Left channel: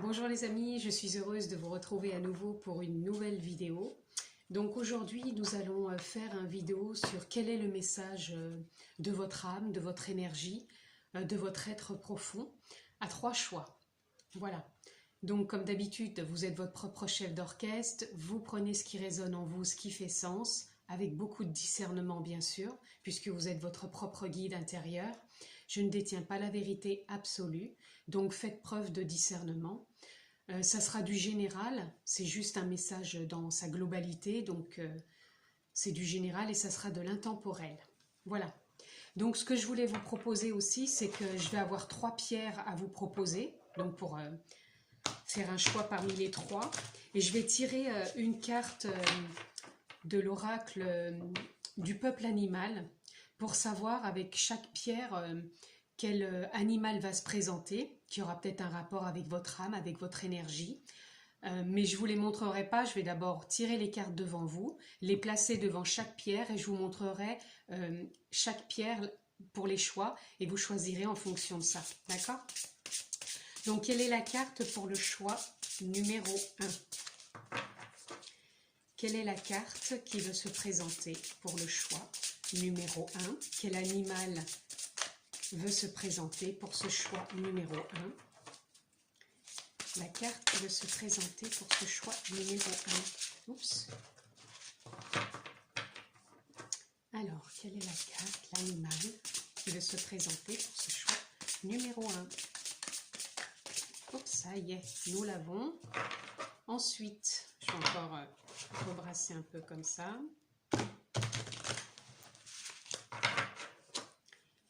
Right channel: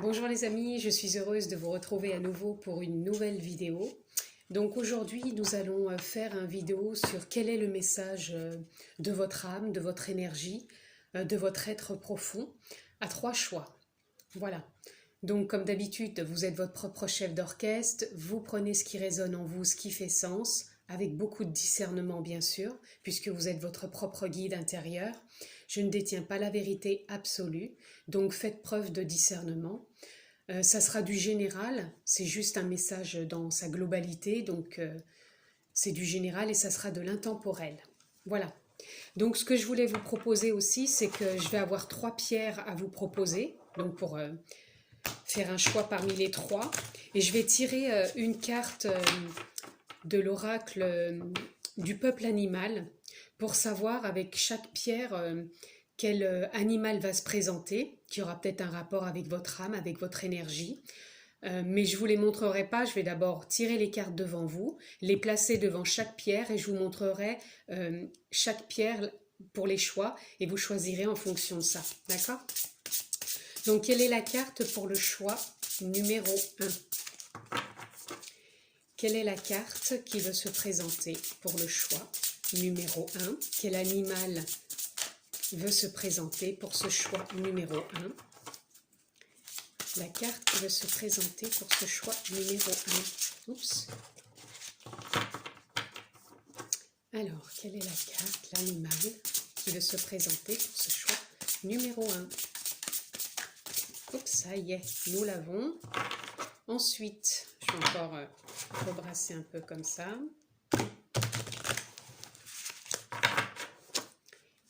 Bonjour les amis, je suis heureuse de vous retrouver à nouveau pour une nouvelle vidéo. Donc aujourd'hui, nous allons faire une vidéo sur quel est le message de votre âme, de votre énergie, de votre être profond, à 3 choix. Voilà. Donc comme d'habitude, vous êtes votre propre chef d'orchestre, vous prenez ce qui résonne en vous, ce qui fait sens, avec beaucoup de discernement bien sûr, puisque vous êtes votre propre guide intérieur. Je ne détiens pas la vérité absolue, donc faites preuve de discernement. Ça sera du général, c'est juste un message dans sa globalité, donc c'est du général et ça sera de l'intemporel. Voilà. Donc ce que je voulais vous proposer aussi, c'est que je vais avoir 3 pierres à vous proposer, donc pour faire un choix parmi les 3. Et je vais tirer une carte de l'oracle du peuple animal pour savoir avec chaque pierre quel animal va se présenter, qui aura peut-être un rapport avec votre âme, avec votre énergie. Mais je ne vous les montrerai pas, je vais d'abord tirer les cartes devant vous, les placer devant chaque pierre et je vous montrerai chaque pierre pour les choix et vous choisirez en fonction de ça, d'accord? Donc quelle est la carte pour le choix numéro 1? Quelle est la carte qui veut se présenter pour le choix numéro 1? Quel animal veut se présenter pour ce choix numéro 1? La carte qui veut se présenter pour ce choix numéro 1. Oups. Alors, quelle est la carte, l'animal qui veut se présenter pour ce choix numéro 1? Oups, ça y est, nous l'avons. Ensuite, je vais encore rebrasser un peu comme ça.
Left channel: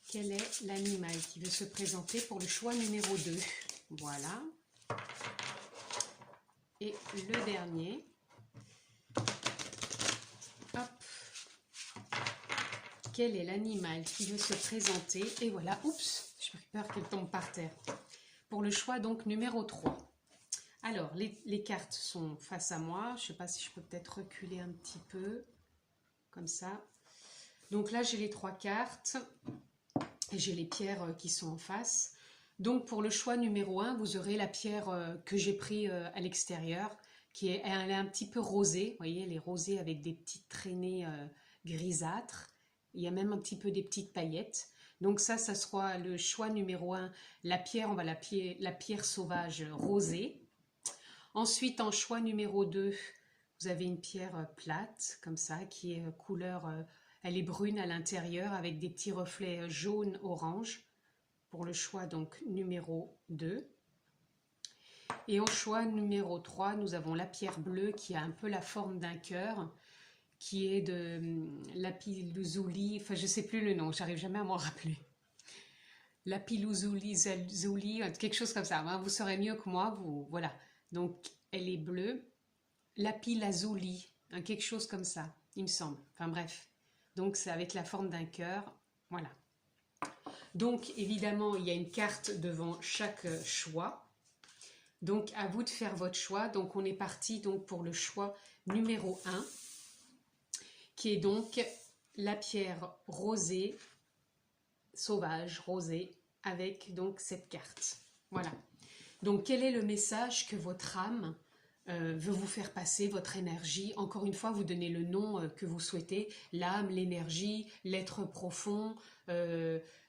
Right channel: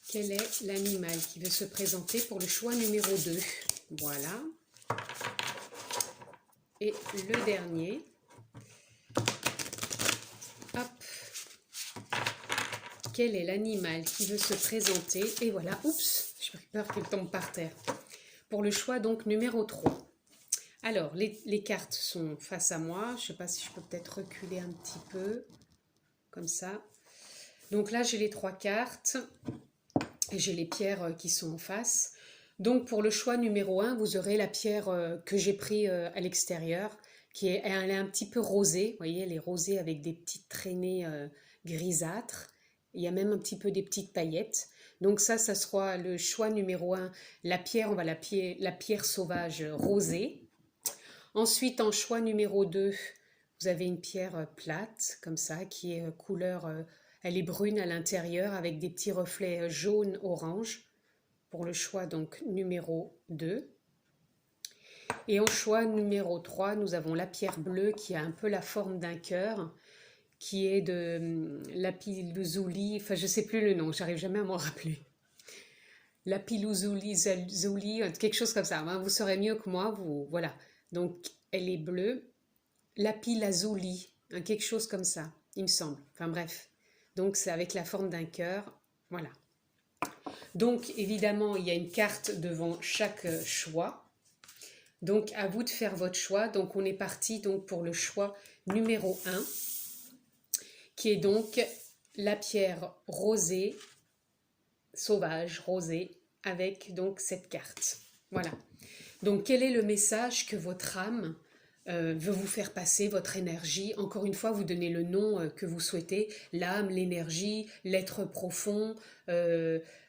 Quel est l'animal qui veut se présenter pour le choix numéro 2? Voilà. Et le dernier. Hop. Quel est l'animal qui veut se présenter? Et voilà, oups, j'ai peur qu'il tombe par terre. Pour le choix donc numéro 3. Alors, les cartes sont face à moi. Je ne sais pas si je peux peut-être reculer un petit peu. Comme ça. Donc là, j'ai les 3 cartes. Et j'ai les pierres qui sont en face. Donc pour le choix numéro 1, vous aurez la pierre que j'ai prise à l'extérieur, elle est un petit peu rosée, vous voyez, elle est rosée avec des petites traînées grisâtres. Il y a même un petit peu des petites paillettes. Donc ça sera le choix numéro 1. La pierre, on va la pierre sauvage rosée. Ensuite, en choix numéro 2, vous avez une pierre plate, comme ça, qui est couleur... elle est brune à l'intérieur avec des petits reflets jaune-orange pour le choix donc numéro 2. Et en choix numéro 3, nous avons la pierre bleue qui a un peu la forme d'un cœur, qui est de lapis-lazuli, enfin je ne sais plus le nom, j'arrive jamais à m'en rappeler. Lapis-lazuli, quelque chose comme ça, vous saurez mieux que moi, voilà. Donc elle est bleue, lapis-lazuli, quelque chose comme ça, il me semble, enfin bref. Donc c'est avec la forme d'un cœur, voilà. Donc évidemment, il y a une carte devant chaque choix. Donc à vous de faire votre choix. Donc on est parti donc pour le choix numéro 1, qui est donc la pierre rosée, sauvage, rosée, avec donc cette carte. Voilà. Donc quel est le message que votre âme veut vous faire passer, votre énergie? Encore une fois, vous donnez le nom que vous souhaitez, l'âme, l'énergie, l'être profond,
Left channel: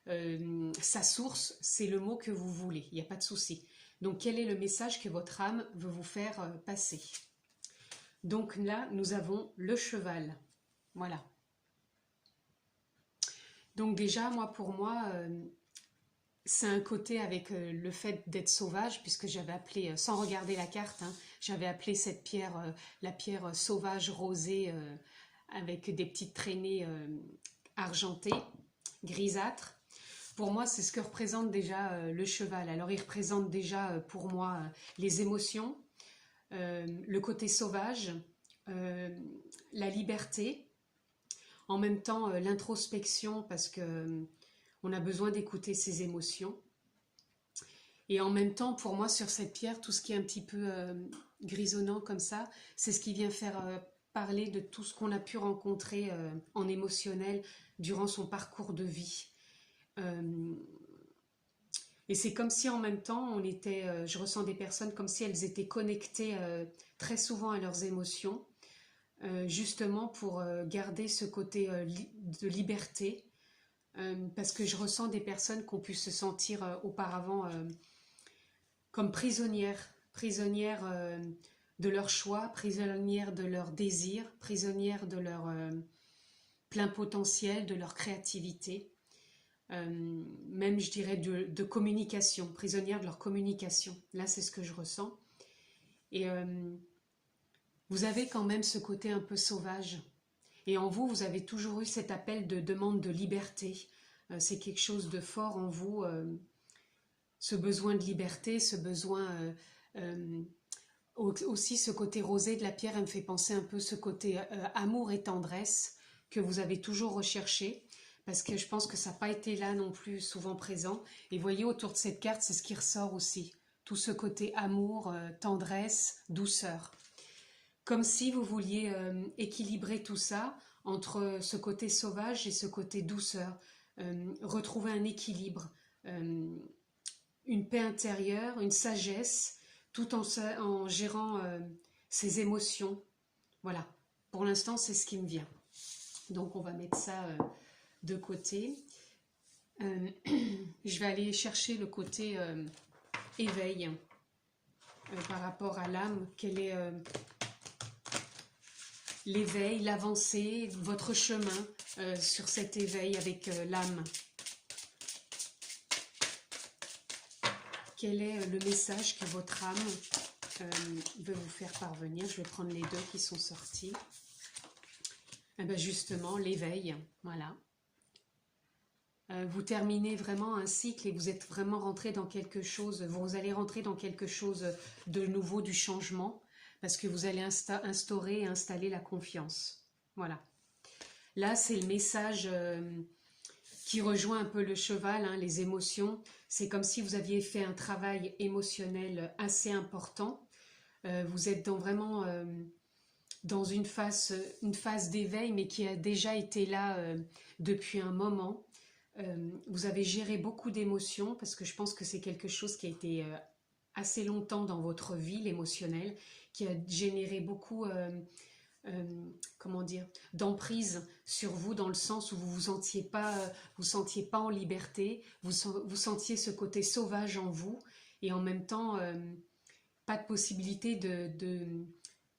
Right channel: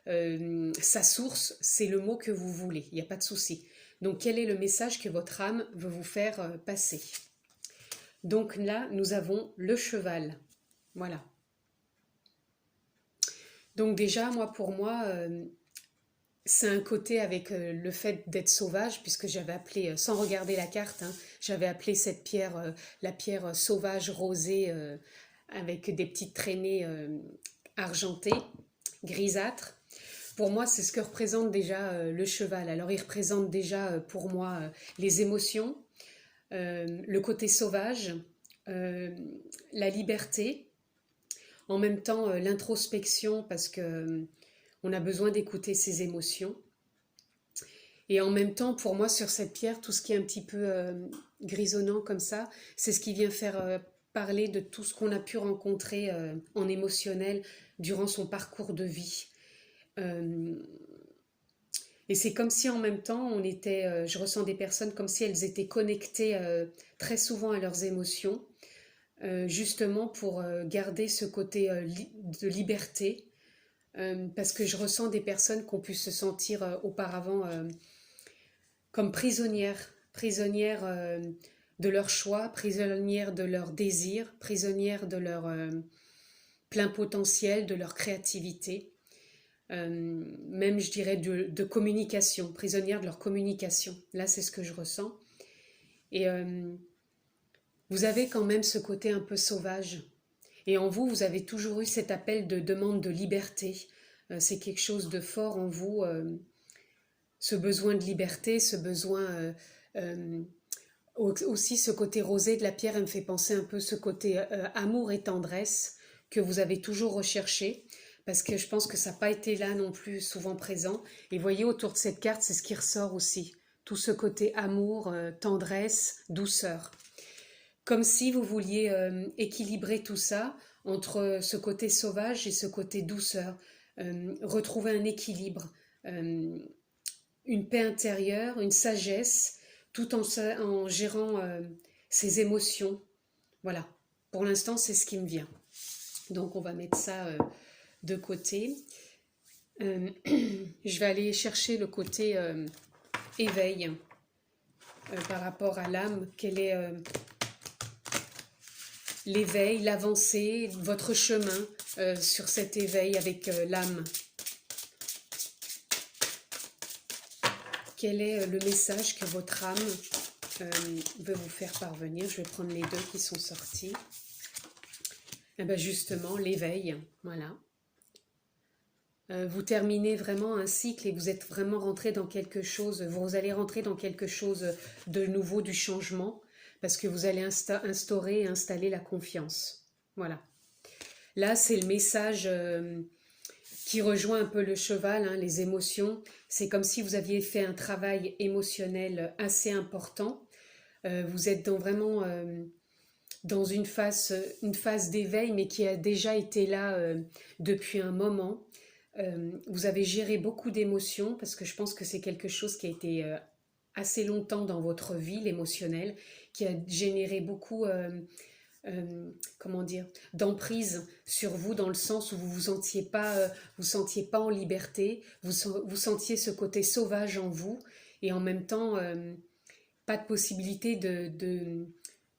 sa source, c'est le mot que vous voulez, il n'y a pas de souci. Donc quel est le message que votre âme veut vous faire passer? Donc là, nous avons le cheval. Voilà. Donc déjà, pour moi, c'est un côté avec le fait d'être sauvage, puisque j'avais appelé, sans regarder la carte, j'avais appelé cette pierre la pierre sauvage rosée avec des petites traînées argentées, grisâtres. Pour moi, c'est ce que représente déjà le cheval. Alors, il représente déjà pour moi les émotions, le côté sauvage, la liberté, en même temps l'introspection, parce que on a besoin d'écouter ses émotions. Et en même temps, pour moi, sur cette pierre, tout ce qui est un petit peu grisonnant comme ça, c'est ce qui vient faire parler de tout ce qu'on a pu rencontrer en émotionnel durant son parcours de vie. Et c'est comme si en même temps, je ressens des personnes comme si elles étaient connectées très souvent à leurs émotions, justement pour garder ce côté de liberté, parce que je ressens des personnes qui ont pu se sentir auparavant comme prisonnières de leur choix, prisonnières de leurs désirs, prisonnières de leur plein potentiel, de leur créativité, même je dirais de communication, prisonnières de leur communication. Là, c'est ce que je ressens. Et vous avez quand même ce côté un peu sauvage. Et en vous, vous avez toujours eu cet appel de demande de liberté. C'est quelque chose de fort en vous, ce besoin de liberté, ce besoin... aussi ce côté rosé de la pierre, elle me fait penser un peu ce côté amour et tendresse que vous avez toujours recherché, parce que je pense que ça n'a pas été là non plus souvent présent. Et voyez, autour de cette carte, c'est ce qui ressort aussi. Tout ce côté amour, tendresse, douceur. Comme si vous vouliez équilibrer tout ça entre ce côté sauvage et ce côté douceur. Retrouver un équilibre, une paix intérieure, une sagesse, tout en gérant ses émotions. Voilà, pour l'instant, c'est ce qui me vient. Donc, on va mettre ça de côté. Je vais aller chercher le côté éveil par rapport à l'âme. Quel est l'éveil, l'avancée, votre chemin sur cet éveil avec l'âme? Quel est le message que votre âme veut vous faire parvenir? Je vais prendre les deux qui sont sortis. Et bien justement, l'éveil, voilà. Vous terminez vraiment un cycle et vous êtes vraiment rentré dans quelque chose, vous allez rentrer dans quelque chose de nouveau, du changement, parce que vous allez instaurer et installer la confiance. Voilà. Là, c'est le message qui rejoint un peu le cheval, hein, les émotions. C'est comme si vous aviez fait un travail émotionnel assez important. Vous êtes vraiment dans une phase d'éveil, mais qui a déjà été là depuis un moment. Vous avez géré beaucoup d'émotions, parce que je pense que c'est quelque chose qui a été assez longtemps dans votre vie, l'émotionnel, qui a généré beaucoup... comment dire, d'emprise sur vous, dans le sens où vous sentiez pas en liberté, vous sentiez ce côté sauvage en vous, et en même temps pas de possibilité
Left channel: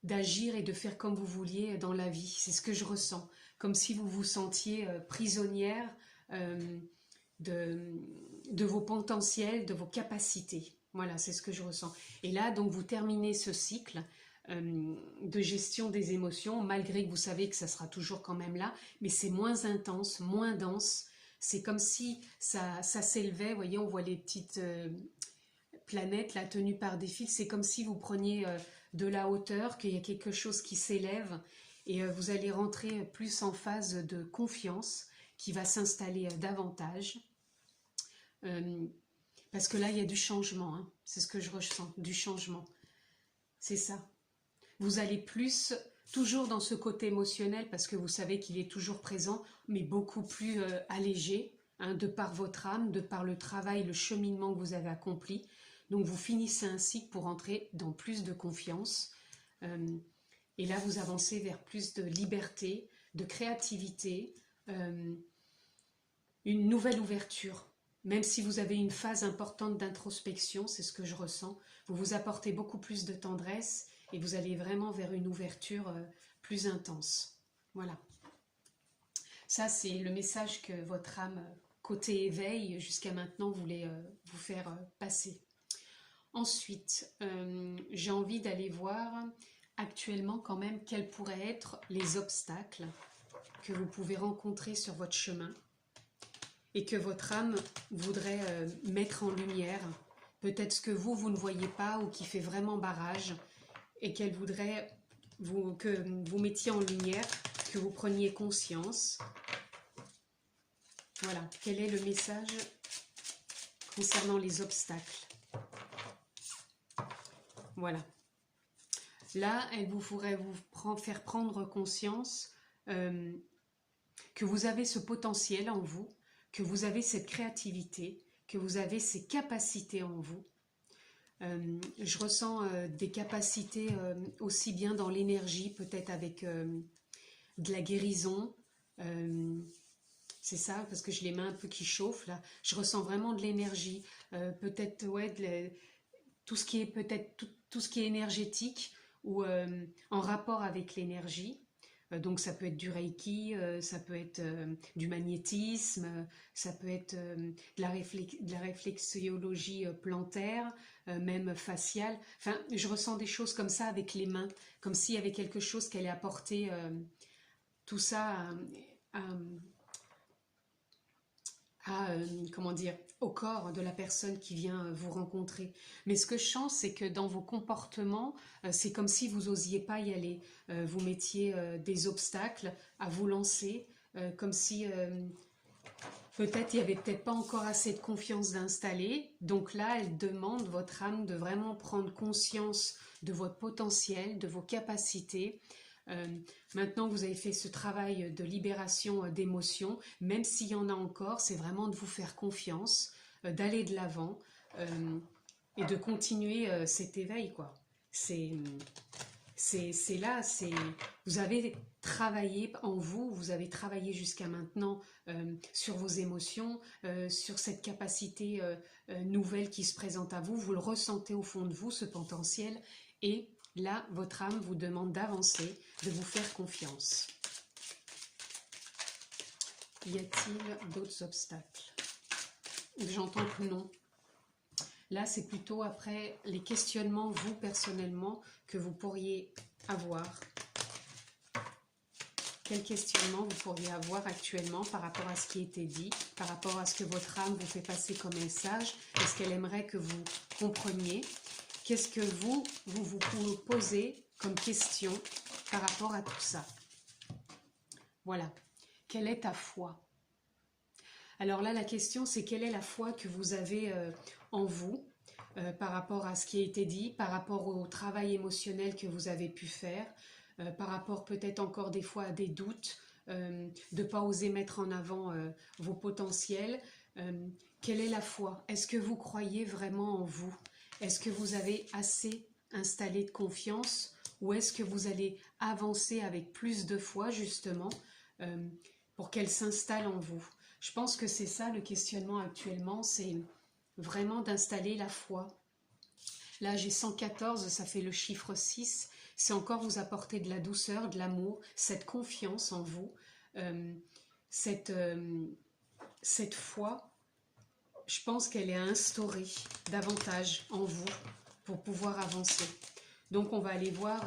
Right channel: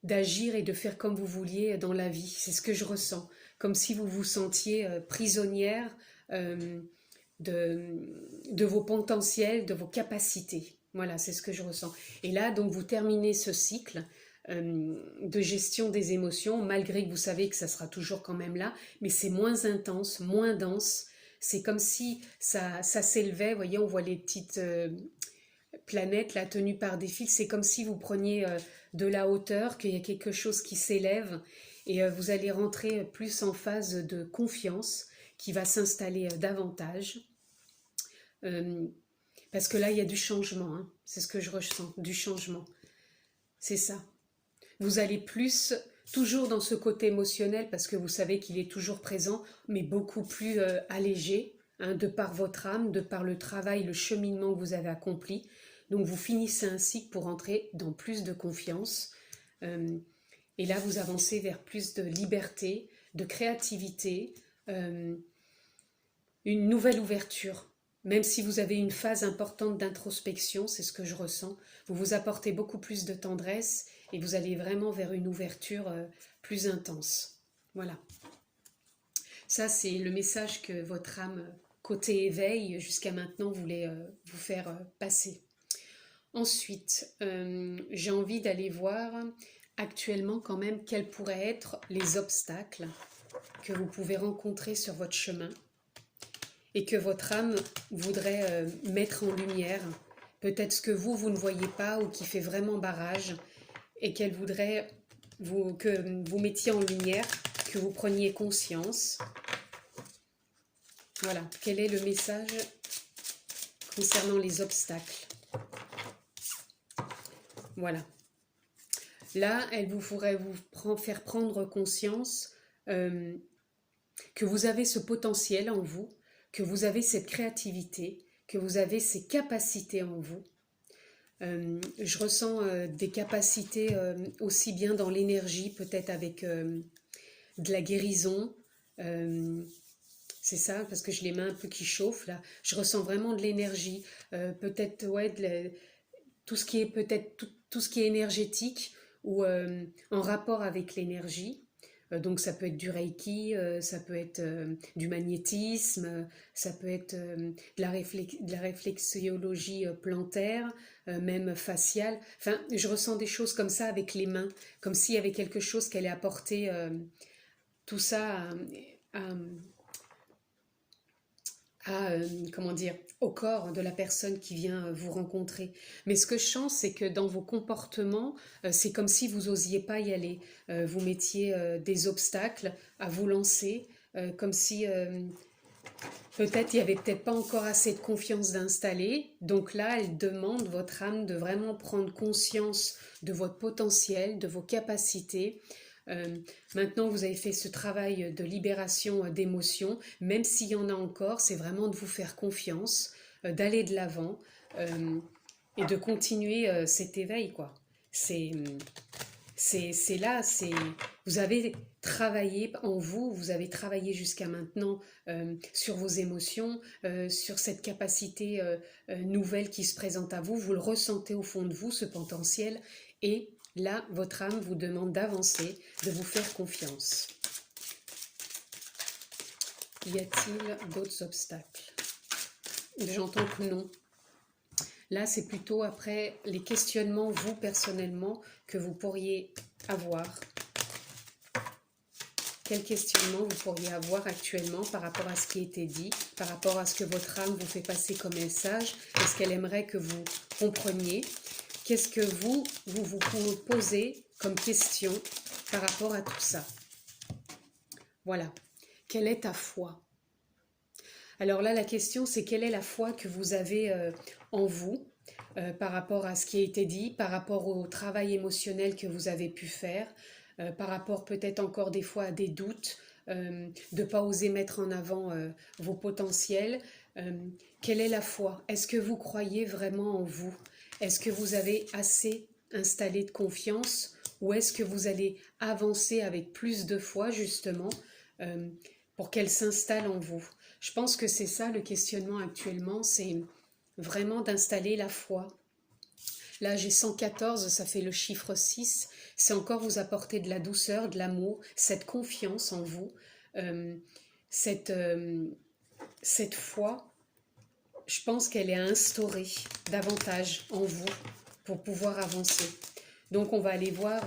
d'agir et de faire comme vous vouliez dans la vie. C'est ce que je ressens, comme si vous vous sentiez prisonnière de vos potentiels, de vos capacités. Voilà, c'est ce que je ressens. Et là, donc, vous terminez ce cycle de gestion des émotions, malgré que vous savez que ça sera toujours quand même là, mais c'est moins intense, moins dense. C'est comme si ça s'élevait, vous voyez, on voit les petites planètes là tenues par des fils, c'est comme si vous preniez de la hauteur, qu'il y a quelque chose qui s'élève, et vous allez rentrer plus en phase de confiance, qui va s'installer davantage, parce que là il y a du changement, hein. C'est ce que je ressens, du changement, c'est ça. Vous allez plus, toujours dans ce côté émotionnel, parce que vous savez qu'il est toujours présent, mais beaucoup plus allégé, hein, de par votre âme, de par le travail, le cheminement que vous avez accompli. Donc vous finissez un cycle pour entrer dans plus de confiance. Et là, vous avancez vers plus de liberté, de créativité, une nouvelle ouverture. Même si vous avez une phase importante d'introspection, c'est ce que je ressens, vous vous apportez beaucoup plus de tendresse et vous allez vraiment vers une ouverture plus intense. Voilà. Ça, c'est le message que votre âme, côté éveil, jusqu'à maintenant, voulait vous faire passer. Ensuite, j'ai envie d'aller voir actuellement quand même quels pourraient être les obstacles que vous pouvez rencontrer sur votre chemin et que votre âme voudrait mettre en lumière. Peut-être ce que vous ne voyez pas ou qui fait vraiment barrage, et qu'elle voudrait que vous mettiez en lumière, que vous preniez conscience. Voilà, quel est le message concernant les obstacles? Voilà. Là, elle vous ferait faire prendre conscience que vous avez ce potentiel en vous, que vous avez cette créativité, que vous avez ces capacités en vous. Je ressens des capacités aussi bien dans l'énergie, peut-être avec de la guérison. C'est ça, parce que j'ai les mains un peu qui chauffent là. Je ressens vraiment de l'énergie. Peut-être, ouais, tout ce qui est peut-être tout ce qui est énergétique ou en rapport avec l'énergie. Donc ça peut être du reiki, ça peut être du magnétisme, ça peut être de la réflexiologie plantaire, même faciale. Enfin, je ressens des choses comme ça avec les mains, comme s'il y avait quelque chose qui allait apporter tout ça à, comment dire, au corps de la personne qui vient vous rencontrer. Mais ce que je sens, c'est que dans vos comportements, c'est comme si vous n'osiez pas y aller. Vous mettiez des obstacles à vous lancer, comme si peut-être il n'y avait peut-être pas encore assez de confiance d'installer. Donc là, elle demande, votre âme, de vraiment prendre conscience de votre potentiel, de vos capacités. Maintenant, vous avez fait ce travail de libération d'émotions, même s'il y en a encore, c'est vraiment de vous faire confiance, d'aller de l'avant et de continuer cet éveil, quoi. C'est là, vous avez travaillé en vous, vous avez travaillé jusqu'à maintenant sur vos émotions, sur cette capacité nouvelle qui se présente à vous, vous le ressentez au fond de vous, ce potentiel, et là, votre âme vous demande d'avancer, de vous faire confiance. Y a-t-il d'autres obstacles? J'entends que non. Là, c'est plutôt après les questionnements, vous personnellement, que vous pourriez avoir. Quel questionnement vous pourriez avoir actuellement par rapport à ce qui a été dit, par rapport à ce que votre âme vous fait passer comme message, et ce qu'elle aimerait que vous compreniez? Qu'est-ce que vous posez comme question par rapport à tout ça? Voilà. Quelle est ta foi? Alors là, la question, c'est quelle est la foi que vous avez en vous par rapport à ce qui a été dit, par rapport au travail émotionnel que vous avez pu faire, par rapport peut-être encore des fois à des doutes, de ne pas oser mettre en avant vos potentiels. Quelle est la foi? Est-ce que vous croyez vraiment en vous? Est-ce que vous avez assez installé de confiance ou est-ce que vous allez avancer avec plus de foi justement pour qu'elle s'installe en vous? Je pense que c'est ça le questionnement actuellement, c'est vraiment d'installer la foi. Là j'ai 114, ça fait le chiffre 6, c'est encore vous apporter de la douceur, de l'amour, cette confiance en vous, cette foi. Je pense qu'elle est à instaurer davantage en vous pour pouvoir avancer. Donc on va aller voir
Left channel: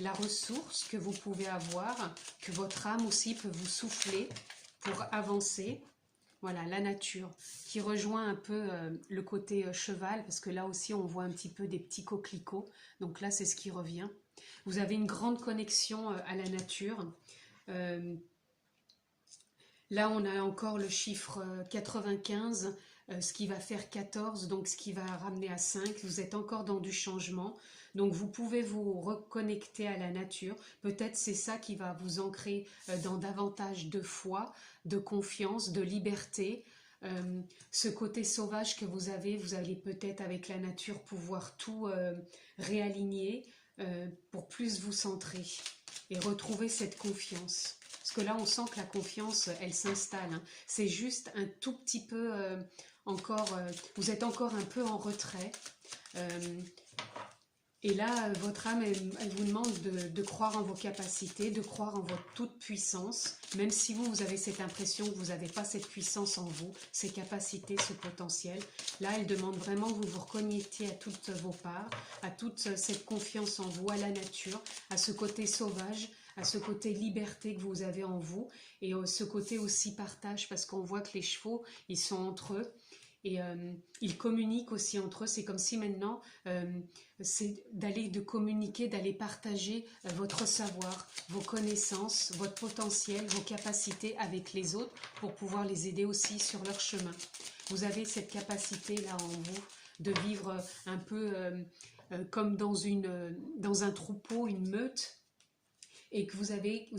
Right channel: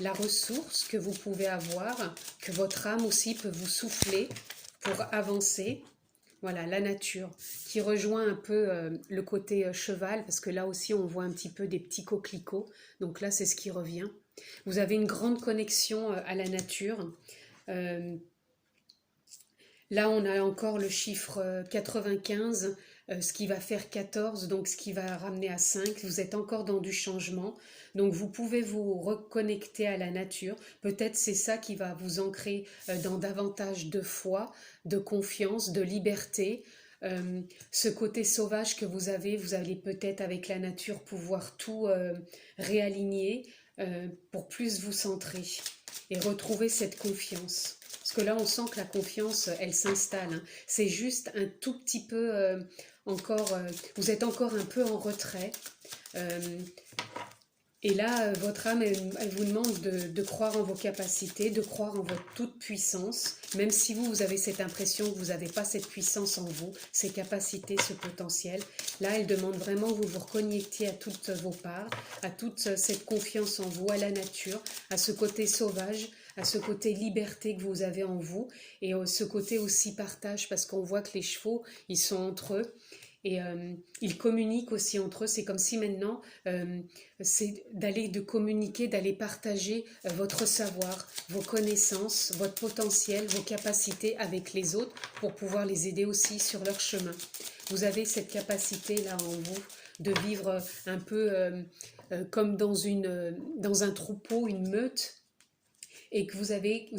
la ressource que vous pouvez avoir, que votre âme aussi peut vous souffler pour avancer. Voilà, la nature, qui rejoint un peu le côté cheval, parce que là aussi on voit un petit peu des petits coquelicots. Donc là c'est ce qui revient. Vous avez une grande connexion à la nature. Là on a encore le chiffre 95, ce qui va faire 14, donc ce qui va ramener à 5. Vous êtes encore dans du changement, donc vous pouvez vous reconnecter à la nature. Peut-être c'est ça qui va vous ancrer dans davantage de foi, de confiance, de liberté. Ce côté sauvage que vous allez peut-être avec la nature pouvoir tout réaligner pour plus vous centrer et retrouver cette confiance. Parce que là, on sent que la confiance, elle s'installe. Hein. C'est juste un tout petit peu encore... vous êtes encore un peu en retrait. Et là, votre âme, elle vous demande de croire en vos capacités, de croire en votre toute puissance, même si vous avez cette impression que vous n'avez pas cette puissance en vous, ces capacités, ce potentiel. Là, elle demande vraiment que vous vous reconnectiez à toutes vos parts, à toute cette confiance en vous, à la nature, à ce côté sauvage, à ce côté liberté que vous avez en vous, et ce côté aussi partage, parce qu'on voit que les chevaux, ils sont entre eux, et ils communiquent aussi entre eux. C'est comme si maintenant, c'est de communiquer, d'aller partager votre savoir, vos connaissances, votre potentiel, vos capacités avec les autres pour pouvoir les aider aussi sur leur chemin. Vous avez cette capacité-là en vous de vivre un peu comme dans un troupeau, une meute, et que vous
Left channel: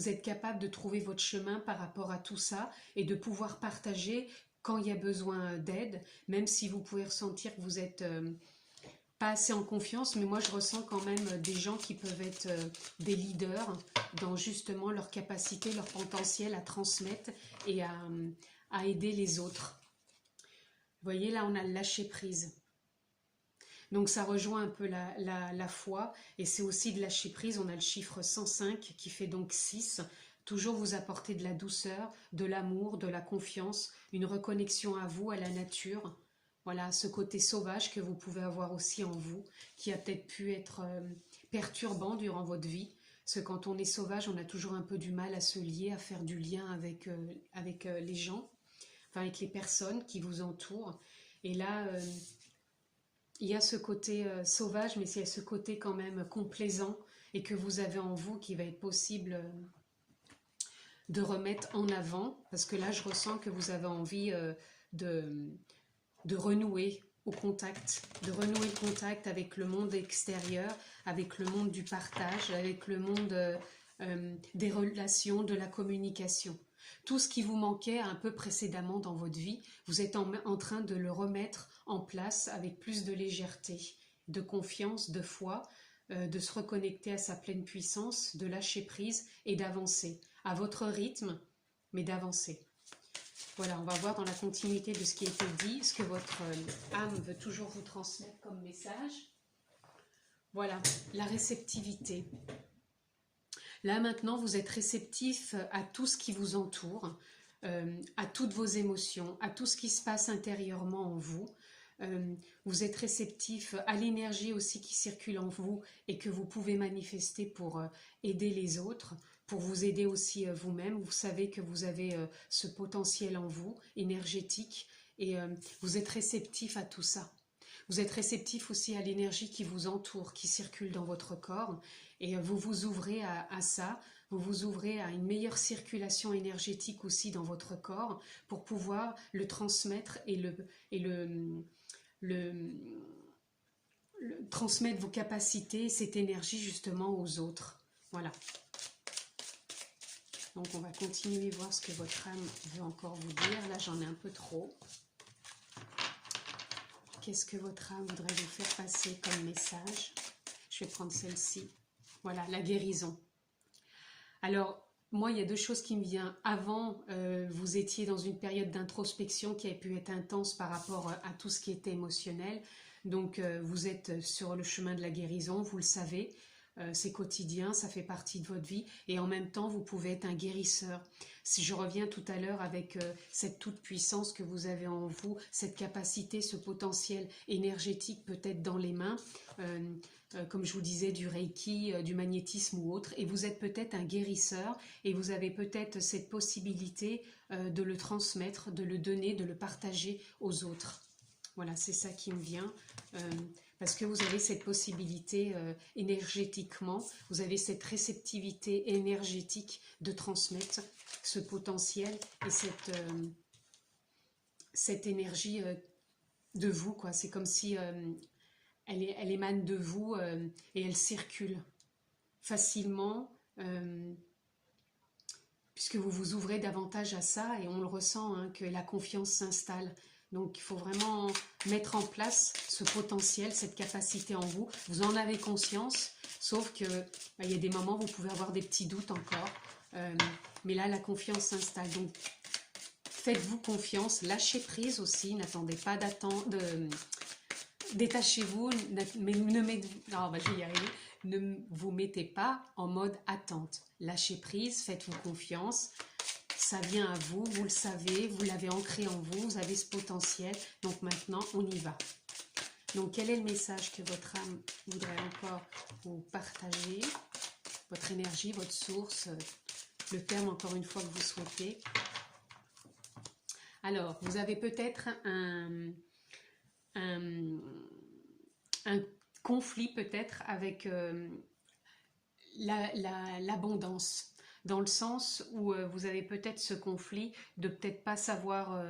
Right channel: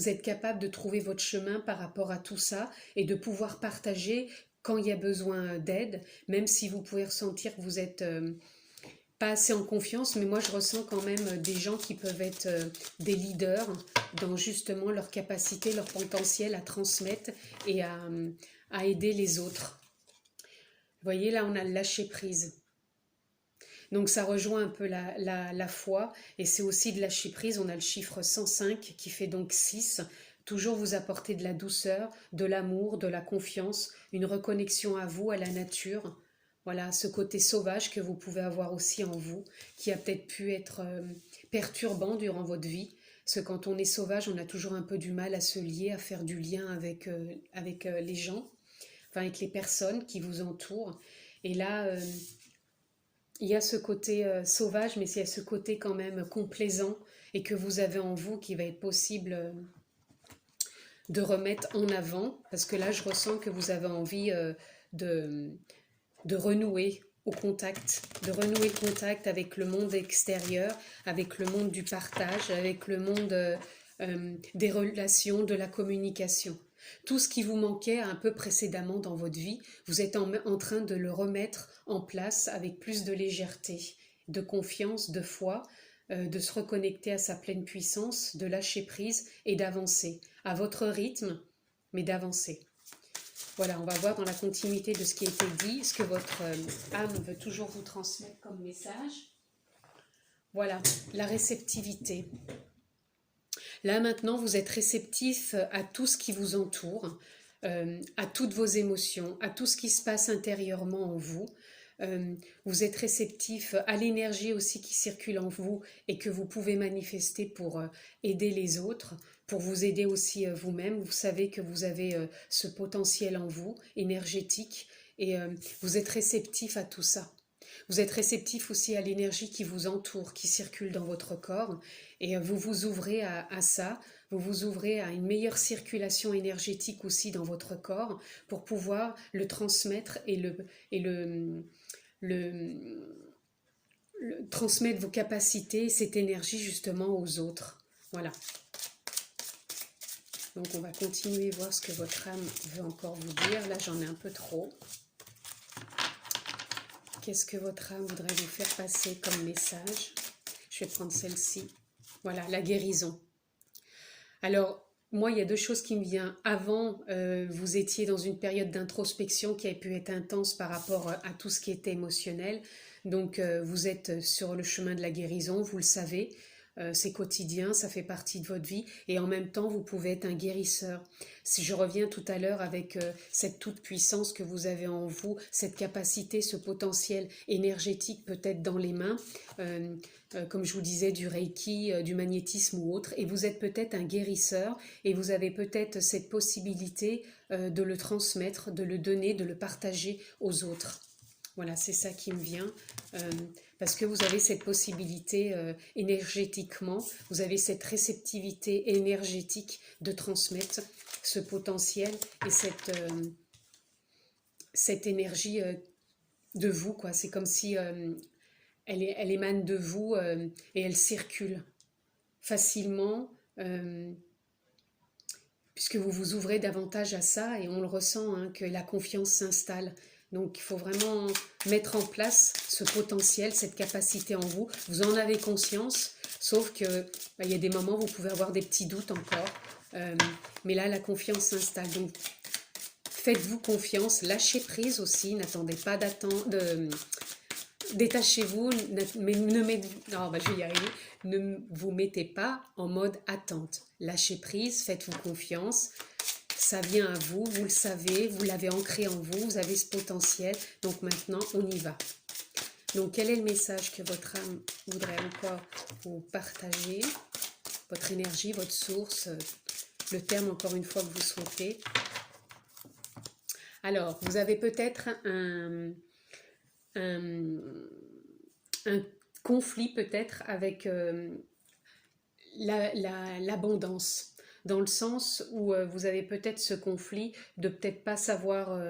êtes capable de trouver votre chemin par rapport à tout ça et de pouvoir partager quand il y a besoin d'aide, même si vous pouvez ressentir que vous êtes pas assez en confiance, mais moi je ressens quand même des gens qui peuvent être des leaders dans justement leur capacité, leur potentiel à transmettre et à aider les autres. Vous voyez, là on a le lâcher prise. Donc ça rejoint un peu la foi, et c'est aussi de lâcher prise. On a le chiffre 105 qui fait donc 6. Toujours vous apporter de la douceur, de l'amour, de la confiance, une reconnexion à vous, à la nature. Voilà, ce côté sauvage que vous pouvez avoir aussi en vous, qui a peut-être pu être perturbant durant votre vie. Parce que quand on est sauvage, on a toujours un peu du mal à se lier, à faire du lien avec les gens, enfin avec les personnes qui vous entourent. Et là, il y a ce côté sauvage, mais il y a ce côté quand même complaisant et que vous avez en vous qui va être possible de remettre en avant. Parce que là, je ressens que vous avez envie de, de renouer au contact, de renouer le contact avec le monde extérieur, avec le monde du partage, avec le monde des relations, de la communication. Tout ce qui vous manquait un peu précédemment dans votre vie, vous êtes en train de le remettre en place avec plus de légèreté, de confiance, de foi, de se reconnecter à sa pleine puissance, de lâcher prise et d'avancer à votre rythme, mais d'avancer. Voilà, on va voir dans la continuité de ce qui a été dit, ce que votre âme veut toujours vous transmettre comme message. Voilà, la réceptivité. Là maintenant, vous êtes réceptif à tout ce qui vous entoure, à toutes vos émotions, à tout ce qui se passe intérieurement en vous. Vous êtes réceptif à l'énergie aussi qui circule en vous et que vous pouvez manifester pour aider les autres, pour vous aider aussi vous-même. Vous savez que vous avez ce potentiel en vous, énergétique, et vous êtes réceptif à tout ça. Vous êtes réceptif aussi à l'énergie qui vous entoure, qui circule dans votre corps, et vous vous ouvrez à ça, vous vous ouvrez à une meilleure circulation énergétique aussi dans votre corps pour pouvoir le transmettre et transmettre vos capacités, cette énergie justement aux autres. Voilà. Donc on va continuer à voir ce que votre âme veut encore vous dire. Là j'en ai un peu trop. Qu'est-ce que votre âme voudrait vous faire passer comme message? Je vais prendre celle-ci. Voilà, la guérison. Alors, moi, il y a deux choses qui me viennent. Avant, vous étiez dans une période d'introspection qui a pu être intense par rapport à tout ce qui était émotionnel. Donc, vous êtes sur le chemin de la guérison, vous le savez. C'est quotidien, ça fait partie de votre vie. Et en même temps, vous pouvez être un guérisseur. Si je reviens tout à l'heure avec cette toute-puissance que vous avez en vous, cette capacité, ce potentiel énergétique peut-être dans les mains, comme je vous disais, du Reiki, du magnétisme ou autre, et vous êtes peut-être un guérisseur, et vous avez peut-être cette possibilité de le transmettre, de le donner, de le partager aux autres. Voilà, c'est ça qui me vient, parce que vous avez cette possibilité énergétiquement, vous avez cette réceptivité énergétique de transmettre ce potentiel et cette énergie de vous, quoi. C'est comme si elle émane de vous et elle circule facilement puisque vous vous ouvrez davantage à ça, et on le ressent, hein, que la confiance s'installe. Donc il faut vraiment mettre en place ce potentiel, cette capacité en vous. Vous en avez conscience, sauf que il y a des moments où vous pouvez avoir des petits doutes encore. Mais là, la confiance s'installe. Donc faites-vous confiance, lâchez prise aussi, n'attendez pas détachez-vous, mais je vais y arriver. Ne vous mettez pas en mode attente. Lâchez prise, faites-vous confiance. Ça vient à vous, vous le savez, vous l'avez ancré en vous, vous avez ce potentiel. Donc maintenant, on y va. Donc quel est le message que votre âme voudrait encore vous partager? Votre énergie, votre source, le terme encore une fois que vous souhaitez. Alors, vous avez peut-être un conflit peut-être avec l'abondance, dans le sens où vous avez peut-être ce conflit de peut-être pas savoir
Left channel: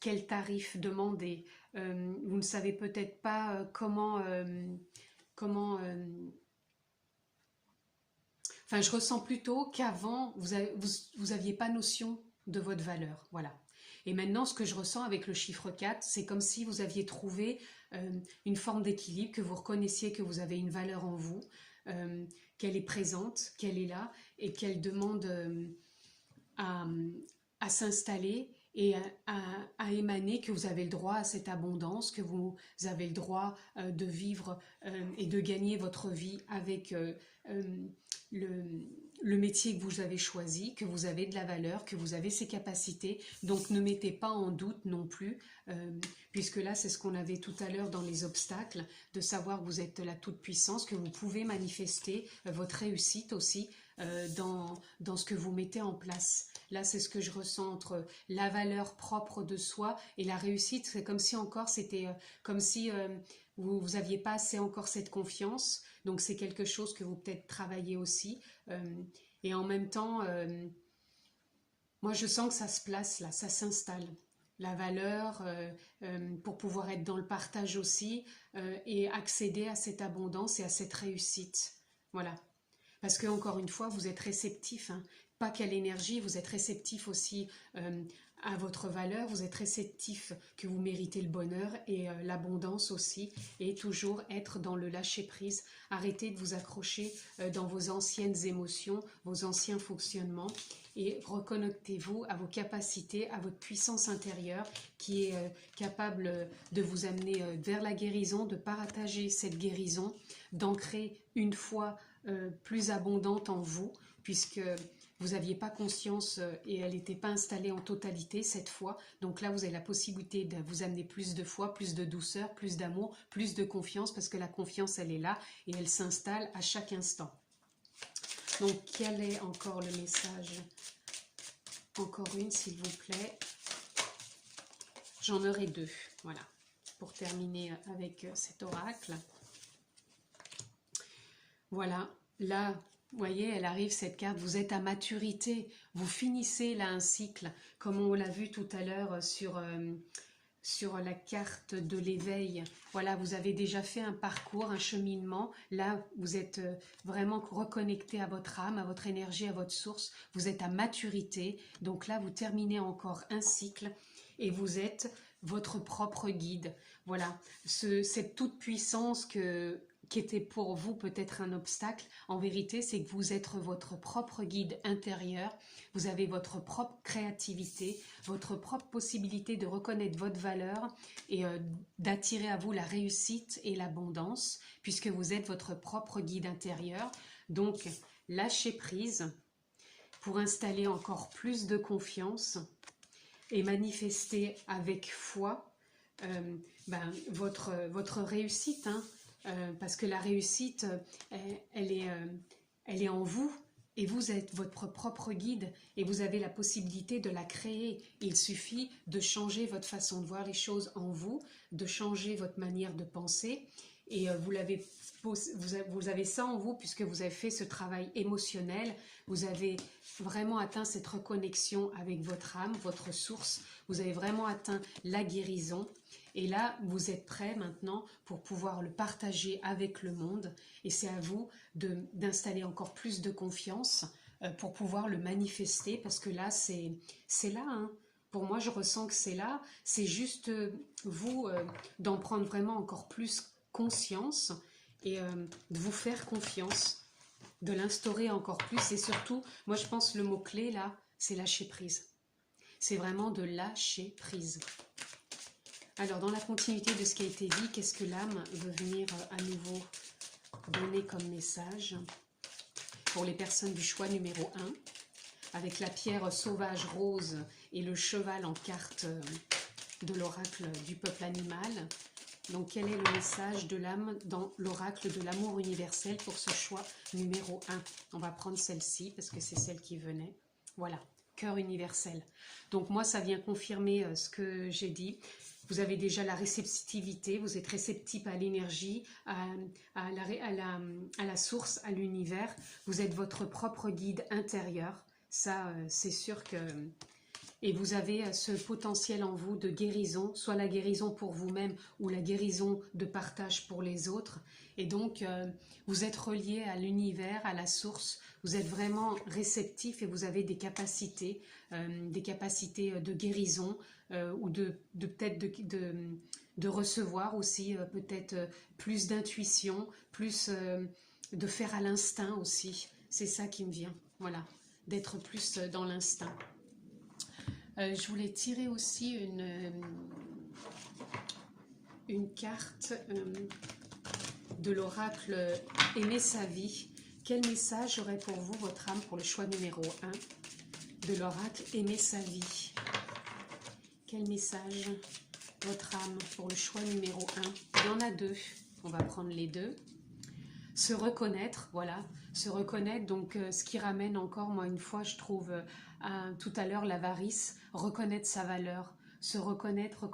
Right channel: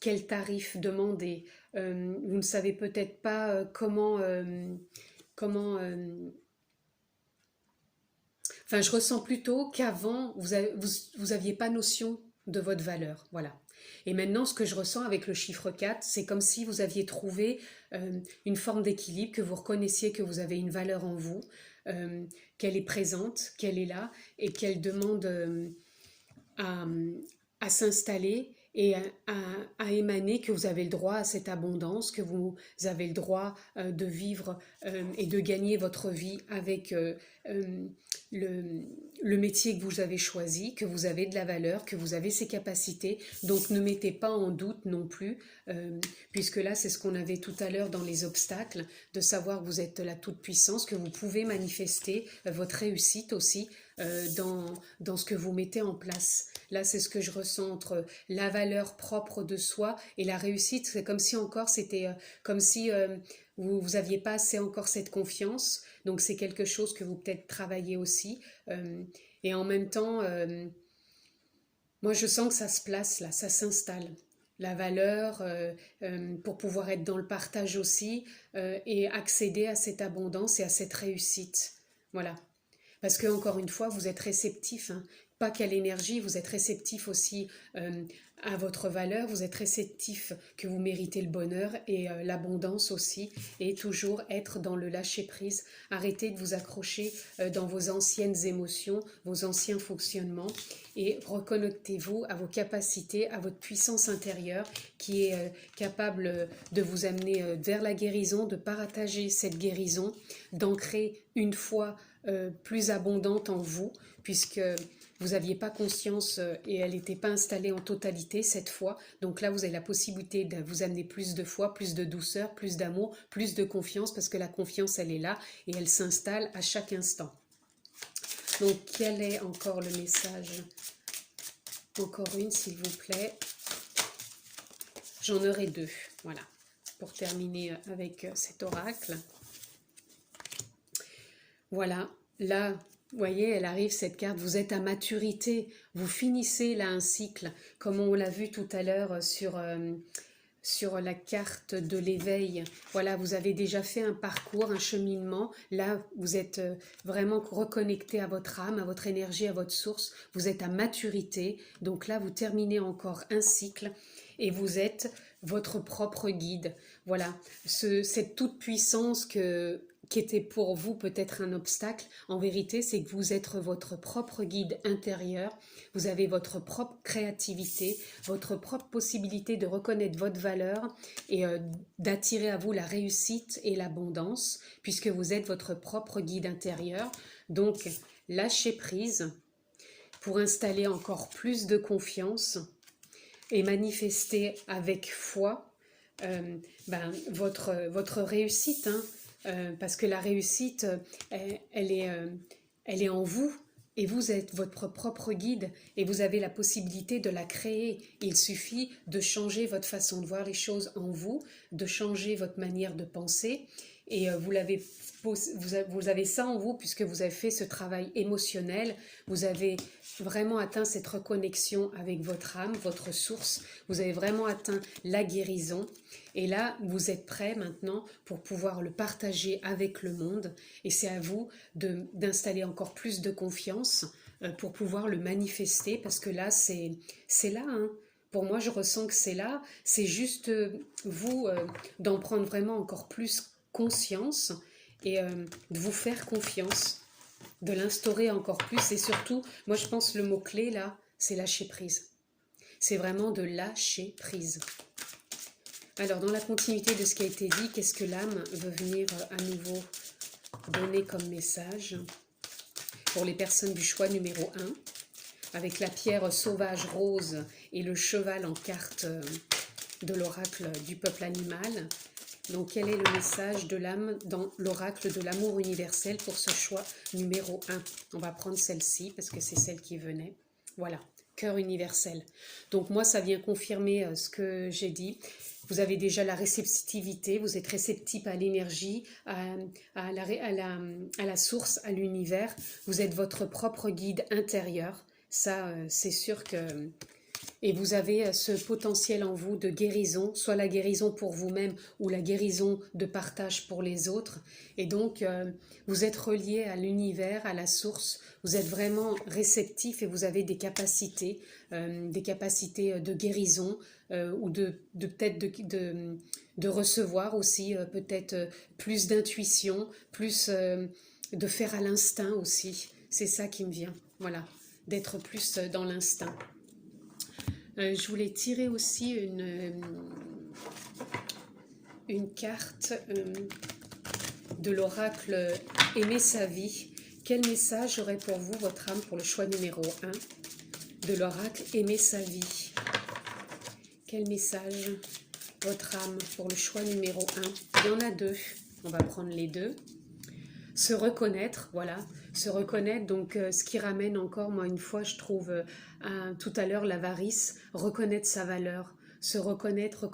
quel tarif demander. Vous ne savez peut-être pas comment enfin, je ressens plutôt qu'avant, vous aviez pas notion de votre valeur, voilà. Et maintenant, ce que je ressens avec le chiffre 4, c'est comme si vous aviez trouvé une forme d'équilibre, que vous reconnaissiez que vous avez une valeur en vous, qu'elle est présente, qu'elle est là, et qu'elle demande à, à s'installer et à émaner, que vous avez le droit à cette abondance, que vous avez le droit de vivre et de gagner votre vie avec le métier que vous avez choisi, que vous avez de la valeur, que vous avez ces capacités. Donc ne mettez pas en doute non plus, puisque là c'est ce qu'on avait tout à l'heure dans les obstacles, de savoir que vous êtes la toute-puissance, que vous pouvez manifester votre réussite aussi dans ce que vous mettez en place. Là, c'est ce que je ressens entre la valeur propre de soi et la réussite. C'est comme si encore, c'était comme si vous n'aviez pas assez encore cette confiance. Donc, c'est quelque chose que vous peut-être travaillez aussi. Et en même temps, moi, je sens que ça se place là, ça s'installe. La valeur pour pouvoir être dans le partage aussi et accéder à cette abondance et à cette réussite. Voilà. Parce que, encore une fois, vous êtes réceptif, hein. Pas qu'à l'énergie, vous êtes réceptif aussi à votre valeur, vous êtes réceptif que vous méritez le bonheur et l'abondance aussi, et toujours être dans le lâcher-prise. Arrêtez de vous accrocher dans vos anciennes émotions, vos anciens fonctionnements, et reconnectez-vous à vos capacités, à votre puissance intérieure qui est capable de vous amener vers la guérison, de partager cette guérison, d'ancrer une foi plus abondante en vous, puisque vous n'aviez pas conscience et elle n'était pas installée en totalité cette foi. Donc là, vous avez la possibilité de vous amener plus de foi, plus de douceur, plus d'amour, plus de confiance, parce que la confiance, elle est là et elle s'installe à chaque instant. Donc, quel est encore le message? Encore une, s'il vous plaît. J'en aurai deux, voilà, pour terminer avec cet oracle. Voilà, là, vous voyez, elle arrive cette carte, vous êtes à maturité, vous finissez là un cycle, comme on l'a vu tout à l'heure sur la carte de l'éveil. Voilà, vous avez déjà fait un parcours, un cheminement, là vous êtes vraiment reconnecté à votre âme, à votre énergie, à votre source, vous êtes à maturité, donc là vous terminez encore un cycle et vous êtes votre propre guide. Voilà, cette toute puissance qui était pour vous peut-être un obstacle, en vérité, c'est que vous êtes votre propre guide intérieur, vous avez votre propre créativité, votre propre possibilité de reconnaître votre valeur et d'attirer à vous la réussite et l'abondance, puisque vous êtes votre propre guide intérieur. Donc, lâchez prise pour installer encore plus de confiance et manifester avec foi votre réussite, hein. Parce que la réussite, elle est en vous et vous êtes votre propre guide et vous avez la possibilité de la créer. Il suffit de changer votre façon de voir les choses en vous, de changer votre manière de penser et vous avez ça en vous puisque vous avez fait ce travail émotionnel, vous avez vraiment atteint cette reconnexion avec votre âme, votre source, vous avez vraiment atteint la guérison. Et là, vous êtes prêt maintenant pour pouvoir le partager avec le monde. Et c'est à vous d'installer encore plus de confiance pour pouvoir le manifester. Parce que là, c'est là. Hein. Pour moi, je ressens que c'est là. C'est juste vous d'en prendre vraiment encore plus conscience et de vous faire confiance, de l'instaurer encore plus. Et surtout, moi, je pense le mot-clé là, c'est lâcher prise. C'est vraiment de lâcher prise. Alors, dans la continuité de ce qui a été dit, qu'est-ce que l'âme veut venir à nouveau donner comme message pour les personnes du choix numéro 1, avec la pierre sauvage rose et le cheval en carte de l'oracle du peuple animal. Donc, quel est le message de l'âme dans l'oracle de l'amour universel pour ce choix numéro 1? On va prendre celle-ci parce que c'est celle qui venait. Voilà, cœur universel. Donc, moi, ça vient confirmer ce que j'ai dit. Vous avez déjà la réceptivité, vous êtes réceptif à l'énergie, à la source, à l'univers. Vous êtes votre propre guide intérieur. Ça, c'est sûr que... Et vous avez ce potentiel en vous de guérison, soit la guérison pour vous-même ou la guérison de partage pour les autres. Et donc, vous êtes relié à l'univers, à la source. Vous êtes vraiment réceptif et vous avez des capacités de guérison, ou peut-être de recevoir aussi peut-être plus d'intuition, plus de faire à l'instinct aussi. C'est ça qui me vient, voilà, d'être plus dans l'instinct. Je voulais tirer aussi une carte de l'oracle Aimer sa vie. Quel message aurait pour vous votre âme pour le choix numéro 1 de l'oracle Aimer sa vie? Quel message votre âme pour le choix numéro 1? Il y en a deux, on va prendre les deux. Se reconnaître, voilà, se reconnaître, donc ce qui ramène encore, moi une fois je trouve tout à l'heure l'avarice, reconnaître sa valeur, se reconnaître,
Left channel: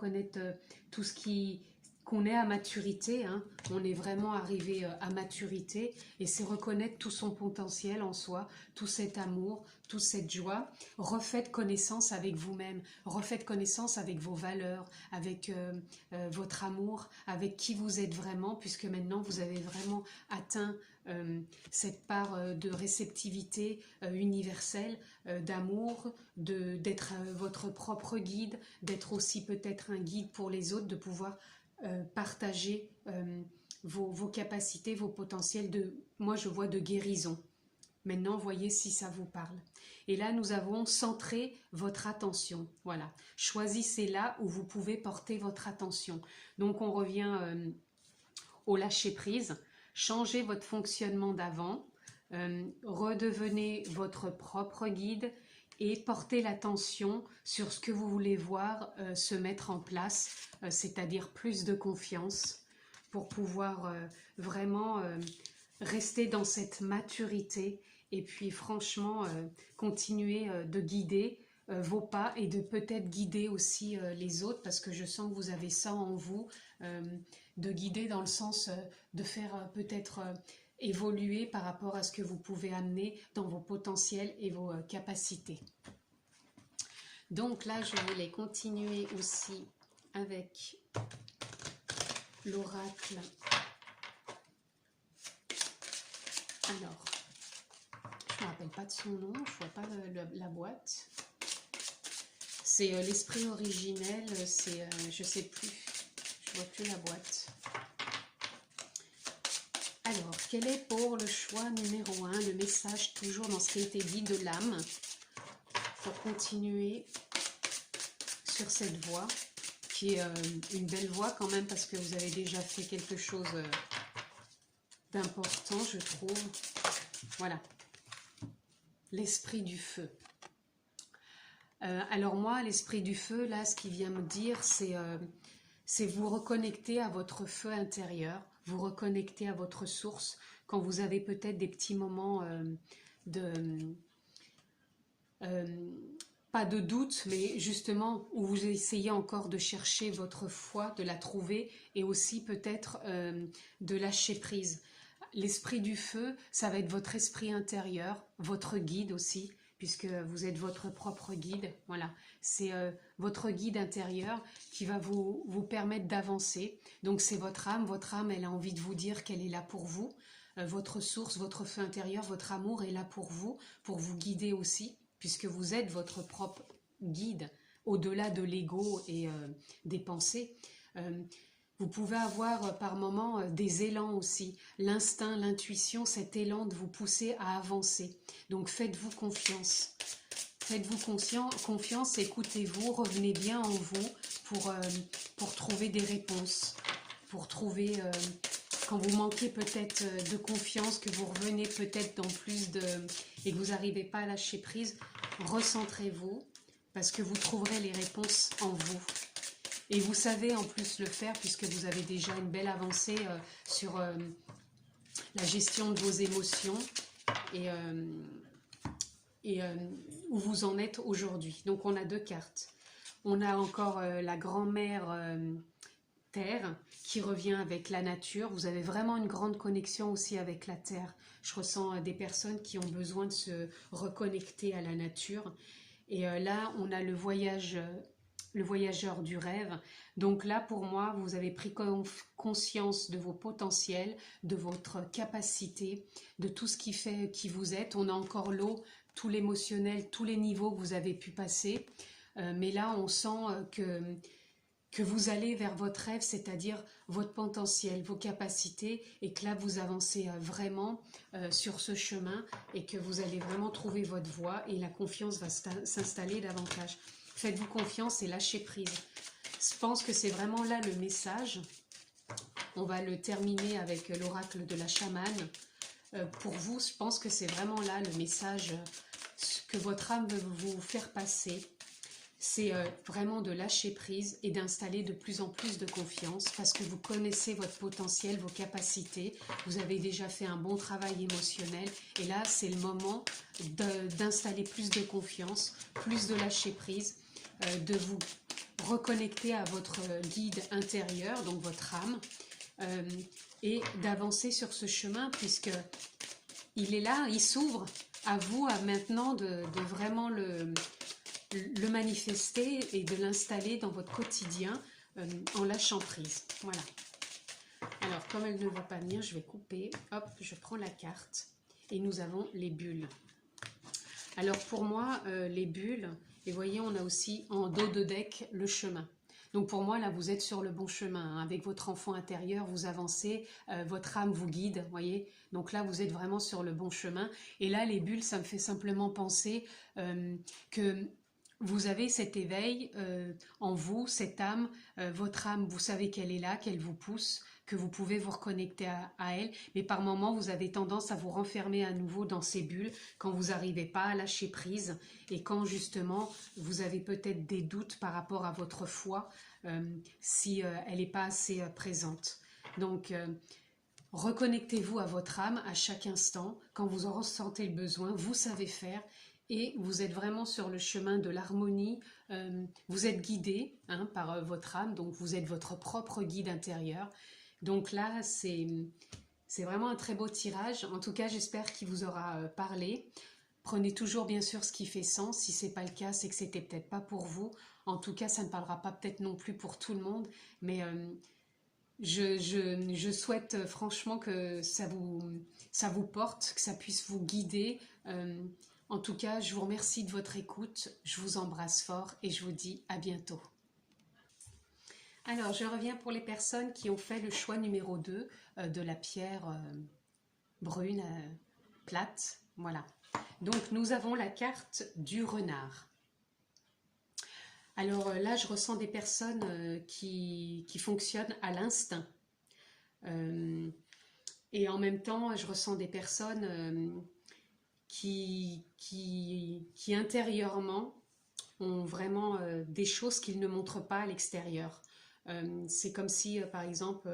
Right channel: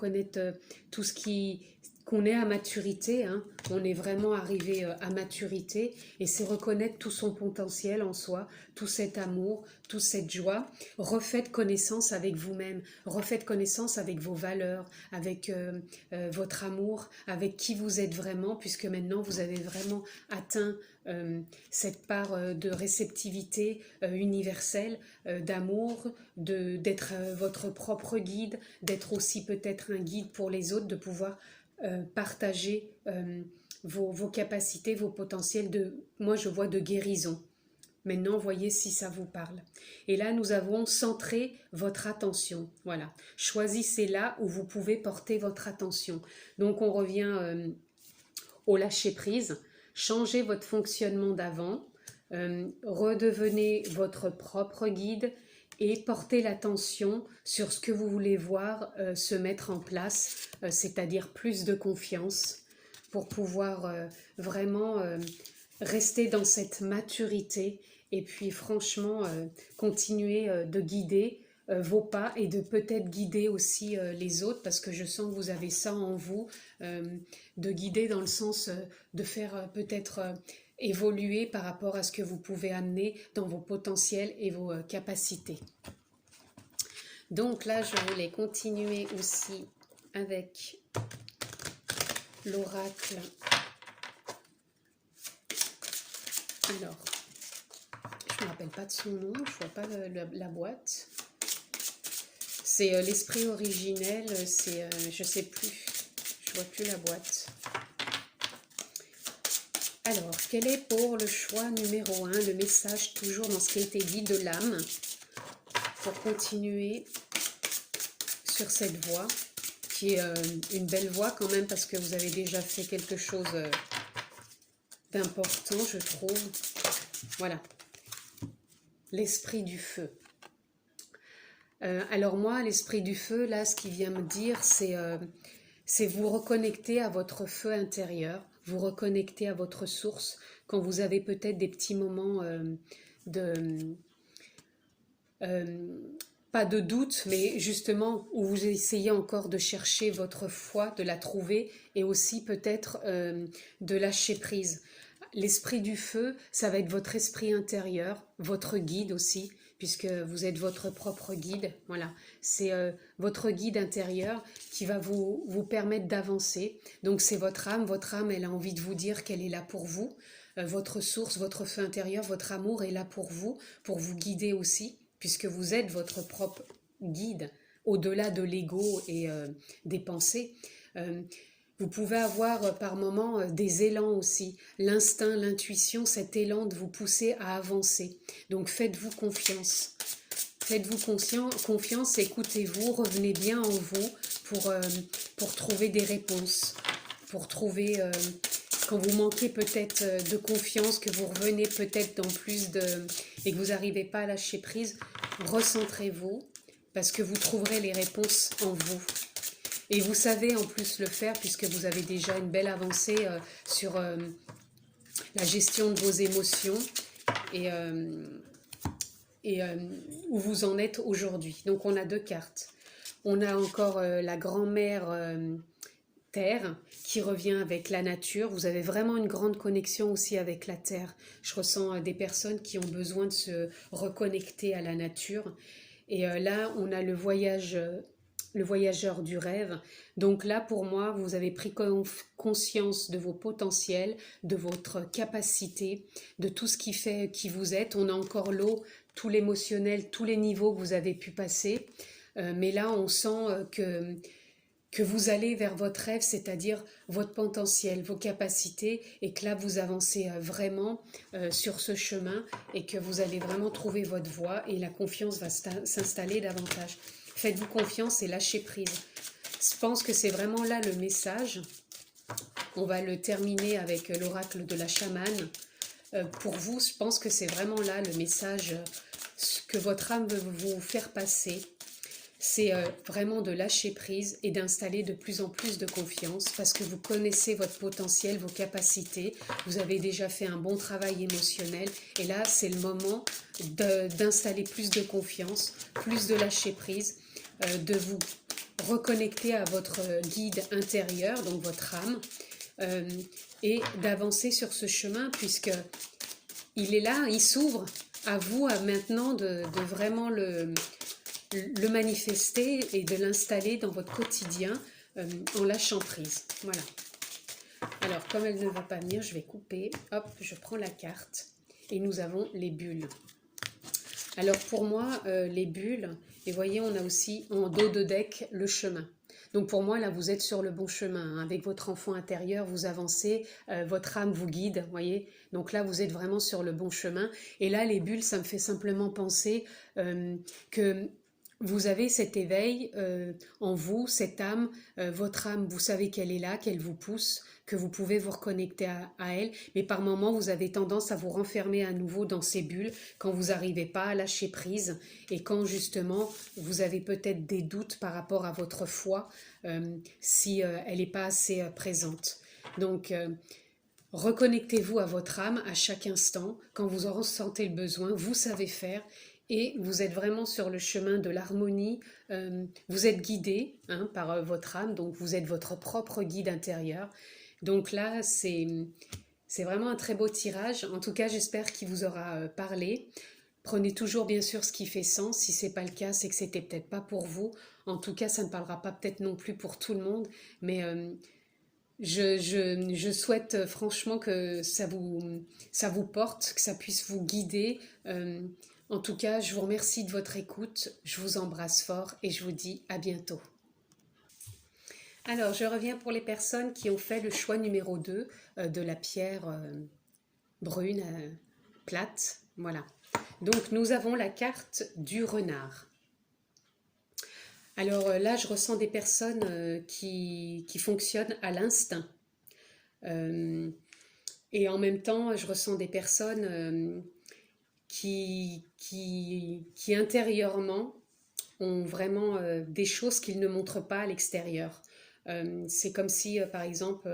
tout ce qu'on est à maturité, hein, on est vraiment arrivé à maturité, et c'est reconnaître tout son potentiel en soi, tout cet amour, toute cette joie. Refaites connaissance avec vous-même, refaites connaissance avec vos valeurs, avec votre amour, avec qui vous êtes vraiment, puisque maintenant vous avez vraiment atteint cette part de réceptivité universelle, d'amour, d'être votre propre guide, d'être aussi peut-être un guide pour les autres, de pouvoir partager vos capacités, vos potentiels, moi je vois de guérison. Maintenant, voyez si ça vous parle. Et là, nous avons centré votre attention. Voilà. Choisissez là où vous pouvez porter votre attention. Donc, on revient au lâcher-prise. Changez votre fonctionnement d'avant. Redevenez votre propre guide et portez l'attention sur ce que vous voulez voir se mettre en place, c'est-à-dire plus de confiance pour pouvoir vraiment rester dans cette maturité et puis franchement continuer de guider vos pas et de peut-être guider aussi les autres, parce que je sens que vous avez ça en vous, de guider dans le sens de faire peut-être évoluer par rapport à ce que vous pouvez amener dans vos potentiels et vos capacités. Donc là, je voulais continuer aussi avec l'oracle. Alors, je ne me rappelle pas de son nom, je ne vois pas la boîte. C'est l'esprit originel, c'est, je ne sais plus, je ne vois plus la boîte. Alors, quel est pour le choix numéro 1, le message toujours dans ce qui a été dit de l'âme, pour continuer sur cette voie, qui est une belle voie quand même, parce que vous avez déjà fait quelque chose d'important, je trouve. Voilà, l'esprit du feu. Alors moi, l'esprit du feu, là, ce qu'il vient me dire, c'est vous reconnecter à votre feu intérieur, vous reconnecter à votre source, quand vous avez peut-être des petits moments pas de doute, mais justement où vous essayez encore de chercher votre foi, de la trouver, et aussi peut-être de lâcher prise. L'esprit du feu, ça va être votre esprit intérieur, votre guide aussi, puisque vous êtes votre propre guide. Voilà, c'est votre guide intérieur qui va vous permettre d'avancer. Donc c'est votre âme, elle a envie de vous dire qu'elle est là pour vous. Votre source, votre feu intérieur, votre amour est là pour vous guider aussi, puisque vous êtes votre propre guide, au-delà de l'ego et des pensées. Vous pouvez avoir par moments des élans aussi, l'instinct, l'intuition, cet élan de vous pousser à avancer. Donc faites-vous confiance. Faites-vous confiance, écoutez-vous, revenez bien en vous pour trouver des réponses, pour trouver, quand vous manquez peut-être de confiance, que vous revenez peut-être dans plus de... et que vous n'arrivez pas à lâcher prise, recentrez-vous, parce que vous trouverez les réponses en vous. Et vous savez en plus le faire, puisque vous avez déjà une belle avancée sur la gestion de vos émotions et où vous en êtes aujourd'hui. Donc on a deux cartes. On a encore la grand-mère Terre qui revient avec la nature. Vous avez vraiment une grande connexion aussi avec la Terre. Je ressens des personnes qui ont besoin de se reconnecter à la nature. Et là, on a le voyageur du rêve. Donc là, pour moi, vous avez pris conscience de vos potentiels, de votre capacité, de tout ce qui fait qui vous êtes. On a encore l'eau, tout l'émotionnel, tous les niveaux que vous avez pu passer. mais là on sent que vous allez vers votre rêve, c'est-à-dire votre potentiel, vos capacités, et que là vous avancez vraiment sur ce chemin et que vous allez vraiment trouver votre voie et la confiance va s'installer davantage. Faites-vous confiance et lâchez prise. Je pense que c'est vraiment là le message. On va le terminer avec l'oracle de la chamane. Pour vous, je pense que c'est vraiment là le message que votre âme veut vous faire passer. C'est vraiment de lâcher prise et d'installer de plus en plus de confiance parce que vous connaissez votre potentiel, vos capacités, vous avez déjà fait un bon travail émotionnel et là c'est le moment d'installer plus de confiance, plus de lâcher prise, de vous reconnecter à votre guide intérieur, donc votre âme, et d'avancer sur ce chemin puisque il est là, il s'ouvre à vous maintenant de vraiment le manifester et de l'installer dans votre quotidien en lâchant prise. Voilà. Alors, comme elle ne va pas venir, je vais couper. Hop, je prends la carte et nous avons les bulles. Alors, pour moi, les bulles, et voyez, on a aussi en dos de deck le chemin. Donc pour moi, là, vous êtes sur le bon chemin. Hein. Avec votre enfant intérieur, vous avancez, votre âme vous guide, voyez. Donc là, vous êtes vraiment sur le bon chemin. Et là, les bulles, ça me fait simplement penser que vous avez cet éveil en vous, cette âme, votre âme, vous savez qu'elle est là, qu'elle vous pousse, que vous pouvez vous reconnecter à elle, mais par moments vous avez tendance à vous renfermer à nouveau dans ces bulles quand vous n'arrivez pas à lâcher prise et quand justement vous avez peut-être des doutes par rapport à votre foi si elle n'est pas assez présente. Donc reconnectez-vous à votre âme à chaque instant, quand vous en ressentez le besoin, vous savez faire et vous êtes vraiment sur le chemin de l'harmonie, vous êtes guidé par votre âme, donc vous êtes votre propre guide intérieur. Donc là, c'est vraiment un très beau tirage. En tout cas, j'espère qu'il vous aura parlé. Prenez toujours bien sûr ce qui fait sens. Si ce n'est pas le cas, c'est que c'était peut-être pas pour vous. En tout cas, ça ne parlera pas peut-être non plus pour tout le monde. Mais je souhaite franchement que ça vous porte, que ça puisse vous guider. En tout cas, je vous remercie de votre écoute. Je vous embrasse fort et je vous dis à bientôt. Alors, je reviens pour les personnes qui ont fait le choix numéro 2 de la pierre brune, plate. Voilà. Donc, nous avons la carte du renard. Alors là, je ressens des personnes qui fonctionnent à l'instinct. Et en même temps, je ressens des personnes qui intérieurement ont vraiment des choses qu'ils ne montrent pas à l'extérieur. C'est comme si, par exemple,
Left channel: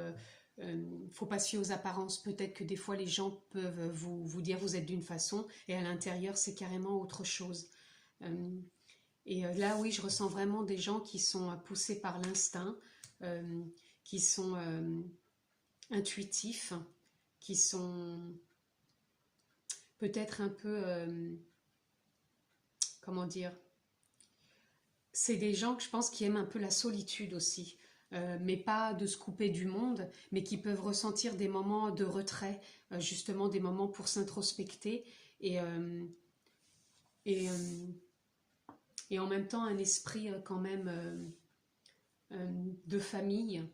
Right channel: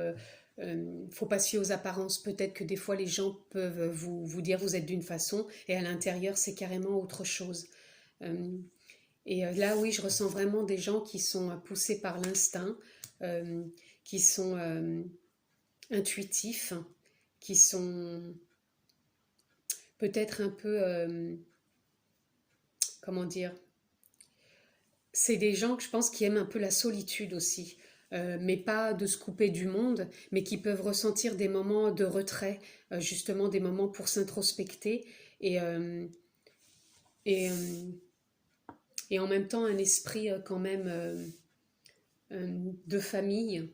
faut pas se fier aux apparences. Peut-être que des fois, les gens peuvent vous dire vous êtes d'une façon et à l'intérieur, c'est carrément autre chose. Et là, oui, je ressens vraiment des gens qui sont poussés par l'instinct, qui sont intuitifs, qui sont peut-être un peu, comment dire, c'est des gens que je pense qui aiment un peu la solitude aussi, mais pas de se couper du monde, mais qui peuvent ressentir des moments de retrait, justement des moments pour s'introspecter et en même temps un esprit quand même de famille,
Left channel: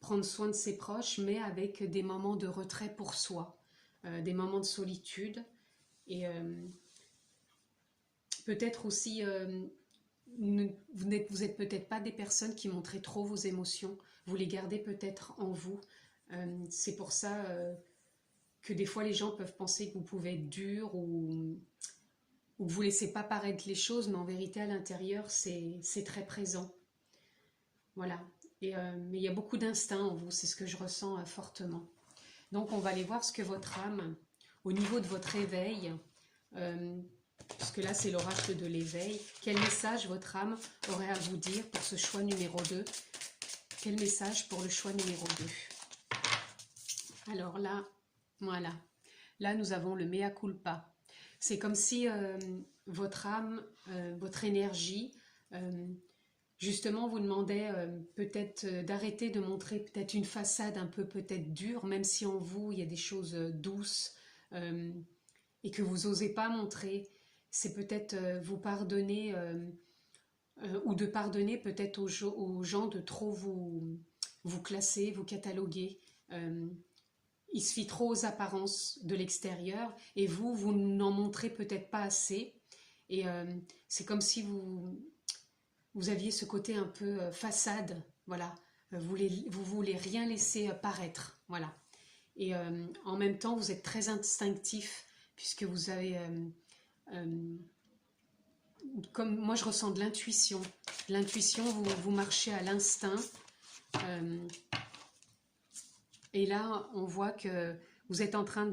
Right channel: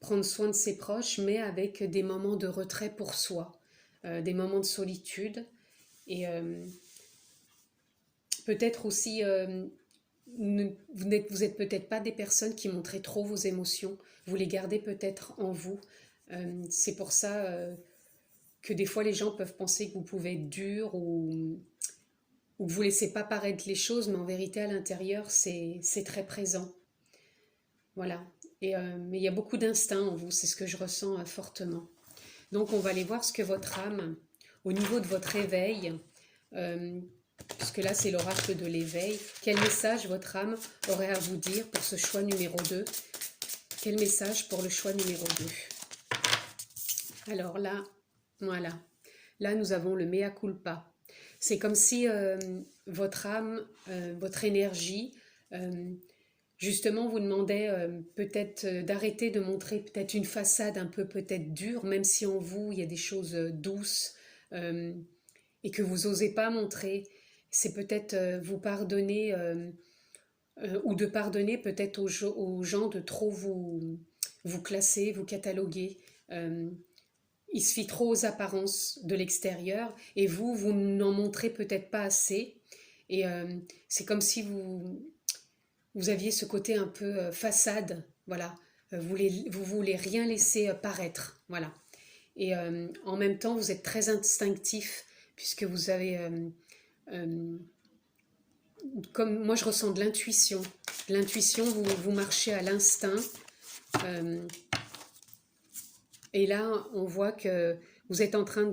prendre soin de ses proches, mais avec des moments de retrait pour soi, des moments de solitude et peut-être aussi vous n'êtes peut-être pas des personnes qui montrent trop vos émotions, vous les gardez peut-être en vous. C'est pour ça que des fois les gens peuvent penser que vous pouvez être dur ou que vous ne laissez pas paraître les choses, mais en vérité à l'intérieur c'est très présent. Voilà. Mais il y a beaucoup d'instinct en vous, c'est ce que je ressens fortement. Donc on va aller voir ce que votre âme, au niveau de votre éveil, puisque là c'est l'oracle de l'éveil, quel message votre âme aurait à vous dire pour ce choix numéro 2? Quel message pour le choix numéro 2? Alors là, voilà, là nous avons le mea culpa. C'est comme si votre âme, votre énergie, justement vous demandait peut-être d'arrêter de montrer peut-être une façade un peu peut-être dure, même si en vous il y a des choses douces et que vous n'osez pas montrer. C'est peut-être vous pardonner ou de pardonner peut-être aux gens de trop vous classer, vous cataloguer. Il se fie trop aux apparences de l'extérieur et vous n'en montrez peut-être pas assez. Et c'est comme si vous aviez ce côté un peu façade, voilà. Vous voulez rien laisser paraître, voilà. Et en même temps, vous êtes très instinctif, puisque vous avez, comme moi je ressens de l'intuition. L'intuition, vous marchez à l'instinct. Euh, et là, on voit que vous êtes en train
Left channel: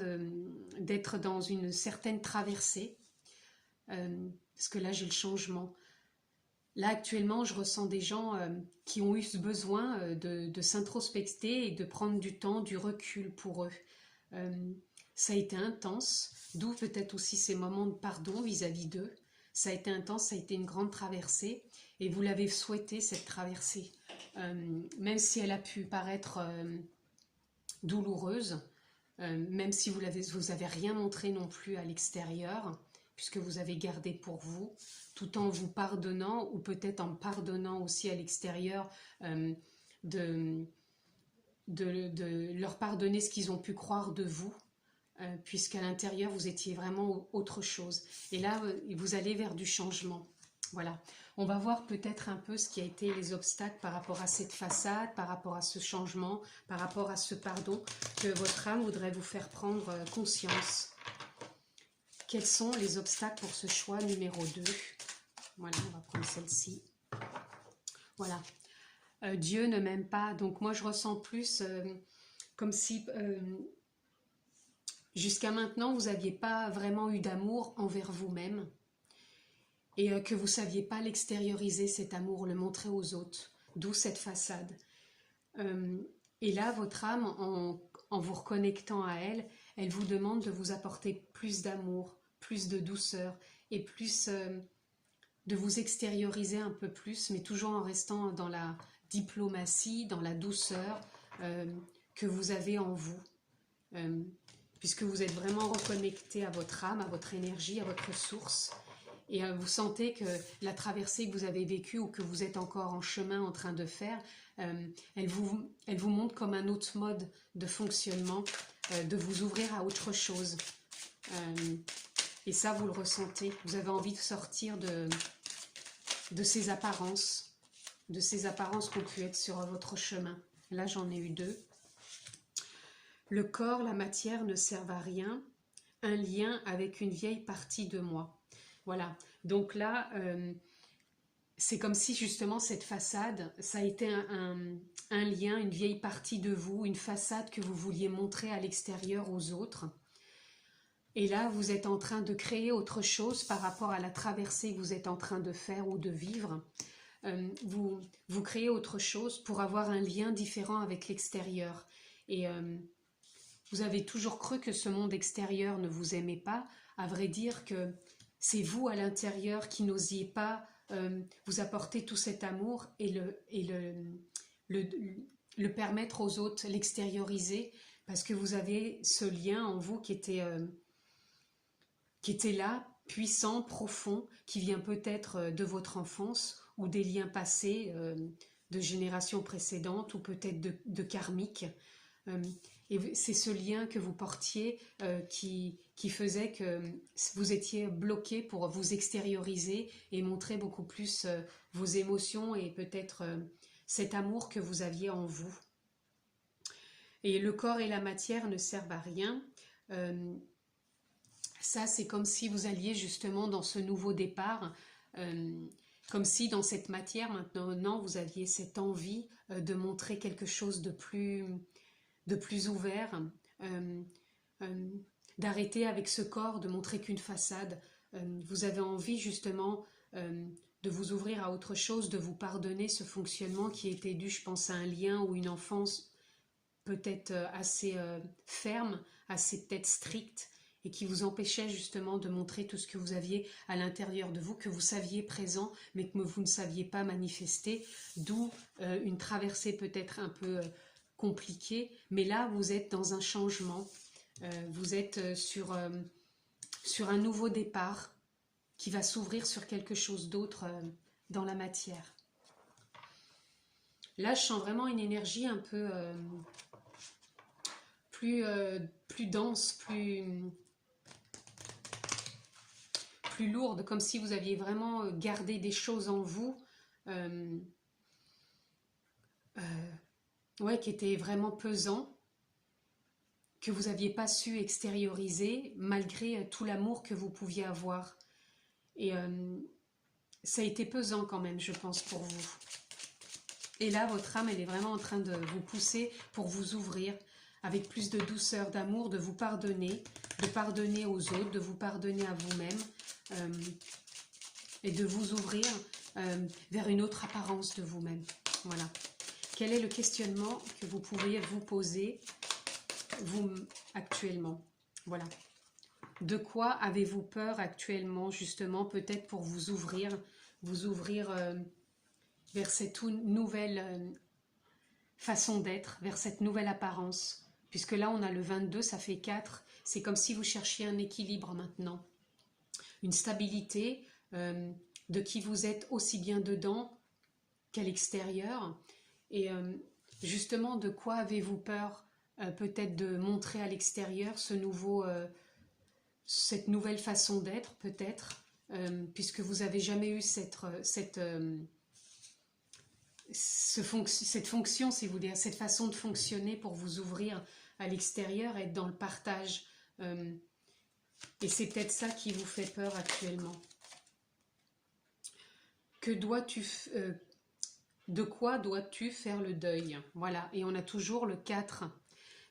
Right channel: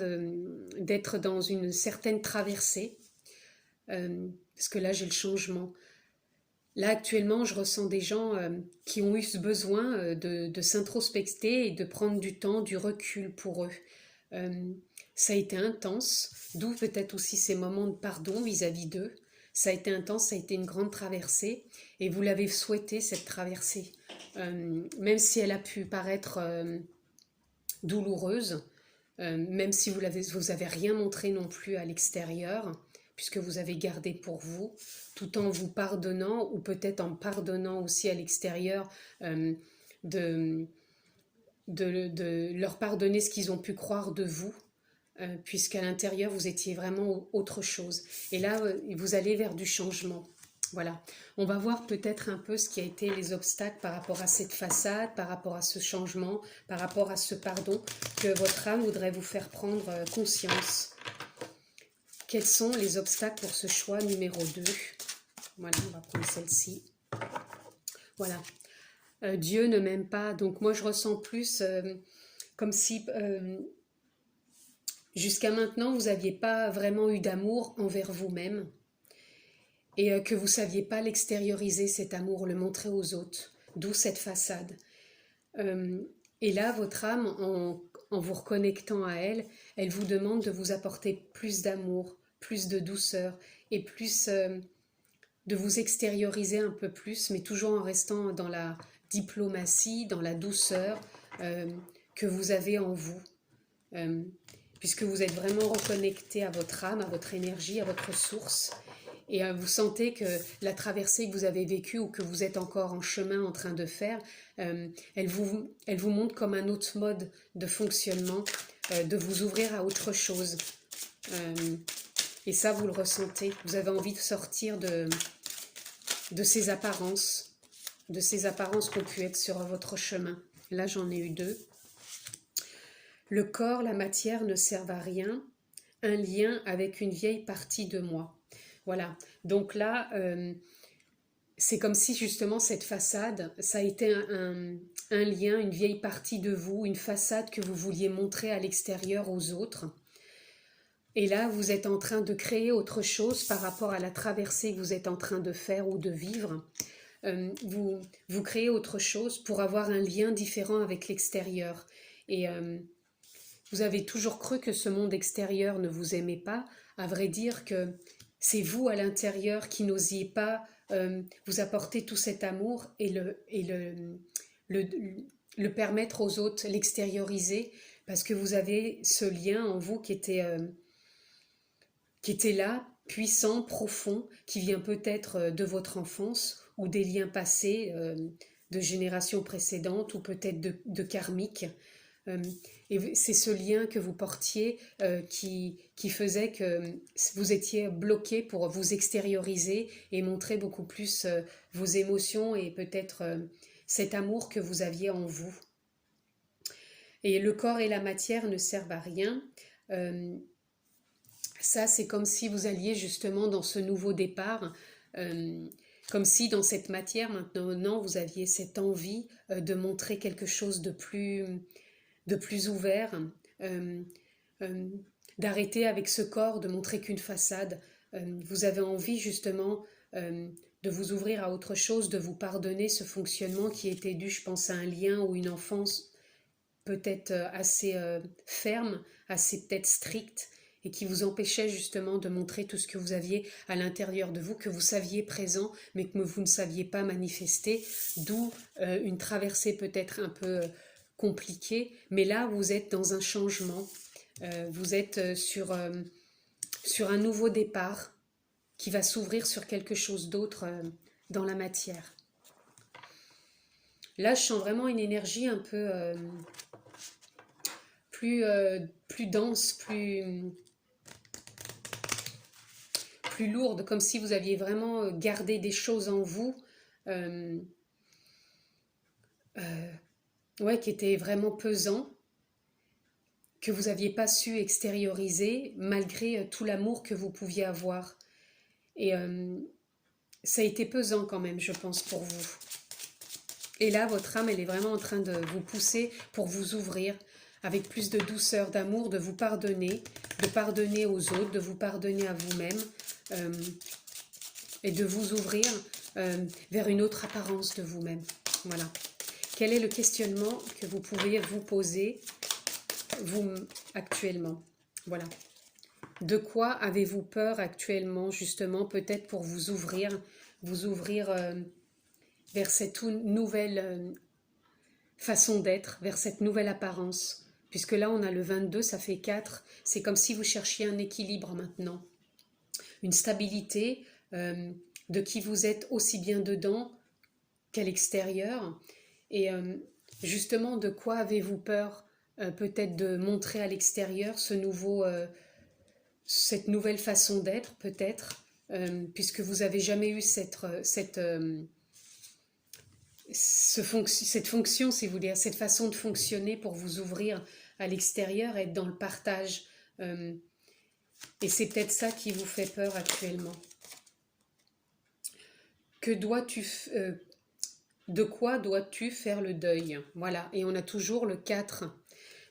d'être dans une certaine traversée. Parce que là, j'ai le changement. Là, actuellement, je ressens des gens qui ont eu ce besoin de s'introspecter et de prendre du temps, du recul pour eux. Ça a été intense, d'où peut-être aussi ces moments de pardon vis-à-vis d'eux. Ça a été intense, ça a été une grande traversée, et vous l'avez souhaité, cette traversée. Même si elle a pu paraître douloureuse, même si vous avez rien montré non plus à l'extérieur, puisque vous avez gardé pour vous, tout en vous pardonnant, ou peut-être en pardonnant aussi à l'extérieur, de leur pardonner ce qu'ils ont pu croire de vous, puisqu'à l'intérieur vous étiez vraiment autre chose. Et là, vous allez vers du changement. Voilà. On va voir peut-être un peu ce qui a été les obstacles par rapport à cette façade, par rapport à ce changement, par rapport à ce pardon que votre âme voudrait vous faire prendre conscience. Quels sont les obstacles pour ce choix numéro 2? Voilà, on va prendre celle-ci. Voilà. Dieu ne m'aime pas. Donc moi, je ressens plus comme si jusqu'à maintenant, vous n'aviez pas vraiment eu d'amour envers vous-même et que vous ne saviez pas l'extérioriser, cet amour, le montrer aux autres. D'où cette façade. Et là, votre âme, en vous reconnectant à elle, elle vous demande de vous apporter plus d'amour, plus de douceur et plus de vous extérioriser un peu plus, mais toujours en restant dans la diplomatie, dans la douceur que vous avez en vous. Puisque vous êtes vraiment reconnecté à votre âme, à votre énergie, à votre source. Et vous sentez que la traversée que vous avez vécue ou que vous êtes encore en chemin en train de faire, elle vous montre comme un autre mode de fonctionnement, de vous ouvrir à autre chose. Et ça, vous le ressentez. Vous avez envie de sortir de ces apparences qui ont pu être sur votre chemin. Là, j'en ai eu 2. Le corps, la matière ne servent à rien. Un lien avec une vieille partie de moi. Voilà. Donc là, c'est comme si justement cette façade, ça a été un lien, une vieille partie de vous, une façade que vous vouliez montrer à l'extérieur aux autres. Et là, vous êtes en train de créer autre chose par rapport à la traversée que vous êtes en train de faire ou de vivre. Vous créez autre chose pour avoir un lien différent avec l'extérieur. Et vous avez toujours cru que ce monde extérieur ne vous aimait pas. À vrai dire que c'est vous à l'intérieur qui n'osiez pas vous apporter tout cet amour et le permettre aux autres, l'extérioriser, parce que vous avez ce lien en vous qui était là, puissant, profond, qui vient peut-être de votre enfance ou des liens passés de générations précédentes ou peut-être de karmiques. Et c'est ce lien que vous portiez qui faisait que vous étiez bloqué pour vous extérioriser et montrer beaucoup plus vos émotions et peut-être cet amour que vous aviez en vous. Et le corps et la matière ne servent à rien. Ça, c'est comme si vous alliez justement dans ce nouveau départ, comme si dans cette matière maintenant vous aviez cette envie de montrer quelque chose de plus ouvert, d'arrêter avec ce corps, de montrer qu'une façade. Vous avez envie justement de vous ouvrir à autre chose, de vous pardonner ce fonctionnement qui était dû, je pense, à un lien ou une enfance peut-être assez ferme, assez peut-être stricte, et qui vous empêchait justement de montrer tout ce que vous aviez à l'intérieur de vous, que vous saviez présent, mais que vous ne saviez pas manifester, d'où une traversée peut-être un peu compliquée, mais là vous êtes dans un changement, vous êtes sur un nouveau départ qui va s'ouvrir sur quelque chose d'autre dans la matière. Là, je sens vraiment une énergie un peu plus dense, plus lourde, comme si vous aviez vraiment gardé des choses en vous ouais, qui étaient vraiment pesants, que vous n'aviez pas su extérioriser malgré tout l'amour que vous pouviez avoir. Et ça a été pesant quand même, je pense, pour vous. Et là, votre âme, elle est vraiment en train de vous pousser pour vous ouvrir avec plus de douceur, d'amour, de pardonner aux autres, de vous pardonner à vous-même et de vous ouvrir vers une autre apparence de vous-même. Voilà. Quel est le questionnement que vous pouvez vous poser, vous, actuellement? Voilà. De quoi avez-vous peur actuellement, justement, peut-être pour vous ouvrir vers cette nouvelle façon d'être, vers cette nouvelle apparence. Puisque là, on a le 22, ça fait 4. C'est comme si vous cherchiez un équilibre maintenant. Une stabilité de qui vous êtes aussi bien dedans qu'à l'extérieur. Et justement, de quoi avez-vous peur peut-être de montrer à l'extérieur cette nouvelle façon d'être, peut-être, puisque vous n'avez jamais eu cette fonction, si vous voulez, cette façon de fonctionner pour vous ouvrir à l'extérieur, être dans le partage. Et c'est peut-être ça qui vous fait peur actuellement. De quoi dois-tu faire le deuil? Voilà, et on a toujours le 4.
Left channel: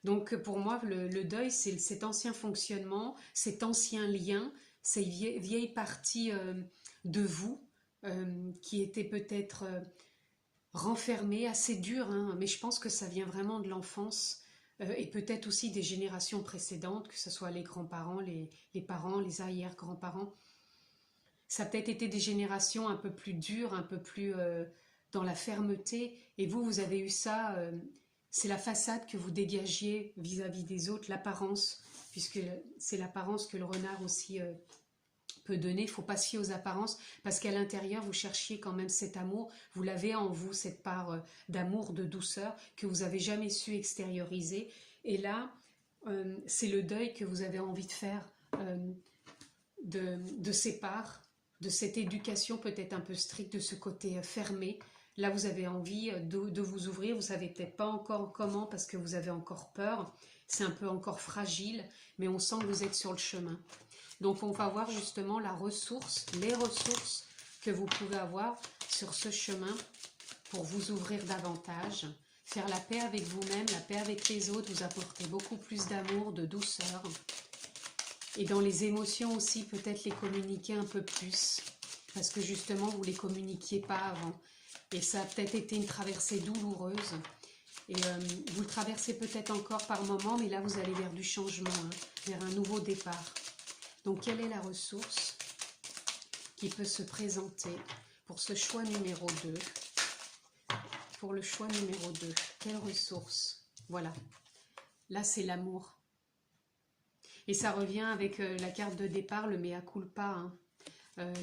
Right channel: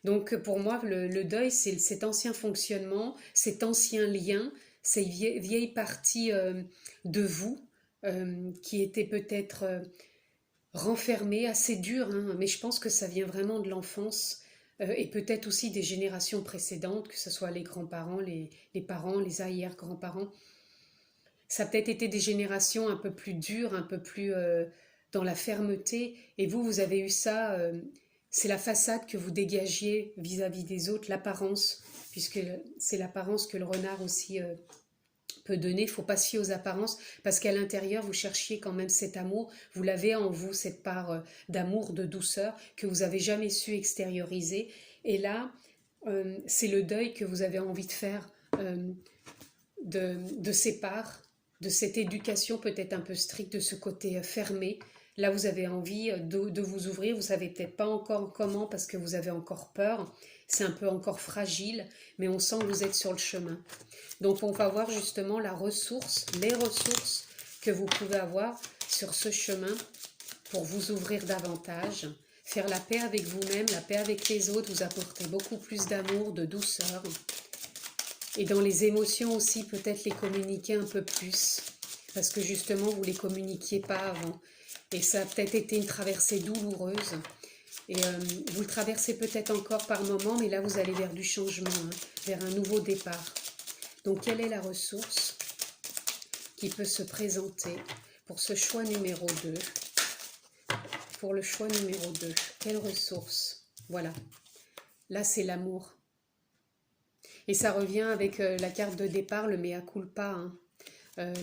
Donc pour moi, le deuil, c'est cet ancien fonctionnement, cet ancien lien, ces vieilles parties de vous qui étaient peut-être renfermées, assez dures, hein, mais je pense que ça vient vraiment de l'enfance et peut-être aussi des générations précédentes, que ce soit les grands-parents, les parents, les arrière-grands-parents. Ça a peut-être été des générations un peu plus dures, un peu plus dans la fermeté, et vous avez eu ça... c'est la façade que vous dégagiez vis-à-vis des autres, l'apparence, puisque c'est l'apparence que le renard aussi peut donner. Il ne faut pas se fier aux apparences, parce qu'à l'intérieur, vous cherchiez quand même cet amour. Vous l'avez en vous, cette part d'amour, de douceur, que vous n'avez jamais su extérioriser. Et là, c'est le deuil que vous avez envie de faire de ces parts, de cette éducation peut-être un peu stricte, de ce côté fermé. Là, vous avez envie de vous ouvrir, vous ne savez peut-être pas encore comment parce que vous avez encore peur, c'est un peu encore fragile, mais on sent que vous êtes sur le chemin. Donc, on va voir justement les ressources que vous pouvez avoir sur ce chemin pour vous ouvrir davantage, faire la paix avec vous-même, la paix avec les autres, vous apporter beaucoup plus d'amour, de douceur. Et dans les émotions aussi, peut-être les communiquer un peu plus, parce que justement, vous ne les communiquiez pas avant. Et ça a peut-être été une traversée douloureuse. Et vous le traversez peut-être encore par moment, mais là, vous allez vers du changement, hein, vers un nouveau départ. Donc, quelle est la ressource qui peut se présenter pour ce choix numéro 2? Pour le choix numéro 2, quelle ressource? Voilà. Là, c'est l'amour. Et ça revient avec la carte de départ, le mea culpa, hein.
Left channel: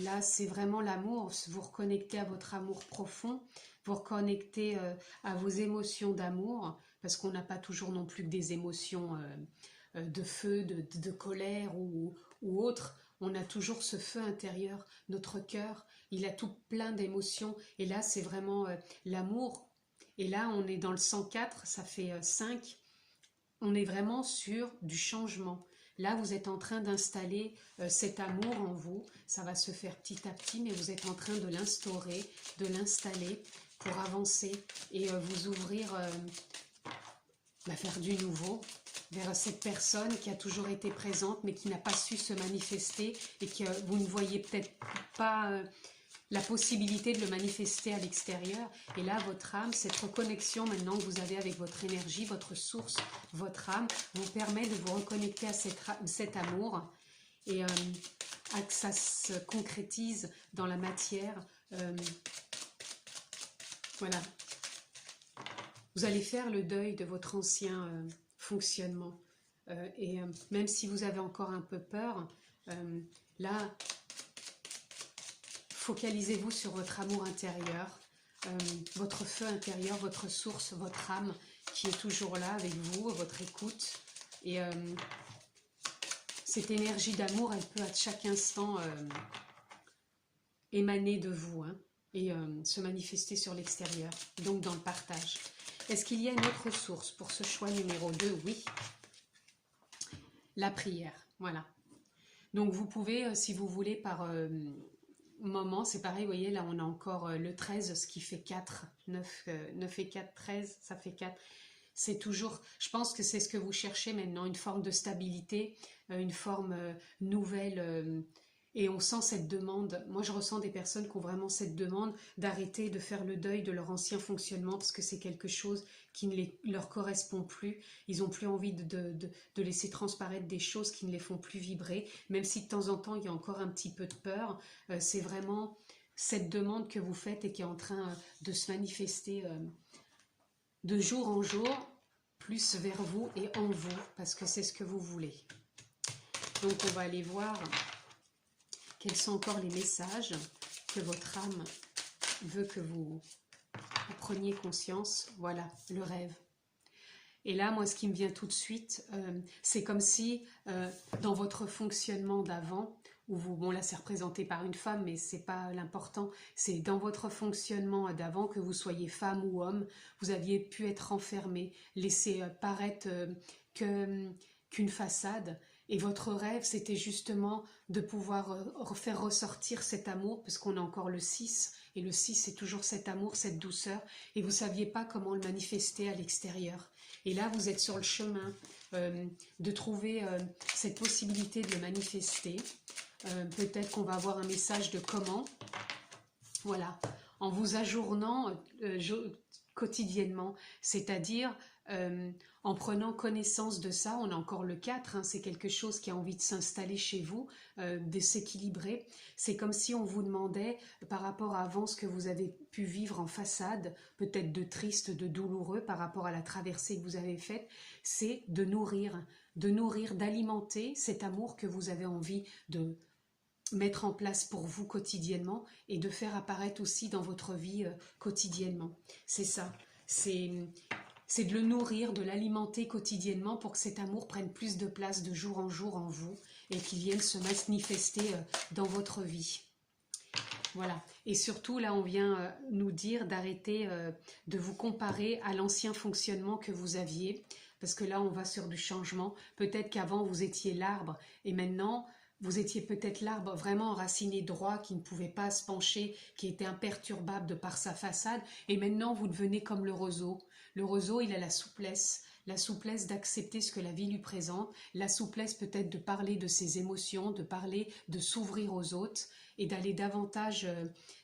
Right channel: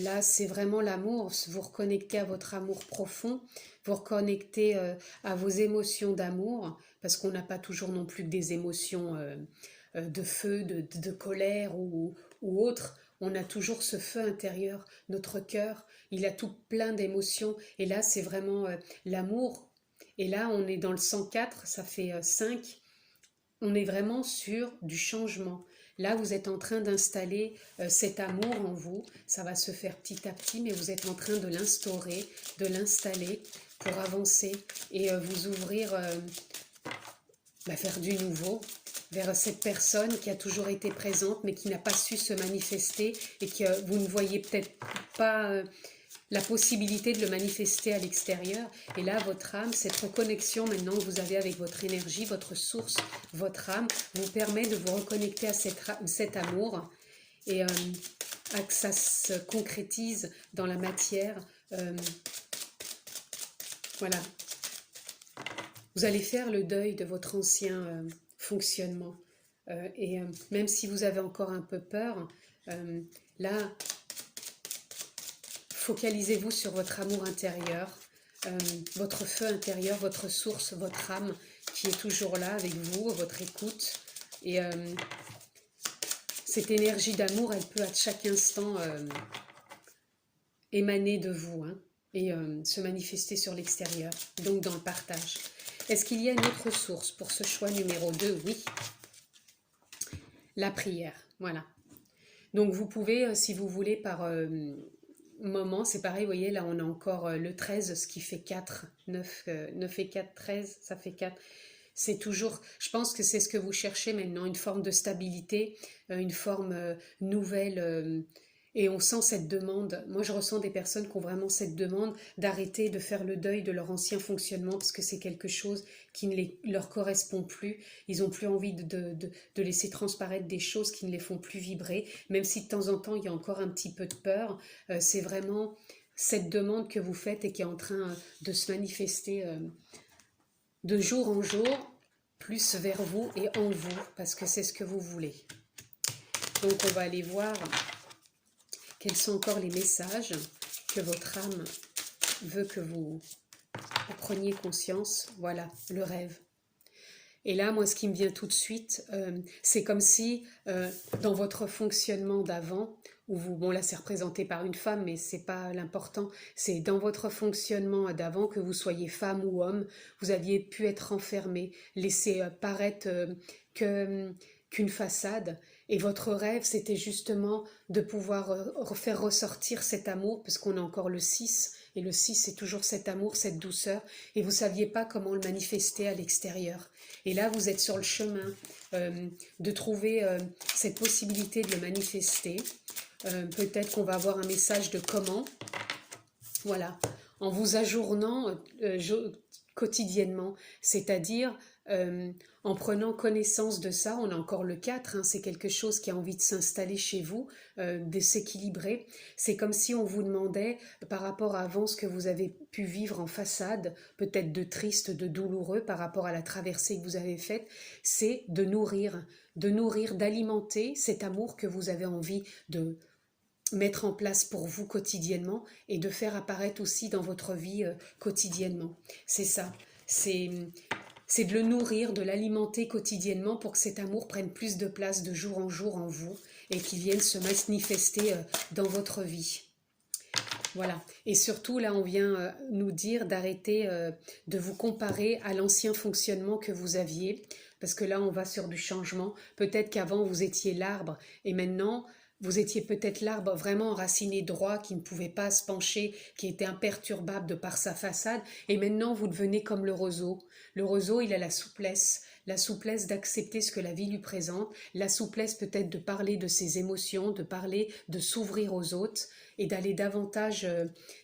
Là, c'est vraiment l'amour, vous reconnectez à votre amour profond, vous reconnectez à vos émotions d'amour, parce qu'on n'a pas toujours non plus que des émotions de feu, de colère ou autre. On a toujours ce feu intérieur, notre cœur, il a tout plein d'émotions, et là, c'est vraiment l'amour. Et là, on est dans le 104, ça fait 5, on est vraiment sur du changement. Là, vous êtes en train d'installer cet amour en vous. Ça va se faire petit à petit, mais vous êtes en train de l'instaurer, de l'installer pour avancer et vous ouvrir vers du nouveau, vers cette personne qui a toujours été présente, mais qui n'a pas su se manifester et que vous ne voyez peut-être pas la possibilité de le manifester à l'extérieur. Et là, votre âme, cette reconnexion maintenant que vous avez avec votre énergie, votre source, votre âme, vous permet de vous reconnecter à cet amour et à que ça se concrétise dans la matière. Voilà. Vous allez faire le deuil de votre ancien fonctionnement. Et même si vous avez encore un peu peur, là, focalisez-vous sur votre amour intérieur, votre feu intérieur, votre source, votre âme qui est toujours là avec vous, votre écoute. Et cette énergie d'amour, elle peut à chaque instant émaner de vous, hein, et se manifester sur l'extérieur, donc dans le partage. Est-ce qu'il y a une autre source pour ce choix numéro 2? Oui, la prière, voilà. Donc vous pouvez, si vous voulez, par moment, c'est pareil, vous voyez, là on a encore le 13, ce qui fait 4, 9 et 4, 13, ça fait 4. C'est toujours, je pense que c'est ce que vous cherchez maintenant, une forme de stabilité, une forme nouvelle, et on sent cette demande. Moi je ressens des personnes qui ont vraiment cette demande d'arrêter de faire le deuil de leur ancien fonctionnement parce que c'est quelque chose qui ne leur correspond plus. Ils n'ont plus envie de laisser transparaître des choses qui ne les font plus vibrer, même si de temps en temps il y a encore un petit peu de peur. C'est vraiment cette demande que vous faites et qui est en train de se manifester de jour en jour, plus vers vous et en vous, parce que c'est ce que vous voulez. Donc on va aller voir quels sont encore les messages que votre âme veut que vous preniez conscience. Voilà, le rêve. Et là, moi, ce qui me vient tout de suite, c'est comme si, dans votre fonctionnement d'avant, où vous, bon là c'est représenté par une femme, mais c'est pas l'important, c'est dans votre fonctionnement d'avant, que vous soyez femme ou homme, vous aviez pu être enfermé, laissé paraître qu'une façade, et votre rêve c'était justement de pouvoir faire ressortir cet amour, parce qu'on a encore le 6, et le 6 c'est toujours cet amour, cette douceur, et vous ne saviez pas comment le manifester à l'extérieur. Et là vous êtes sur le chemin de trouver cette possibilité de le manifester. Peut-être qu'on va avoir un message de comment, voilà, en vous ajournant quotidiennement, c'est-à-dire en prenant connaissance de ça. On a encore le 4, hein, c'est quelque chose qui a envie de s'installer chez vous, de s'équilibrer. C'est comme si on vous demandait, par rapport à avant ce que vous avez pu vivre en façade, peut-être de triste, de douloureux par rapport à la traversée que vous avez faite, c'est de nourrir, d'alimenter cet amour que vous avez envie de mettre en place pour vous quotidiennement et de faire apparaître aussi dans votre vie quotidiennement. C'est ça, c'est de le nourrir, de l'alimenter quotidiennement pour que cet amour prenne plus de place de jour en jour en vous et qu'il vienne se manifester dans votre vie. Voilà, et surtout là on vient nous dire d'arrêter de vous comparer à l'ancien fonctionnement que vous aviez, parce que là on va sur du changement. Peut-être qu'avant vous étiez l'arbre et maintenant vous étiez peut-être l'arbre vraiment enraciné droit, qui ne pouvait pas se pencher, qui était imperturbable de par sa façade, et maintenant vous devenez comme le roseau. Le roseau, il a la souplesse d'accepter ce que la vie lui présente, la souplesse peut-être de parler de ses émotions, de parler, de s'ouvrir aux autres, et d'aller davantage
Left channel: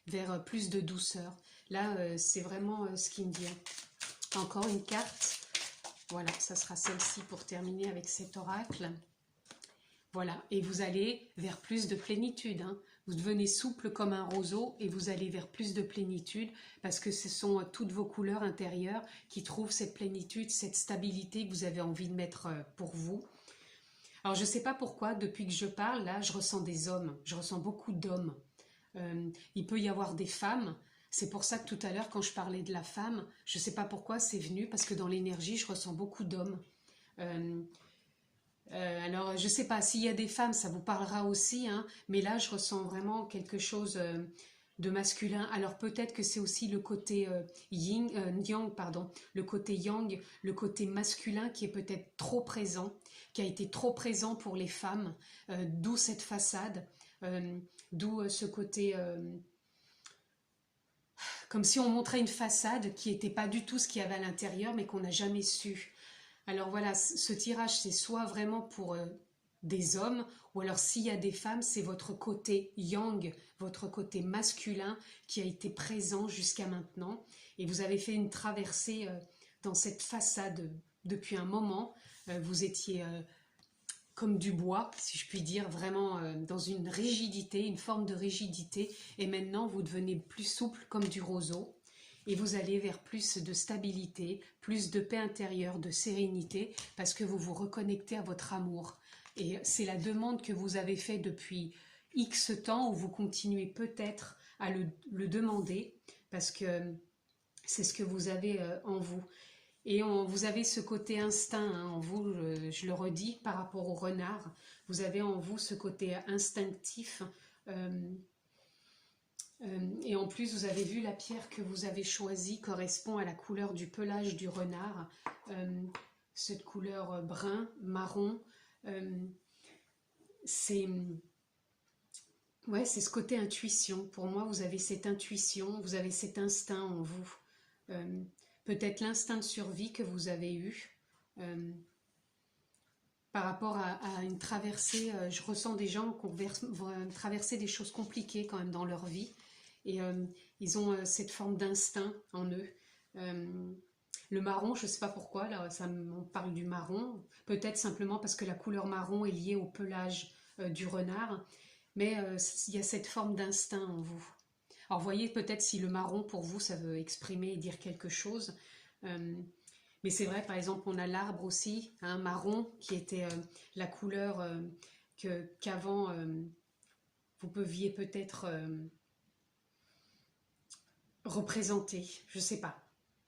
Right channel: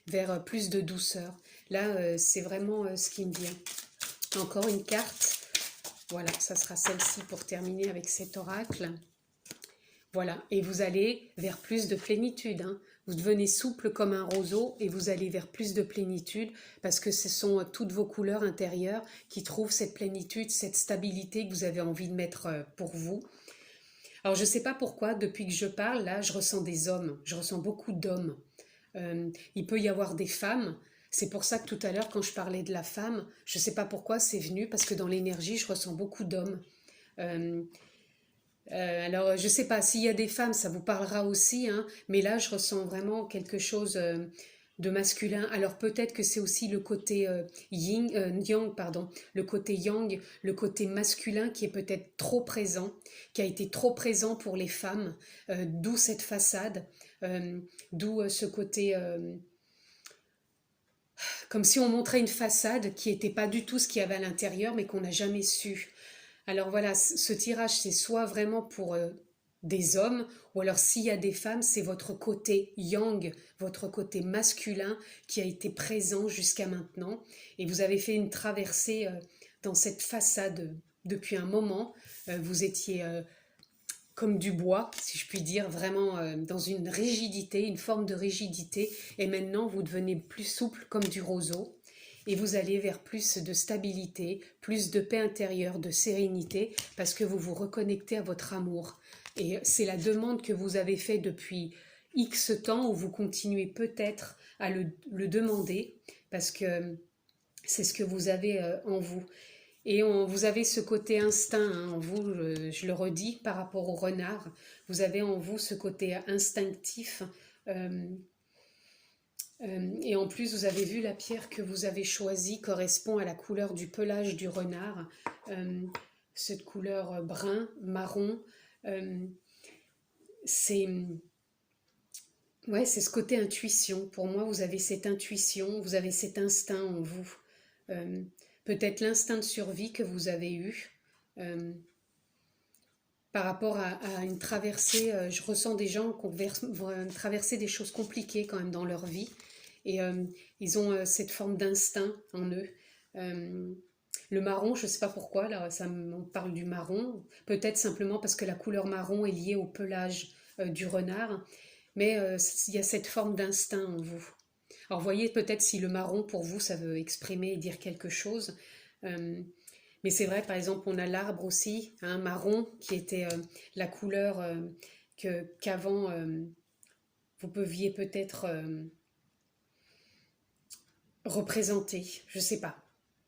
vers plus de douceur. Là, c'est vraiment ce qui me vient. Encore une carte, voilà, ça sera celle-ci pour terminer avec cet oracle. Voilà, et vous allez vers plus de plénitude, hein. Vous devenez souple comme un roseau et vous allez vers plus de plénitude parce que ce sont toutes vos couleurs intérieures qui trouvent cette plénitude, cette stabilité que vous avez envie de mettre pour vous. Alors je ne sais pas pourquoi, depuis que je parle, là, je ressens des hommes, je ressens beaucoup d'hommes. Il peut y avoir des femmes, c'est pour ça que tout à l'heure, quand je parlais de la femme, je ne sais pas pourquoi c'est venu, parce que dans l'énergie, je ressens beaucoup d'hommes. Alors, je ne sais pas, s'il y a des femmes, ça vous parlera aussi, hein, mais là, je ressens vraiment quelque chose de masculin. Alors, peut-être que c'est aussi le côté yang, pardon, le côté yang, le côté masculin qui est peut-être trop présent, qui a été trop présent pour les femmes, d'où cette façade, d'où ce côté... comme si on montrait une façade qui n'était pas du tout ce qu'il y avait à l'intérieur, mais qu'on n'a jamais su. Alors voilà, ce tirage, c'est soit vraiment pour des hommes, ou alors s'il y a des femmes, c'est votre côté yang, votre côté masculin qui a été présent jusqu'à maintenant. Et vous avez fait une traversée dans cette façade depuis un moment. Vous étiez comme du bois, si je puis dire, vraiment dans une rigidité, une forme de rigidité. Et maintenant, vous devenez plus souple comme du roseau. Et vous allez vers plus de stabilité, plus de paix intérieure, de sérénité, parce que vous vous reconnectez à votre amour. Et c'est la demande que vous avez faite depuis X temps, où vous continuez peut-être à le demander, parce que c'est ce que vous avez en vous. Et vous avez ce côté instinct hein, en vous, je le redis par rapport au renard, vous avez en vous ce côté instinctif. Et en plus, vous avez vu la pierre que vous avez choisie correspond à la couleur du pelage du renard, cette couleur brun, marron. C'est ouais, c'est ce côté intuition. Pour moi, vous avez cette intuition, vous avez cet instinct en vous. Peut-être l'instinct de survie que vous avez eu. Par rapport à une traversée, je ressens des gens qui vont traverser des choses compliquées quand même dans leur vie. Et ils ont cette forme d'instinct en eux. Le marron, je ne sais pas pourquoi, là, on parle du marron. Peut-être simplement parce que la couleur marron est liée au pelage du renard. Mais il y a cette forme d'instinct en vous. Alors voyez peut-être si le marron pour vous ça veut exprimer et dire quelque chose. Mais c'est vrai par exemple on a l'arbre aussi, un marron qui était la couleur qu'avant vous pouviez peut-être représenter. Je sais pas.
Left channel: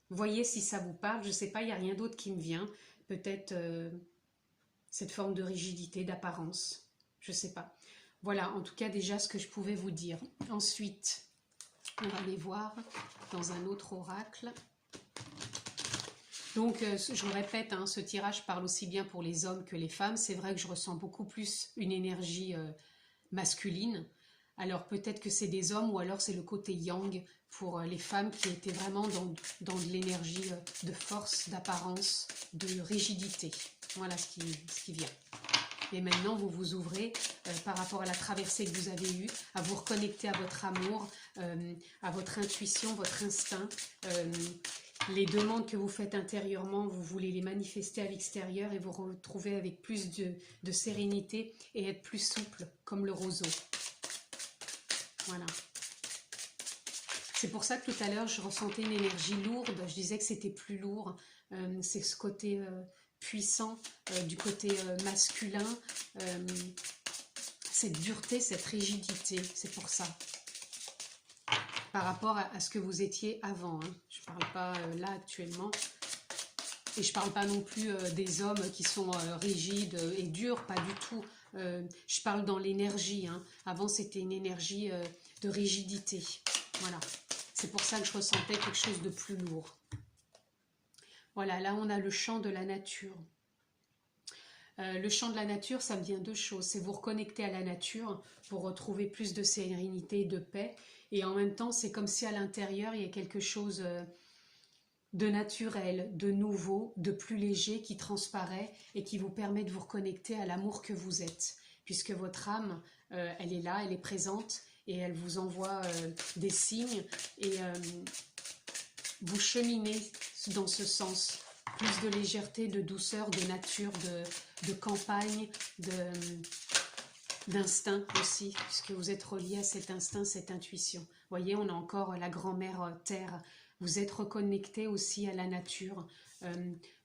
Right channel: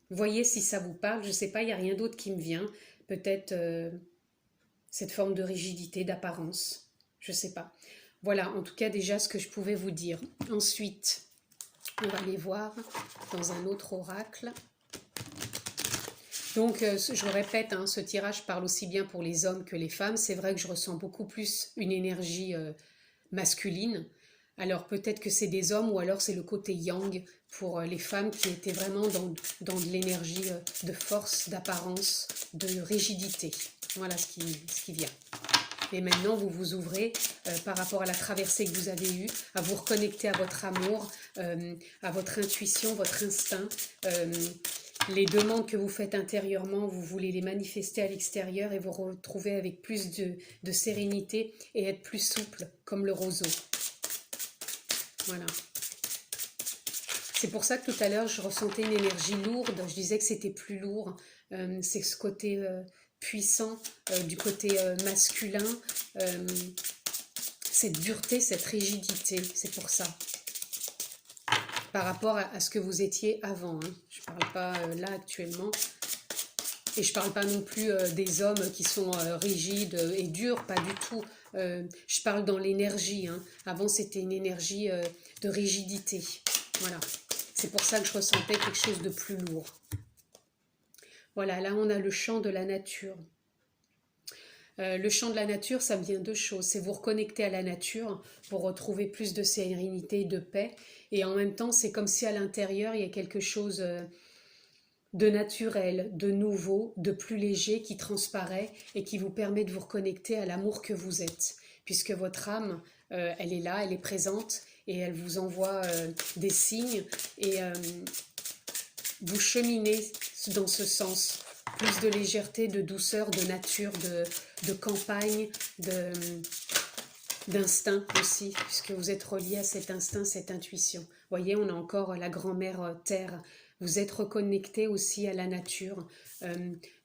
Voyez si ça vous parle, je sais pas, il n'y a rien d'autre qui me vient. Peut-être cette forme de rigidité, d'apparence. Je sais pas. Voilà, en tout cas déjà ce que je pouvais vous dire. Ensuite, on va aller voir dans un autre oracle. Donc, je le répète, hein, ce tirage parle aussi bien pour les hommes que les femmes. C'est vrai que je ressens beaucoup plus une énergie masculine. Alors, peut-être que c'est des hommes ou alors c'est le côté yang pour les femmes qui étaient vraiment dans de l'énergie de force, d'apparence, de rigidité. Voilà ce qui vient. Et maintenant, vous vous ouvrez par rapport à la traversée que vous avez eue, à vous reconnecter à votre amour, à votre intuition, votre instinct. Les demandes que vous faites intérieurement, vous voulez les manifester à l'extérieur et vous retrouver avec plus de sérénité et être plus souple, comme le roseau. Voilà. C'est pour ça que tout à l'heure, je ressentais une énergie lourde. Je disais que c'était plus lourd. C'est ce côté puissant, du côté masculin. Cette dureté, cette rigidité. C'est pour ça. Par rapport à ce que vous étiez avant. Hein. Je ne parle pas là actuellement. Et je ne parle pas non plus des hommes qui sont rigides et durs. Pas du tout. Je parle dans l'énergie. Hein. Avant, c'était une énergie de rigidité. Voilà. C'est pour ça que je ressentais quelque chose de plus lourd. Voilà, là on a le chant de la nature. Le chant de la nature, ça vient de deux choses. C'est vous reconnecter à la nature pour retrouver plus de sérénité, de paix. Et en même temps, c'est comme si à l'intérieur, il y a quelque chose de naturel, de nouveau, de plus léger qui transparaît et qui vous permet de vous reconnecter à l'amour que vous êtes. Puisque votre âme, elle est là, elle est présente. Et elle vous envoie des signes et vous cheminez dans ce sens. Plus de légèreté, de douceur, de nature, de campagne, d'instinct aussi, puisque vous êtes relié à cet instinct, cette intuition. Vous voyez, on a encore la grand-mère Terre. Vous êtes reconnecté aussi à la nature.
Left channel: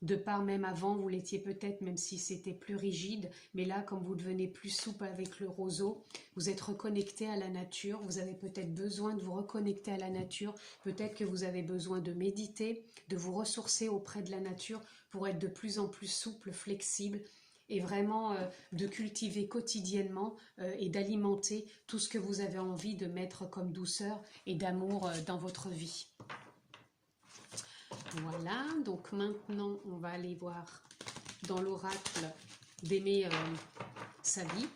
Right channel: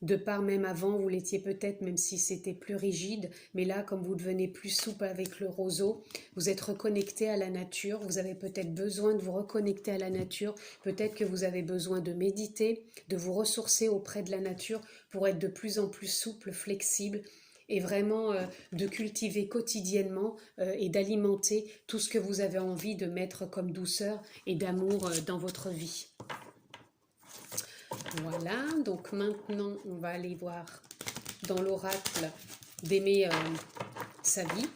De part même avant, vous l'étiez peut-être, même si c'était plus rigide, mais là, comme vous devenez plus souple avec le roseau, vous êtes reconnecté à la nature, vous avez peut-être besoin de vous reconnecter à la nature, peut-être que vous avez besoin de méditer, de vous ressourcer auprès de la nature pour être de plus en plus souple, flexible, et vraiment de cultiver quotidiennement et d'alimenter tout ce que vous avez envie de mettre comme douceur et d'amour dans votre vie. Voilà, donc maintenant on va aller voir dans l'oracle d'aimer sa vie.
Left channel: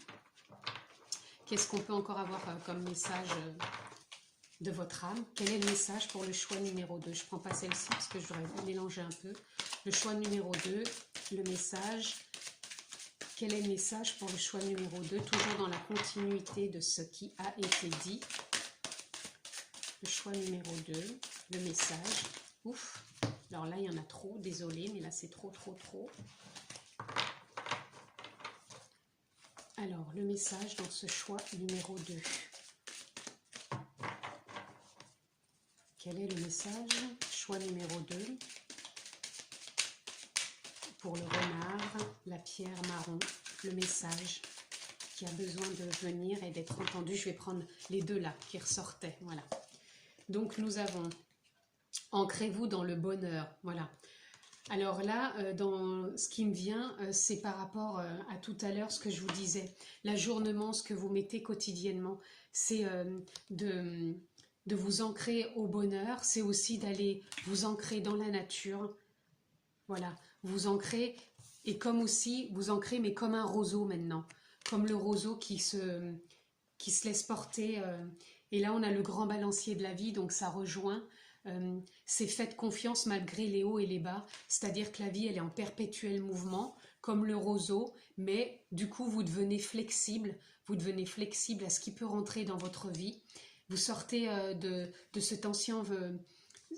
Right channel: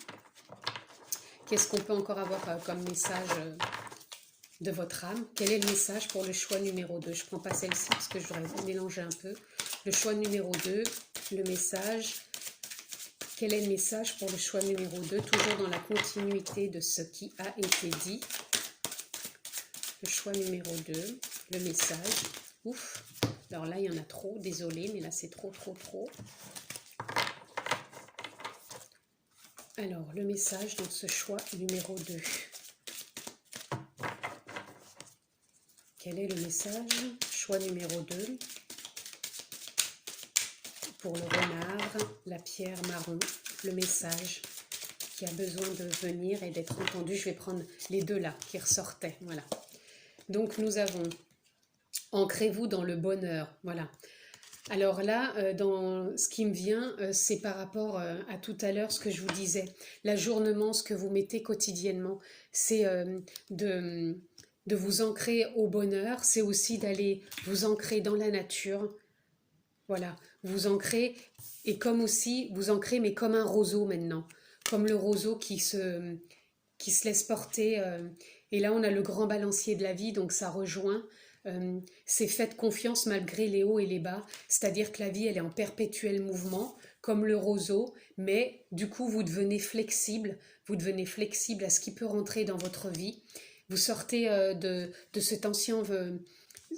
Qu'est-ce qu'on peut encore avoir comme message de votre âme? Quel est le message pour le choix numéro 2? Je ne prends pas celle-ci parce que je voudrais mélanger un peu. Le choix numéro 2, le message. Quel est le message pour le choix numéro 2? Toujours dans la continuité de ce qui a été dit. Le choix numéro 2, le message. Ouf! Alors là, il y en a trop, désolé, mais là, c'est trop. Alors, le message dans ce choix numéro 2. Quel est le message? Choix numéro 2. Pour le renard, la pierre marron, le message. qui a besoin de venir et d'être entendu. Je vais prendre les deux là qui ressortaient. Voilà. Donc nous avons ancrez-vous dans le bonheur. Voilà. Alors là, dans ce qui me vient, c'est par rapport à tout à l'heure, ce que je vous disais. L'ajournement, ce que vous mettez quotidiennement, c'est de vous ancrer au bonheur. C'est aussi d'aller vous ancrer dans la nature. Voilà, vous ancrez, et comme aussi, vous ancrez, mais comme un roseau maintenant. Comme le roseau qui se laisse porter. Et là, on a le grand balancier de la vie, donc ça rejoint. C'est faites confiance malgré les hauts et les bas, c'est-à-dire que la vie elle est en perpétuel mouvement comme le roseau, mais du coup vous devenez flexible à ce qui peut rentrer dans votre vie. Vous sortez de cet ancien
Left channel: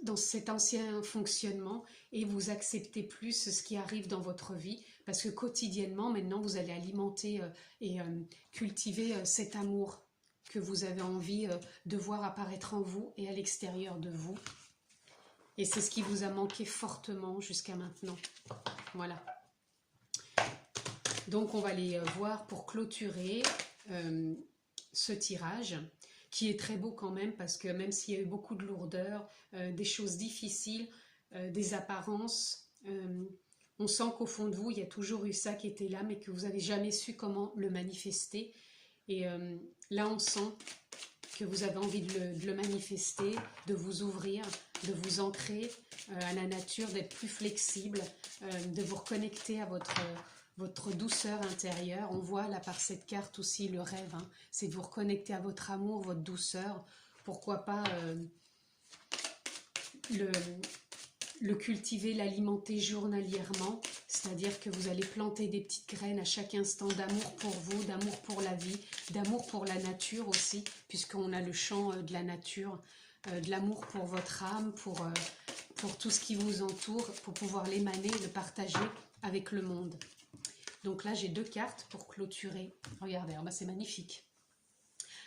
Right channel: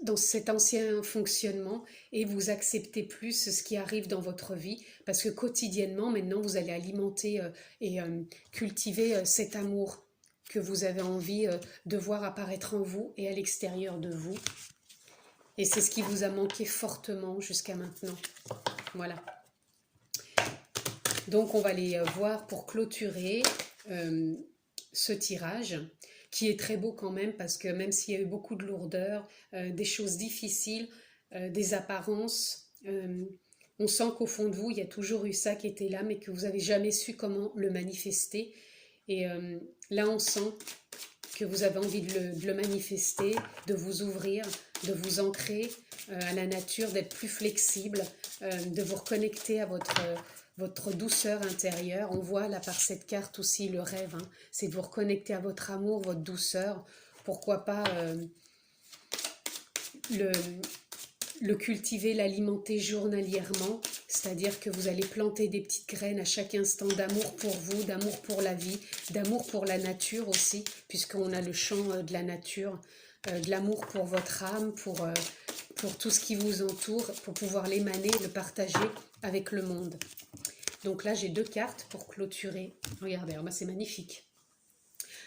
dans cet ancien fonctionnement et vous acceptez plus ce qui arrive dans votre vie, parce que quotidiennement maintenant vous allez alimenter et cultiver cet amour que vous avez envie de voir apparaître en vous et à l'extérieur de vous. Et c'est ce qui vous a manqué fortement jusqu'à maintenant. Voilà. Donc on va les voir pour clôturer ce tirage, qui est très beau quand même, parce que même s'il y a eu beaucoup de lourdeur, des choses difficiles, des apparences, on sent qu'au fond de vous, il y a toujours eu ça qui était là, mais que vous n'avez jamais su comment le manifester. Et là, on sent que vous avez envie de le manifester, de vous ouvrir, de vous ancrer à la nature, d'être plus flexible, de vous reconnecter à votre douceur intérieure. On voit là par cette carte aussi le rêve, hein, c'est de vous reconnecter à votre amour, votre douceur. Pourquoi pas le cultiver, l'alimenter journalièrement, c'est-à-dire que vous allez planter des petites graines à chaque instant d'amour pour vous, d'amour pour la vie, d'amour pour la nature aussi, puisqu'on a le chant de la nature, de l'amour pour votre âme, pour tout ce qui vous entoure, pour pouvoir l'émaner, le partager avec le monde. Donc là, j'ai deux cartes pour clôturer. Regardez, c'est magnifique.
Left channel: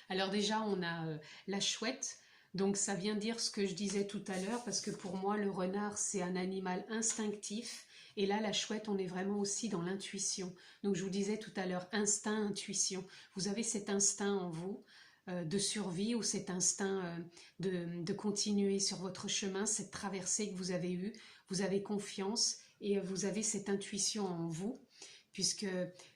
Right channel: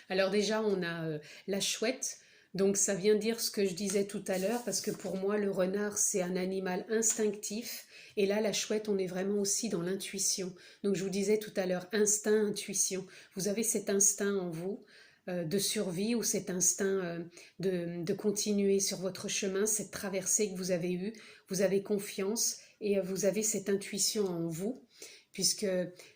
Alors déjà, on a la chouette. Donc ça vient dire ce que je disais tout à l'heure, parce que pour moi, le renard, c'est un animal instinctif. Et là, la chouette, on est vraiment aussi dans l'intuition. Donc je vous disais tout à l'heure, instinct, intuition. Vous avez cet instinct en vous de survie, ou cet instinct de continuer sur votre chemin, cette traversée que vous avez eue. Vous avez confiance et vous avez cette intuition en vous. Puisque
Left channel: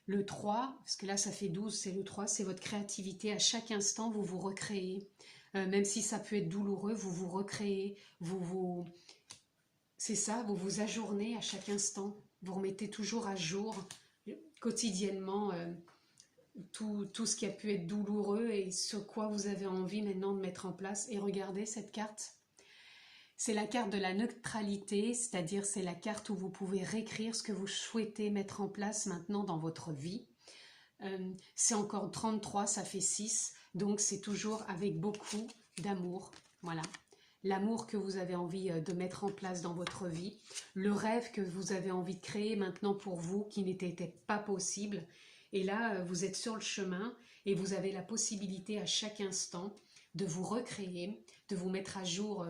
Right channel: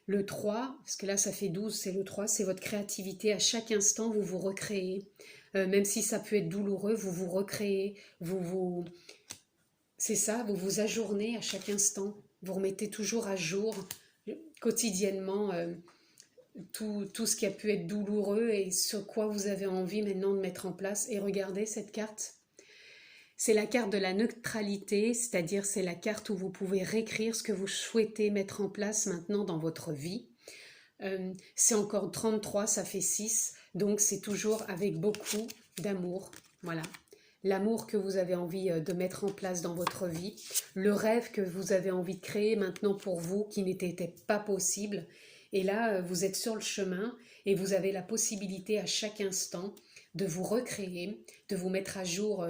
le 3, parce que là ça fait 12, c'est le 3, c'est votre créativité. À chaque instant, vous vous recréez. Même si ça peut être douloureux, vous vous recréez. C'est ça, vous vous ajournez à chaque instant. Vous remettez toujours à jour, quotidiennement, tout ce qui a pu être douloureux et sur quoi vous avez envie maintenant de mettre en place. Et regardez cette carte. C'est la carte de la neutralité, c'est-à-dire c'est la carte où vous pouvez réécrire ce que vous souhaitez mettre en place maintenant dans votre vie. C'est encore 33, ça fait 6, donc c'est toujours avec beaucoup d'amour. Voilà, l'amour que vous avez envie de mettre en place dans votre vie, le rêve que vous avez envie de créer maintenant pour vous qui n'était pas possible. Et là, vous êtes sur le chemin et vous avez la possibilité à chaque instant de vous recréer, de vous mettre à jour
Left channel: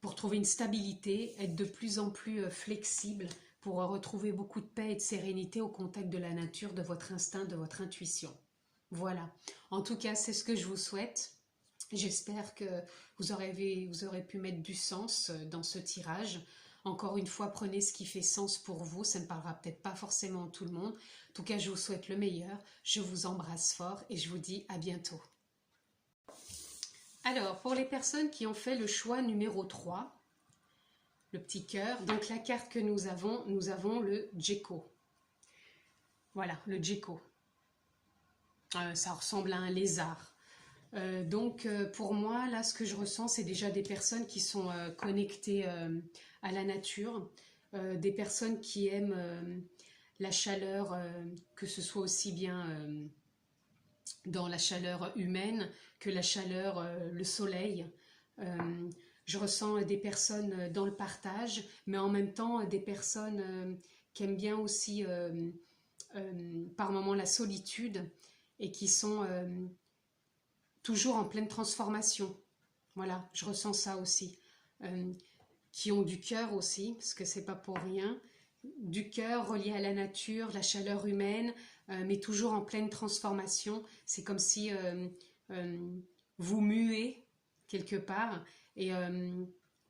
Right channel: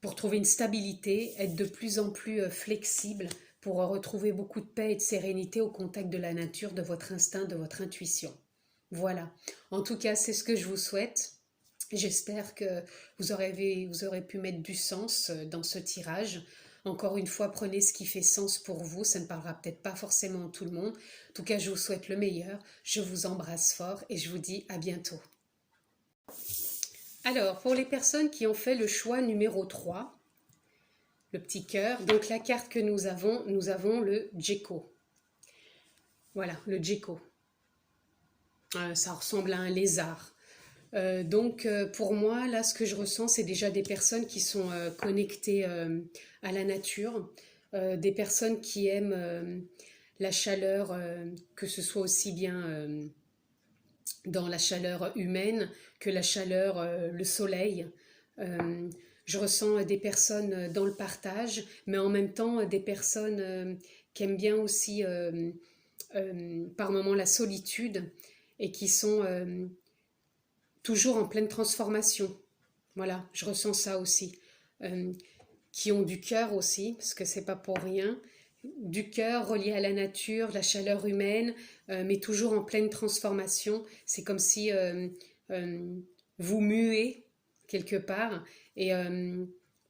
pour trouver une stabilité, être de plus en plus flexible, pour retrouver beaucoup de paix et de sérénité au contact de la nature, de votre instinct, de votre intuition. Voilà. En tout cas, c'est ce que je vous souhaite. J'espère que vous aurez pu mettre du sens dans ce tirage. Encore une fois, prenez ce qui fait sens pour vous. Ça ne parlera peut-être pas forcément à tout le monde. En tout cas, je vous souhaite le meilleur. Je vous embrasse fort et je vous dis à bientôt. Alors, pour les personnes qui ont fait le choix numéro 3, le petit cœur, donc la carte que nous avons le Gecko. Voilà, le Gecko. Ça ressemble à un lézard. Donc, pour moi, là, ce que je ressens, c'est déjà des personnes qui sont connectées à la nature, des personnes qui aiment la chaleur, que ce soit aussi bien dans la chaleur humaine que la chaleur, le soleil. Je ressens des personnes dans le partage, mais en même temps des personnes qui aiment bien aussi par moments la solitude et qui sont toujours en pleine transformation. Voilà, je ressens ça aussi. Qui ont du cœur aussi, parce que c'est pas pour rien. du cœur relié à la nature, la chaleur humaine, mais toujours en pleine transformation. C'est comme si vous muez quelque part et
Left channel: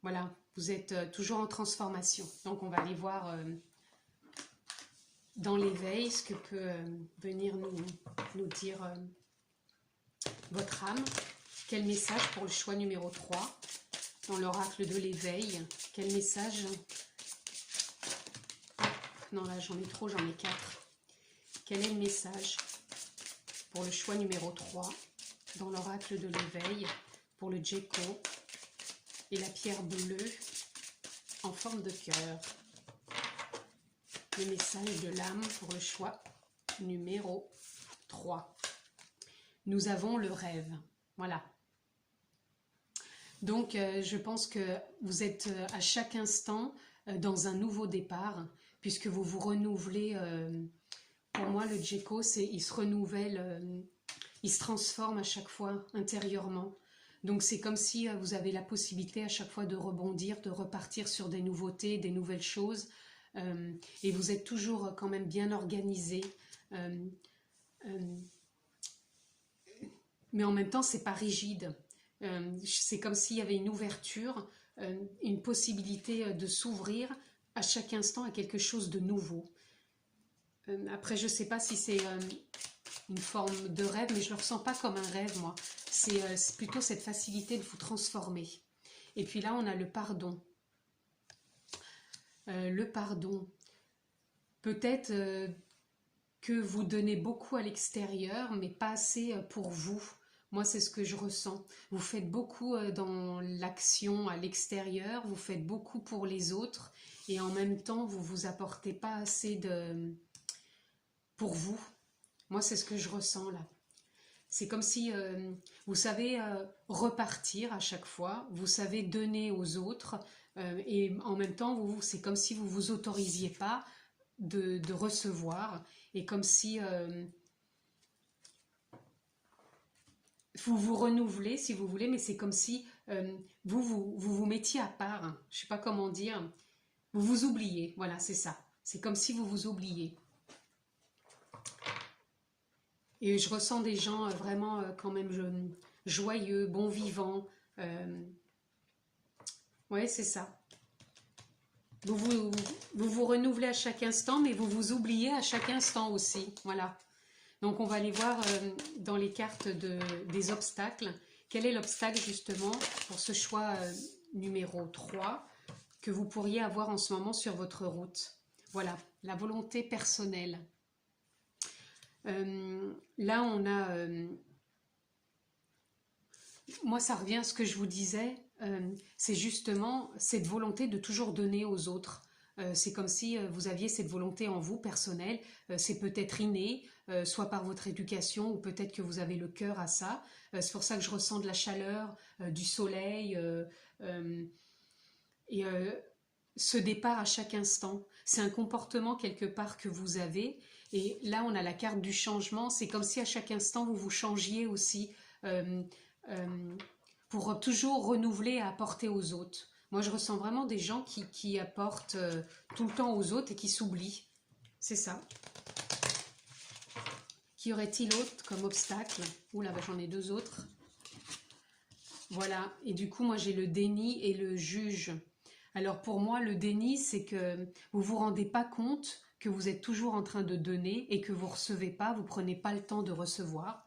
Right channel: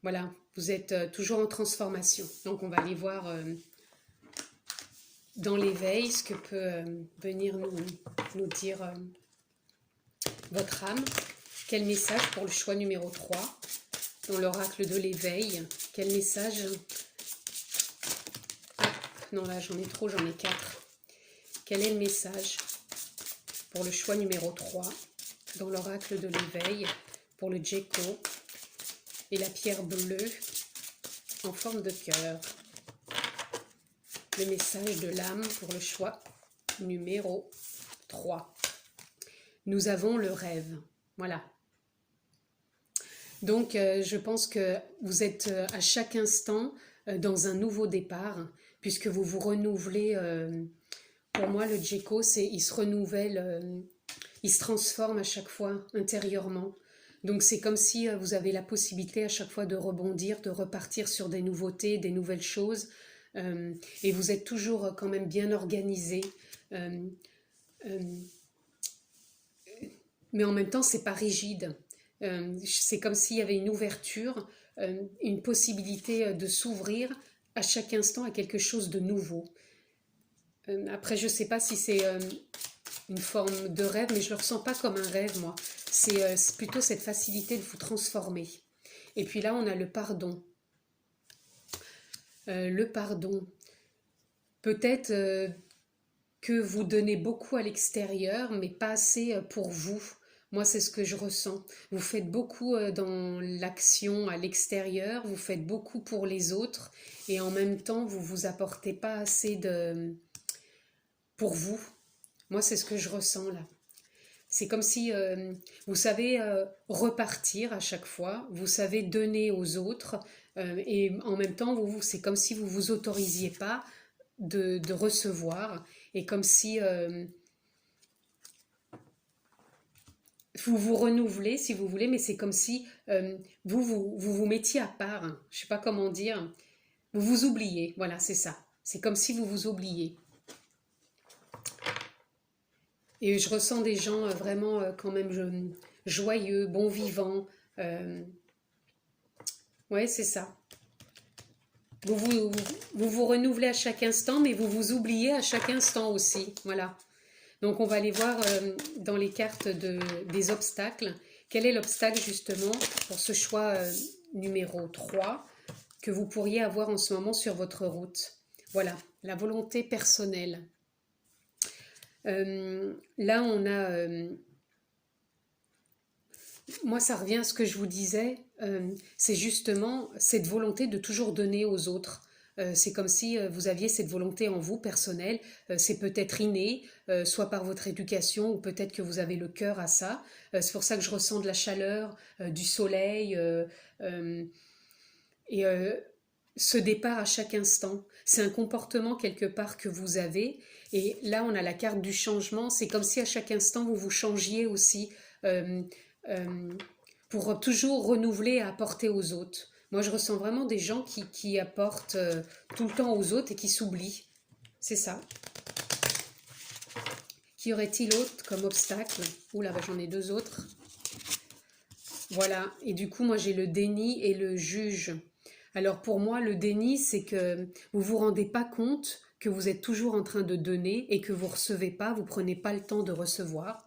voilà, vous êtes toujours en transformation. Donc on va aller voir dans l'éveil ce que peut venir nous dire votre âme. Quel message pour le choix numéro 3 dans l'oracle de l'éveil? Quel message? Non, là j'en ai trop, j'en ai 4. Quel est le message pour le choix numéro 3 dans l'oracle de l'éveil pour le Djeko et la pierre bleue en forme de cœur? Le message de l'âme pour le choix numéro 3. Nous avons le rêve. Voilà. Donc, je pense que vous êtes à chaque instant dans un nouveau départ, puisque vous vous renouvelez. Pour moi, le Djeko, il se renouvelle, il se transforme à chaque fois intérieurement. Donc, c'est comme si vous avez la possibilité à chaque fois de rebondir, de repartir sur des nouveautés, des nouvelles choses. Et vous êtes toujours quand même bien organisé. Mais en même temps, c'est pas rigide. C'est comme s'il y avait une ouverture, une possibilité de s'ouvrir à chaque instant à quelque chose de nouveau. Après, je sais pas si c'est une forme de rêve, mais je le ressens pas comme un rêve, moi. C'est plutôt cette facilité de vous transformer. Et puis là, on a le pardon. Le pardon. Peut-être que vous donnez beaucoup à l'extérieur, mais pas assez pour vous. Moi, c'est ce que je ressens. Vous faites beaucoup dans l'action à l'extérieur, vous faites beaucoup pour les autres, et en même temps, vous ne vous apportez pas assez pour vous. Moi, c'est ce que je ressens là. C'est comme si vous savez repartir à chaque fois, vous savez donner aux autres, et en même temps, c'est comme si vous ne vous autorisiez pas de recevoir, et comme si vous vous renouvelez, si vous voulez, mais c'est comme si vous mettiez à part, hein. Je ne sais pas comment dire, vous vous oubliez, voilà, c'est ça. C'est comme si vous vous oubliez. Et je ressens des gens vraiment quand même joyeux, bons vivants. Ouais, c'est ça. Vous renouvelez à chaque instant, mais vous vous oubliez à chaque instant aussi. Voilà. Donc, on va aller voir dans les cartes des obstacles. Quel est l'obstacle, justement, pour ce choix numéro 3 que vous pourriez avoir en ce moment sur votre route? Voilà, la volonté personnelle. Là, on a... moi, ça revient à ce que je vous disais. C'est justement cette volonté de toujours donner aux autres. C'est comme si vous aviez cette volonté en vous, personnelle. C'est peut-être inné, soit par votre éducation, ou peut-être que vous avez le cœur à ça. C'est pour ça que je ressens de la chaleur, du soleil, et ce départ à chaque instant. C'est un comportement quelque part que vous avez. Et là, on a la carte du changement. C'est comme si à chaque instant, vous vous changiez aussi pour toujours renouveler et apporter aux autres. Moi, je ressens vraiment des gens qui apportent tout le temps aux autres et qui s'oublient. C'est ça. Qu'y aurait-il autre comme obstacle? Oula, bah, j'en ai 2 autres. Voilà. Et du coup, moi, j'ai le déni et le juge. Alors, pour moi, le déni, c'est que vous ne vous rendez pas compte que vous êtes toujours en train de donner et que vous ne recevez pas, vous ne prenez pas le temps de recevoir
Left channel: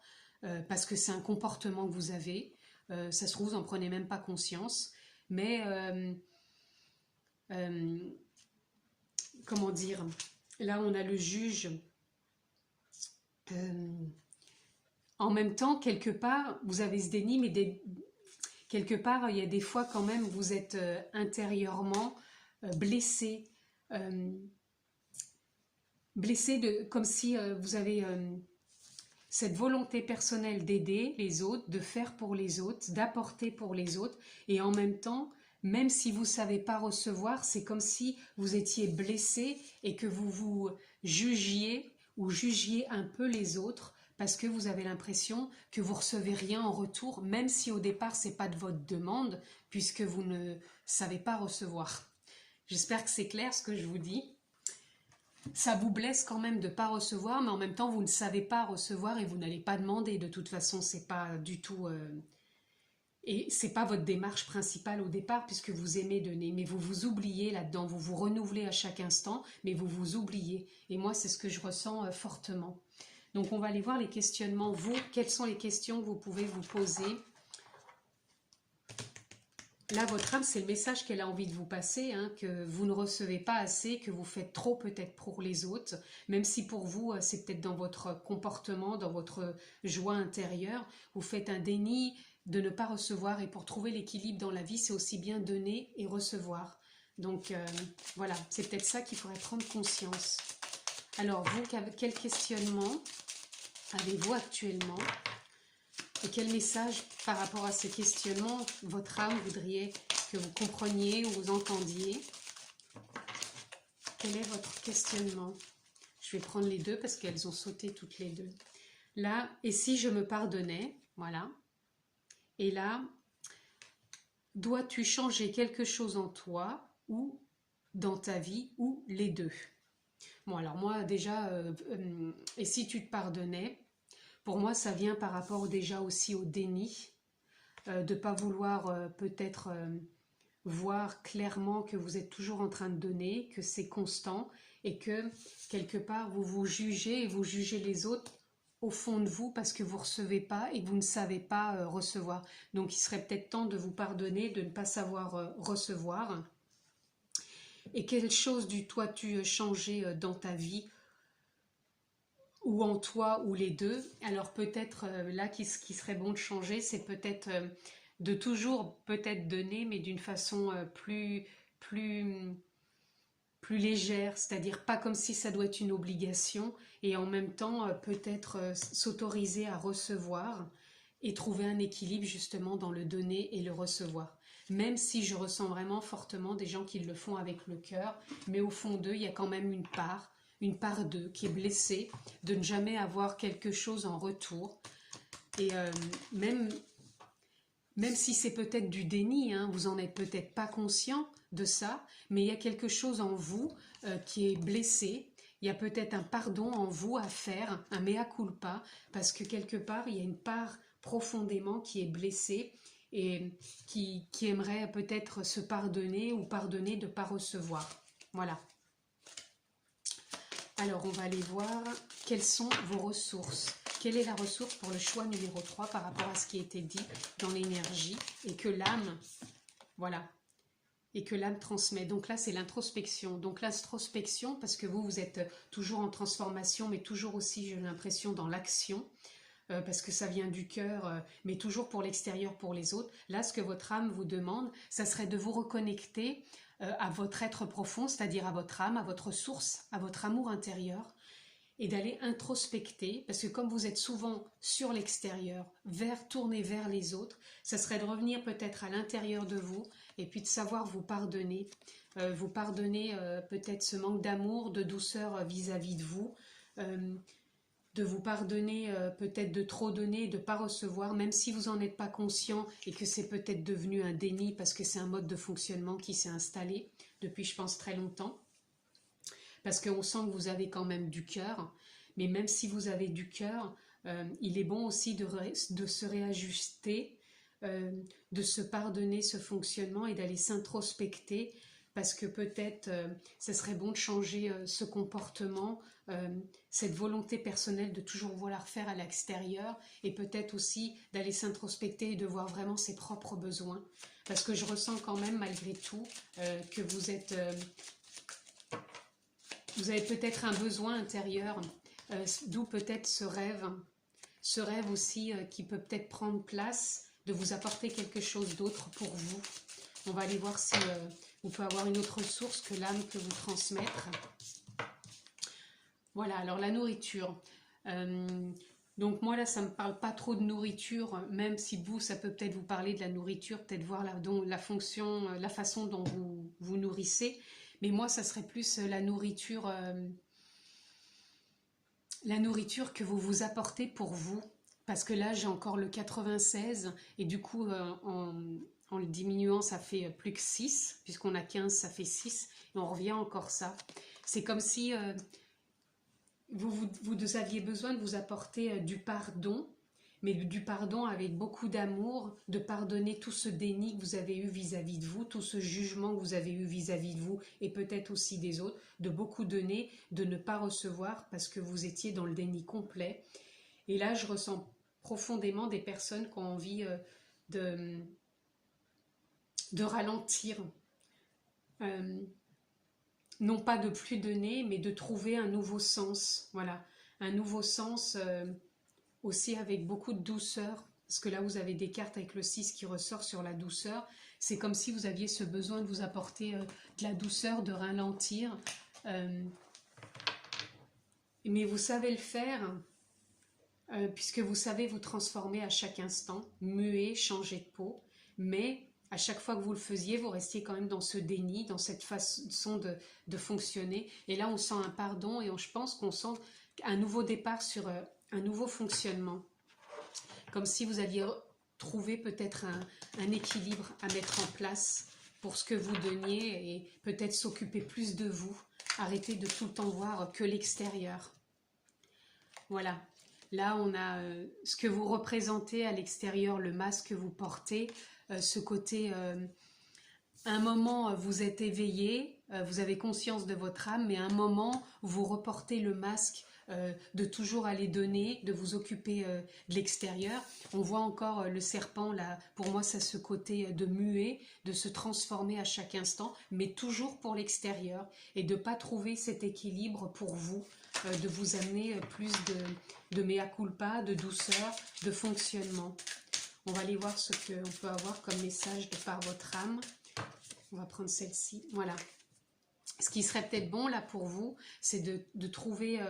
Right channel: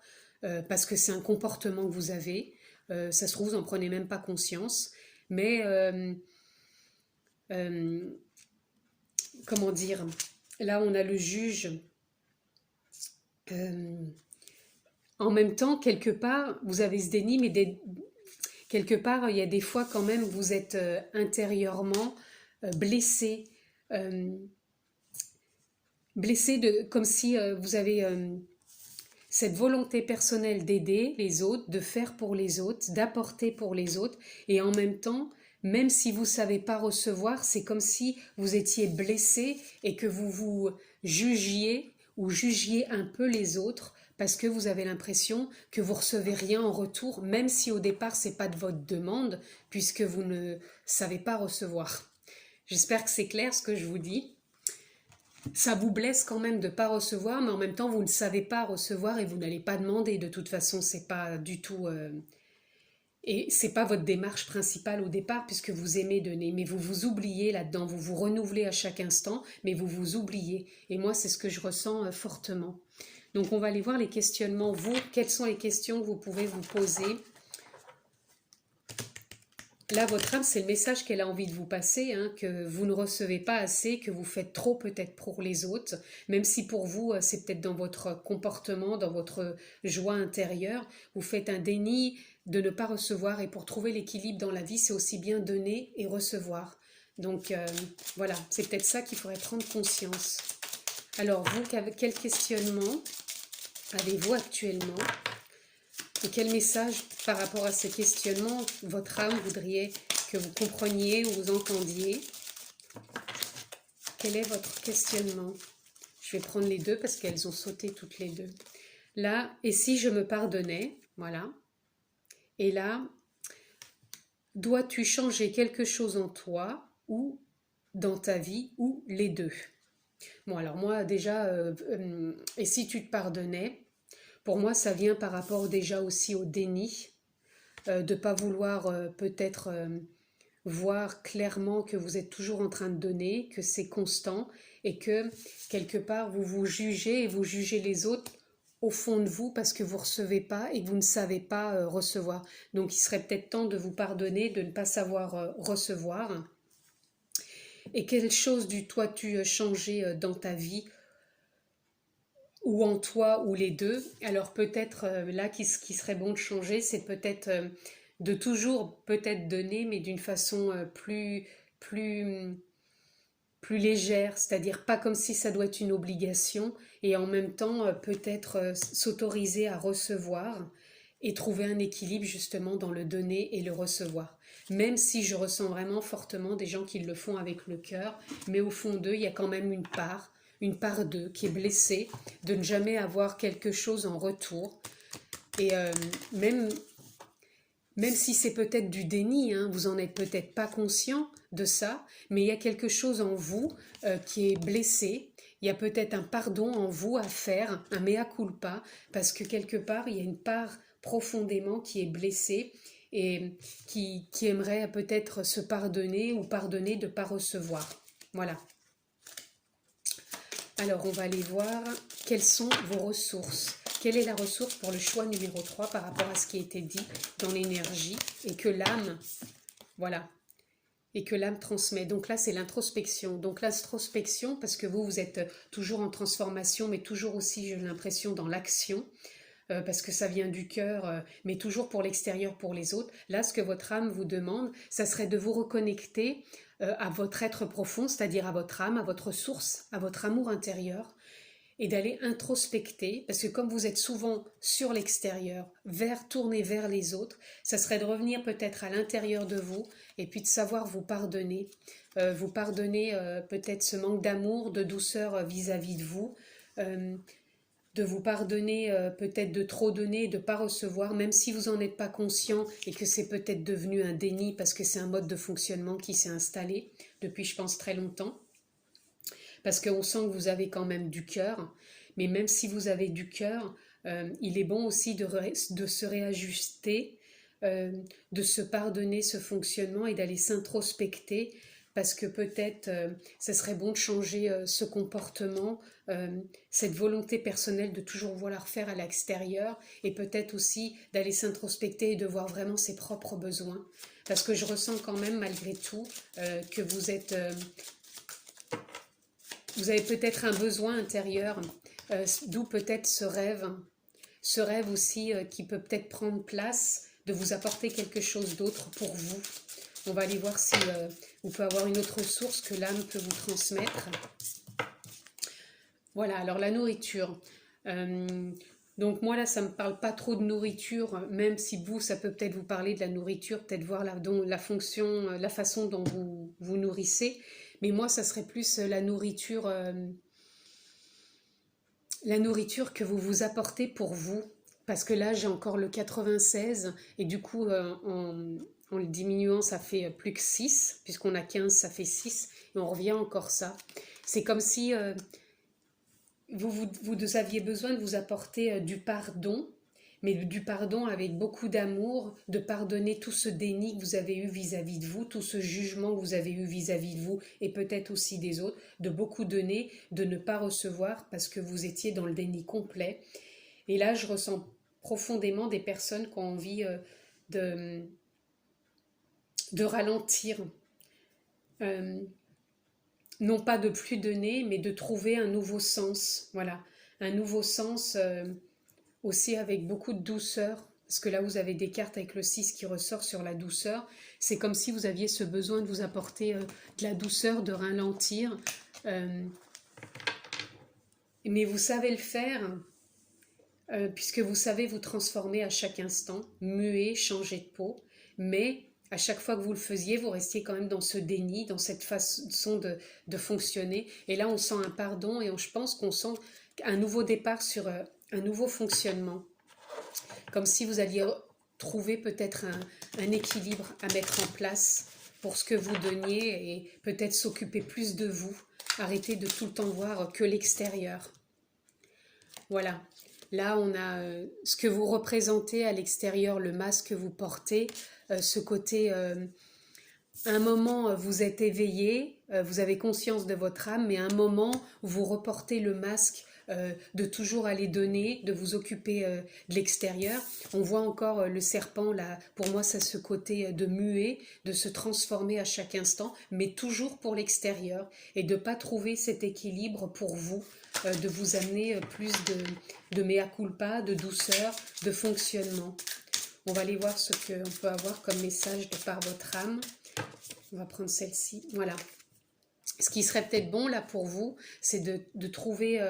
parce que c'est un comportement que vous avez. Ça se trouve, vous n'en prenez même pas conscience. Mais, comment dire, là, on a le juge. En même temps, quelque part, vous avez ce déni, mais quelque part, il y a des fois quand même, vous êtes intérieurement blessé. Blessé comme si vous avez cette volonté personnelle d'aider les autres, de faire pour les autres, d'apporter pour les autres, et en même temps, même si vous ne savez pas recevoir, c'est comme si vous étiez blessé et que vous vous jugiez ou jugiez un peu les autres parce que vous avez l'impression que vous recevez rien en retour, même si au départ c'est pas de votre demande, puisque vous ne savez pas recevoir. J'espère que c'est clair ce que je vous dis. ça vous blesse quand même de ne pas recevoir, mais en même temps, vous ne savez pas recevoir et vous n'allez pas demander. De toute façon, c'est pas du tout... et c'est pas votre démarche principale au départ, puisque vous aimez donner. Mais vous vous oubliez là-dedans. Vous vous renouvelez à chaque instant, mais vous vous oubliez. Et moi, c'est ce que je ressens fortement. Donc, on va aller voir les questionnements. Vous, quelles sont les questions que vous pouvez vous poser? Là, votre âme, c'est le message qu'elle a envie de vous passer, hein, que vous ne recevez pas assez, que vous faites trop peut-être pour les autres, même si pour vous, c'est peut-être dans votre comportement, dans votre joie intérieure, vous faites un déni de ne pas recevoir, et pour trouver l'équilibre dans la vie, c'est aussi bien donner et recevoir. Donc voilà, c'est peut-être ça qu'il faudrait prendre conscience. Alors vous, quel questionnement avez-vous actuellement? Et quel message par rapport à ce questionnement votre âme voudriez que vous compreniez ou vous entendiez? Quel est votre questionnement? Je vais prendre les deux parce qu'elles ont sauté toutes les deux. Là, et si je me pardonnais? Voilà. Et là, dois-tu changer quelque chose en toi ou dans ta vie ou les deux? Bon, alors moi déjà, et si tu te pardonnais? Pour moi, ça vient par rapport déjà aussi au déni, de ne pas vouloir peut-être voir clairement que vous êtes toujours en train de donner, que c'est constant et que quelque part vous vous jugez et vous jugez les autres au fond de vous parce que vous ne recevez pas et que vous ne savez pas recevoir. Donc il serait peut-être temps de vous pardonner, de ne pas savoir recevoir. Et quelle chose du toi tu changé dans ta vie ou en toi, ou les deux? Alors peut-être là, ce qui serait bon de changer, c'est peut-être de toujours peut-être donner, mais d'une façon plus, plus légère, c'est-à-dire pas comme si ça doit être une obligation, et en même temps peut-être s'autoriser à recevoir et trouver un équilibre justement dans le donner et le recevoir. Même si je ressens vraiment fortement des gens qui le font avec le cœur, mais au fond d'eux, il y a quand même une part d'eux qui est blessée de ne jamais avoir quelque chose en retour. Et même si c'est peut-être du déni, hein, vous n'en êtes peut-être pas conscient de ça, mais il y a quelque chose en vous qui est blessé. Il y a peut-être un pardon en vous à faire, un mea culpa, parce que quelque part, il y a une part profondément qui est blessée et qui aimerait peut-être se pardonner ou pardonner de ne pas recevoir. Voilà. Alors, on va aller voir quelles sont vos ressources. Quelle est la ressource pour le choix numéro 3 par rapport à ce qui a été dit dans l'énergie et que l'âme, voilà, et que l'âme transmet. Donc là, c'est l'introspection. Donc l'introspection, parce que vous êtes toujours en transformation, mais toujours aussi, j'ai l'impression, dans l'action, parce que ça vient du cœur, mais toujours pour l'extérieur, pour les autres. Là, ce que votre âme vous demande, ça serait de vous reconnecter à votre être profond, c'est-à-dire à votre âme, à votre source, à votre amour intérieur, et d'aller introspecter, parce que comme vous êtes souvent sur l'extérieur, tourné vers les autres, ça serait de revenir peut-être à l'intérieur de vous, et puis de savoir vous pardonner peut-être ce manque d'amour, de douceur vis-à-vis de vous, de vous pardonner peut-être de trop donner et de ne pas recevoir, même si vous n'en êtes pas conscient et que c'est peut-être devenu un déni parce que c'est un mode de fonctionnement qui s'est installé depuis, je pense, très longtemps. Parce qu'on sent que vous avez quand même du cœur, mais même si vous avez du cœur, il est bon aussi de se réajuster, de se pardonner ce fonctionnement et d'aller s'introspecter, parce que peut-être ça serait bon de changer ce comportement, cette volonté personnelle de toujours vouloir faire à l'extérieur, et peut-être aussi d'aller s'introspecter et de voir vraiment ses propres besoins. Parce que je ressens quand même malgré tout que vous avez peut-être un besoin intérieur, d'où peut-être ce rêve aussi qui peut peut-être prendre place, de vous apporter quelque chose d'autre pour vous. On va aller voir si vous pouvez avoir une autre source que l'âme peut vous transmettre. Voilà, alors la nourriture. Donc moi là, ça ne me parle pas trop de nourriture, même si vous, ça peut peut-être vous parler de la nourriture, peut-être voir la fonction, la façon dont vous vous nourrissez. Mais moi, ça serait plus la nourriture que vous vous apportez pour vous. Parce que là, j'ai encore le 96, et du coup, en le diminuant, ça fait plus que 6, puisqu'on a 15, ça fait 6, et on revient encore ça. C'est comme si vous aviez besoin de vous apporter du pardon, mais du pardon avec beaucoup d'amour, de pardonner tout ce déni que vous avez eu vis-à-vis de vous, tout ce jugement que vous avez eu vis-à-vis de vous et peut-être aussi des autres, de beaucoup donner, de ne pas recevoir parce que vous étiez dans le déni complet. Et là, je ressens profondément des personnes qui ont envie de ralentir, non pas de plus donner, mais de trouver un nouveau sens, voilà, un nouveau sens aussi avec beaucoup de douceur, parce que là vous avez des cartes avec le 6 qui ressort sur la douceur, c'est comme si vous aviez ce besoin de vous apporter de la douceur, de ralentir, mais vous savez le faire, puisque vous savez vous transformer à chaque instant, muer, changer de peau, mais à chaque fois que vous le faisiez, vous restiez quand même dans ce déni, dans cette façon de fonctionner. Et là, on sent un pardon et je pense qu'on sent un nouveau départ sur un nouveau fonctionnement. Comme si vous alliez trouver peut-être un équilibre à mettre en place pour ce que vous donniez et peut-être s'occuper plus de vous. Arrêter de tout le temps voir que l'extérieur. Voilà. Là, on a ce que vous représentez à l'extérieur, le masque que vous portez, ce côté, un moment, vous êtes éveillé, vous avez conscience de votre âme, mais à un moment, vous reportez le masque de toujours aller donner, de vous occuper de l'extérieur. On voit encore le serpent, là, pour moi, c'est ce côté de muer, de se transformer à chaque instant, mais toujours pour l'extérieur, et de ne pas trouver cet équilibre pour vous, de vous amener plus de mea culpa, de douceur, de fonctionnement. On va aller voir ce qu'on peut avoir comme message de par votre âme. On va prendre celle-ci. Voilà. Ce qui serait peut-être bon là pour vous, c'est de trouver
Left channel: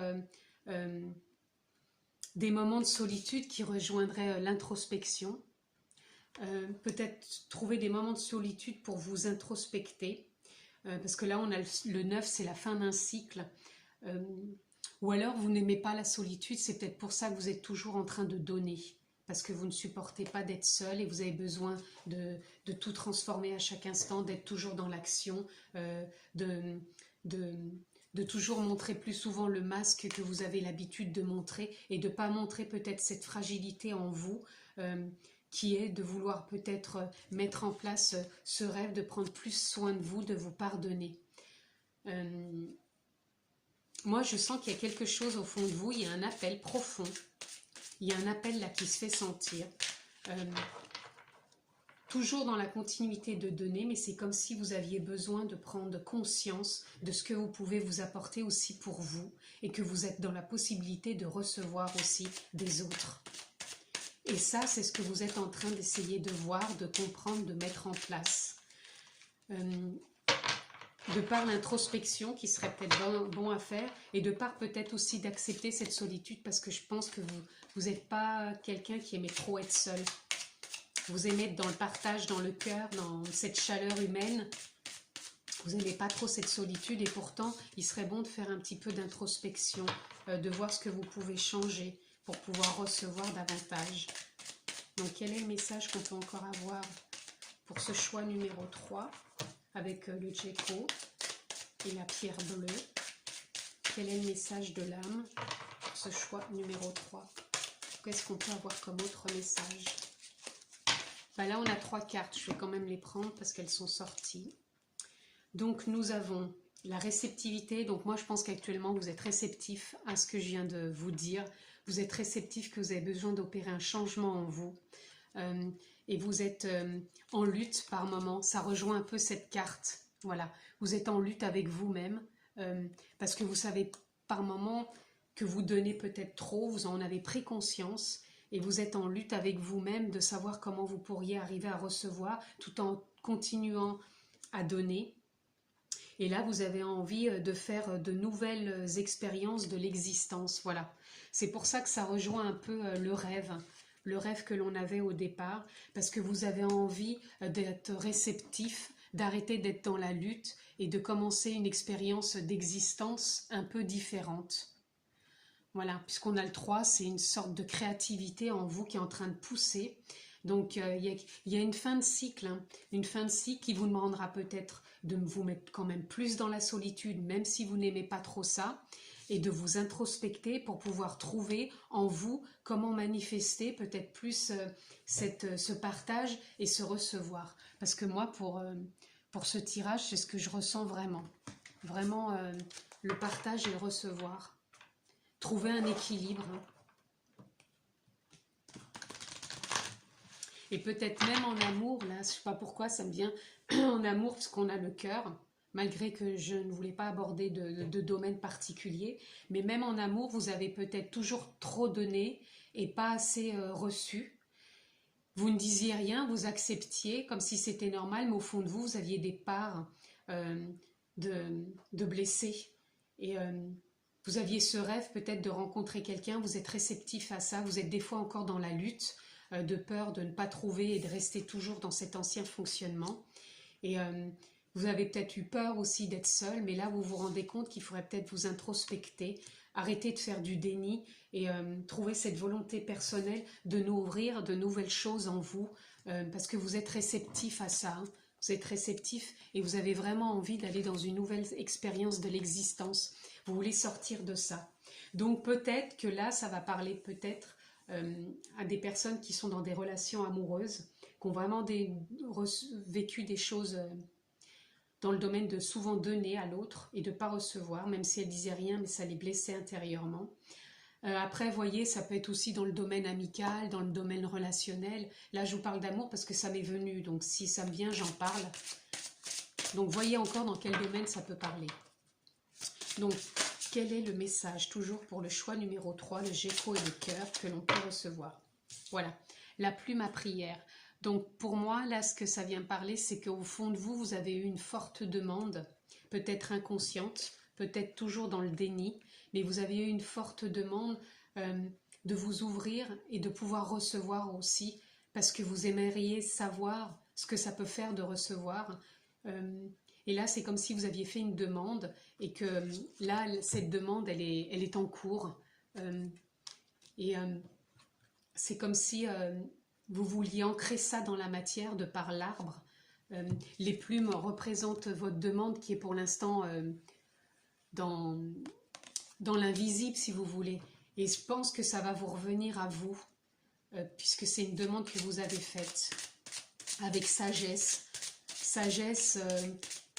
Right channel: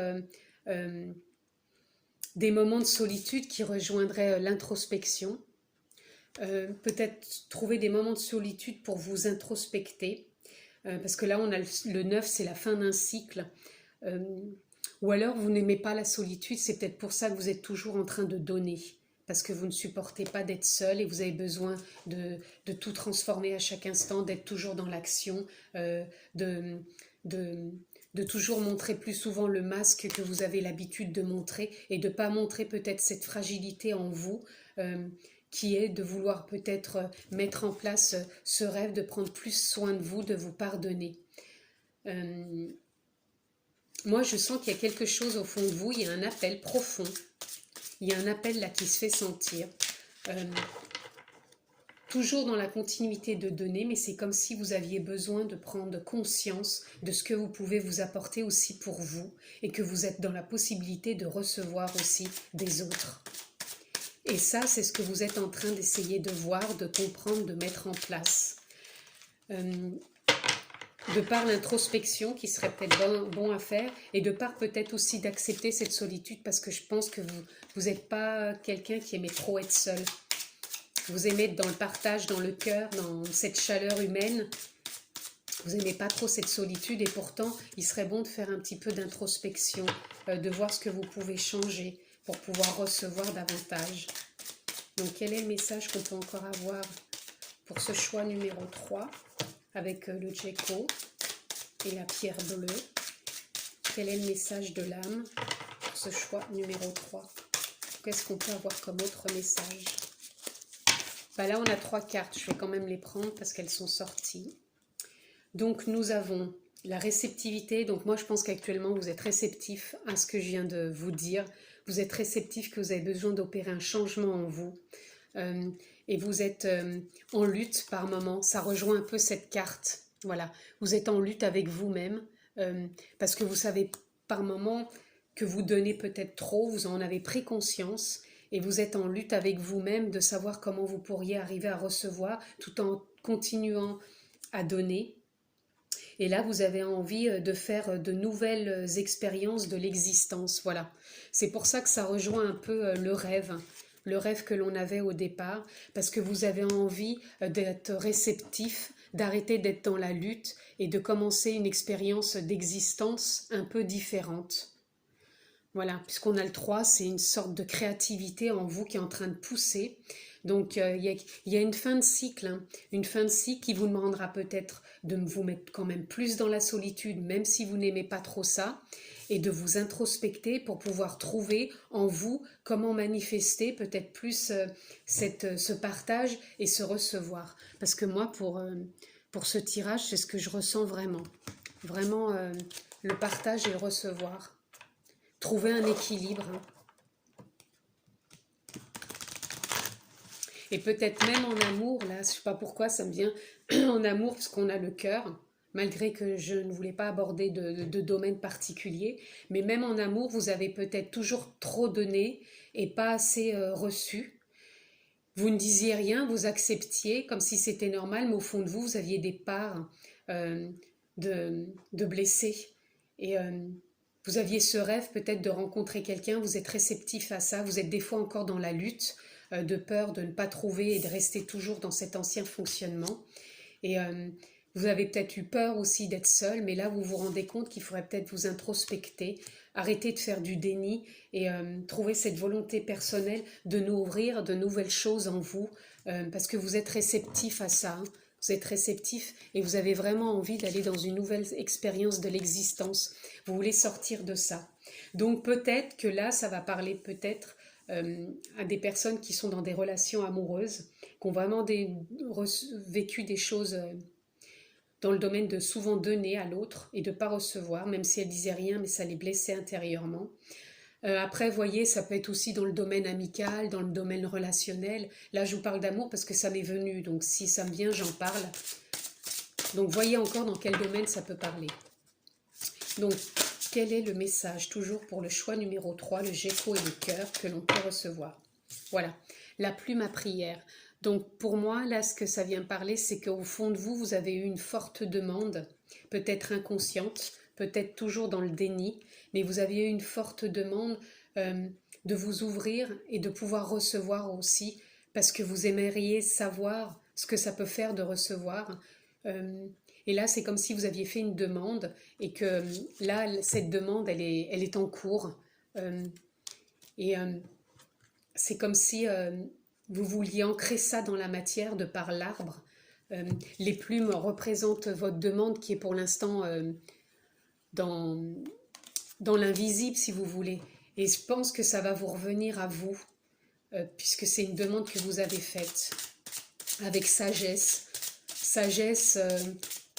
des moments de solitude qui rejoindraient l'introspection. Peut-être trouver des moments de solitude pour vous introspecter. Parce que là, on a le 9, c'est la fin d'un cycle. Ou alors, vous n'aimez pas la solitude, c'est peut-être pour ça que vous êtes toujours en train de donner. Parce que vous ne supportez pas d'être seul et vous avez besoin de tout transformer à chaque instant, d'être toujours dans l'action, de toujours montrer plus souvent le masque que vous avez l'habitude de montrer et de ne pas montrer peut-être cette fragilité en vous qui est de vouloir peut-être mettre en place ce rêve de prendre plus soin de vous, de vous pardonner. Moi, je sens qu'il y a quelque chose au fond de vous, il y a un appel profond. Il y a un appel là qui se fait sentir, toujours dans la continuité de donner, mais c'est comme si vous aviez besoin de prendre conscience de ce que vous pouvez vous apporter aussi pour vous et que vous êtes dans la possibilité de recevoir aussi des autres. Et ça, c'est ce que vous êtes en train d'essayer de voir, de comprendre, de mettre en place. De par l'introspection qui serait peut-être bon à faire et de par peut-être aussi d'accepter cette solitude parce que je pense que vous n'êtes pas quelqu'un qui aimait trop être seul. Vous aimez être dans le partage, dans le cœur, dans cette chaleur humaine. Vous n'aimez pas trop cette solitude et pourtant, il serait bon de faire un petit peu d'introspection, de voir ce que vous pouvez changer pour pouvoir recevoir davantage. Donc, quel est le message qu'on peut encore avoir pour ce choix numéro 3 avec le Djeko et la pierre bleue? Quel est le message de l'âme pour ce choix numéro 3? Qu'est-ce qu'on peut avoir comme autre message? Là, on a 3 cartes. Je vais quand même les prendre parce qu'elles sont sorties. Donc, nous avons la réceptivité. Donc, moi, je pense qu'actuellement, vous êtes réceptif à ce que je viens de vous dire. Vous êtes réceptif que vous avez besoin d'opérer un changement en vous. Et vous êtes en lutte par moment. Ça rejoint un peu cette carte. Voilà. Vous êtes en lutte avec vous-même parce que vous savez par moment que vous donnez peut-être trop. Vous en avez pris conscience. Et vous êtes en lutte avec vous-même de savoir comment vous pourriez arriver à recevoir tout en continuant à donner. Et là, vous avez envie de faire de nouvelles expériences de l'existence. Voilà. C'est pour ça que ça rejoint un peu le rêve que l'on avait au départ, parce que vous avez envie d'être réceptif, d'arrêter d'être dans la lutte et de commencer une expérience d'existence un peu différente. Voilà, puisqu'on a le 3, c'est une sorte de créativité en vous qui est en train de pousser. Donc, il y a une fin de cycle, une fin de cycle qui vous demandera peut-être de vous mettre quand même plus dans la solitude, même si vous n'aimez pas trop ça, et de vous introspecter pour pouvoir trouver en vous comment manifester peut-être plus ce partage et se recevoir. Parce que moi, pour ce tirage, c'est ce que je ressens vraiment. Vraiment, le partage et le recevoir. Trouver un équilibre. Et peut-être même en amour, là, je ne sais pas pourquoi ça me vient en amour, parce qu'on a le cœur, malgré que je ne voulais pas aborder de domaine particulier, mais même en amour, vous avez peut-être toujours trop donné et pas assez reçu. Vous ne disiez rien, vous acceptiez comme si c'était normal, mais au fond de vous, vous aviez des parts de blessés. Et vous aviez ce rêve peut-être de rencontrer quelqu'un, vous êtes réceptif à ça, vous êtes des fois encore dans la lutte, de peur de ne pas trouver et de rester toujours dans cet ancien fonctionnement. Et vous avez peut-être eu peur aussi d'être seul, mais là vous vous rendez compte qu'il faudrait peut-être vous introspecter, arrêter de faire du déni et trouver cette volonté personnelle de nourrir de nouvelles choses en vous, parce que vous êtes réceptif à ça, hein. Vous êtes réceptif et vous avez vraiment envie d'aller dans une nouvelle expérience de l'existence. Vous voulez sortir de ça. Donc peut-être que là, ça va parler peut-être à des personnes qui sont dans des relations amoureuses, qui ont vraiment vécu des choses dans le domaine de souvent donner à l'autre et de ne pas recevoir, même si elles disaient rien, mais ça les blessait intérieurement. Après, voyez, ça peut être aussi dans le domaine amical, dans le domaine relationnel. Là, je vous parle d'amour parce que ça m'est venu, donc si ça me vient, j'en parle. Donc, voyez encore dans quel domaine ça peut parler. Donc, quel est le message, toujours pour le choix numéro 3, le Géco et le cœur, que l'on peut recevoir? Voilà, la plume à prière. Donc, pour moi, là, ce que ça vient parler, c'est qu'au fond de vous, vous avez eu une forte demande, peut-être inconsciente, peut-être toujours dans le déni, mais vous aviez eu une forte demande de vous ouvrir et de pouvoir recevoir aussi, parce que vous aimeriez savoir ce que ça peut faire de recevoir. Et là, c'est comme si vous aviez fait une demande et que là, cette demande, elle est en cours. C'est comme si vous vouliez ancrer ça dans la matière de par l'arbre. Les plumes représentent votre demande qui est pour l'instant dans l'invisible, si vous voulez. Et je pense que ça va vous revenir à vous, puisque c'est une demande que vous avez faite avec sagesse. Sagesse,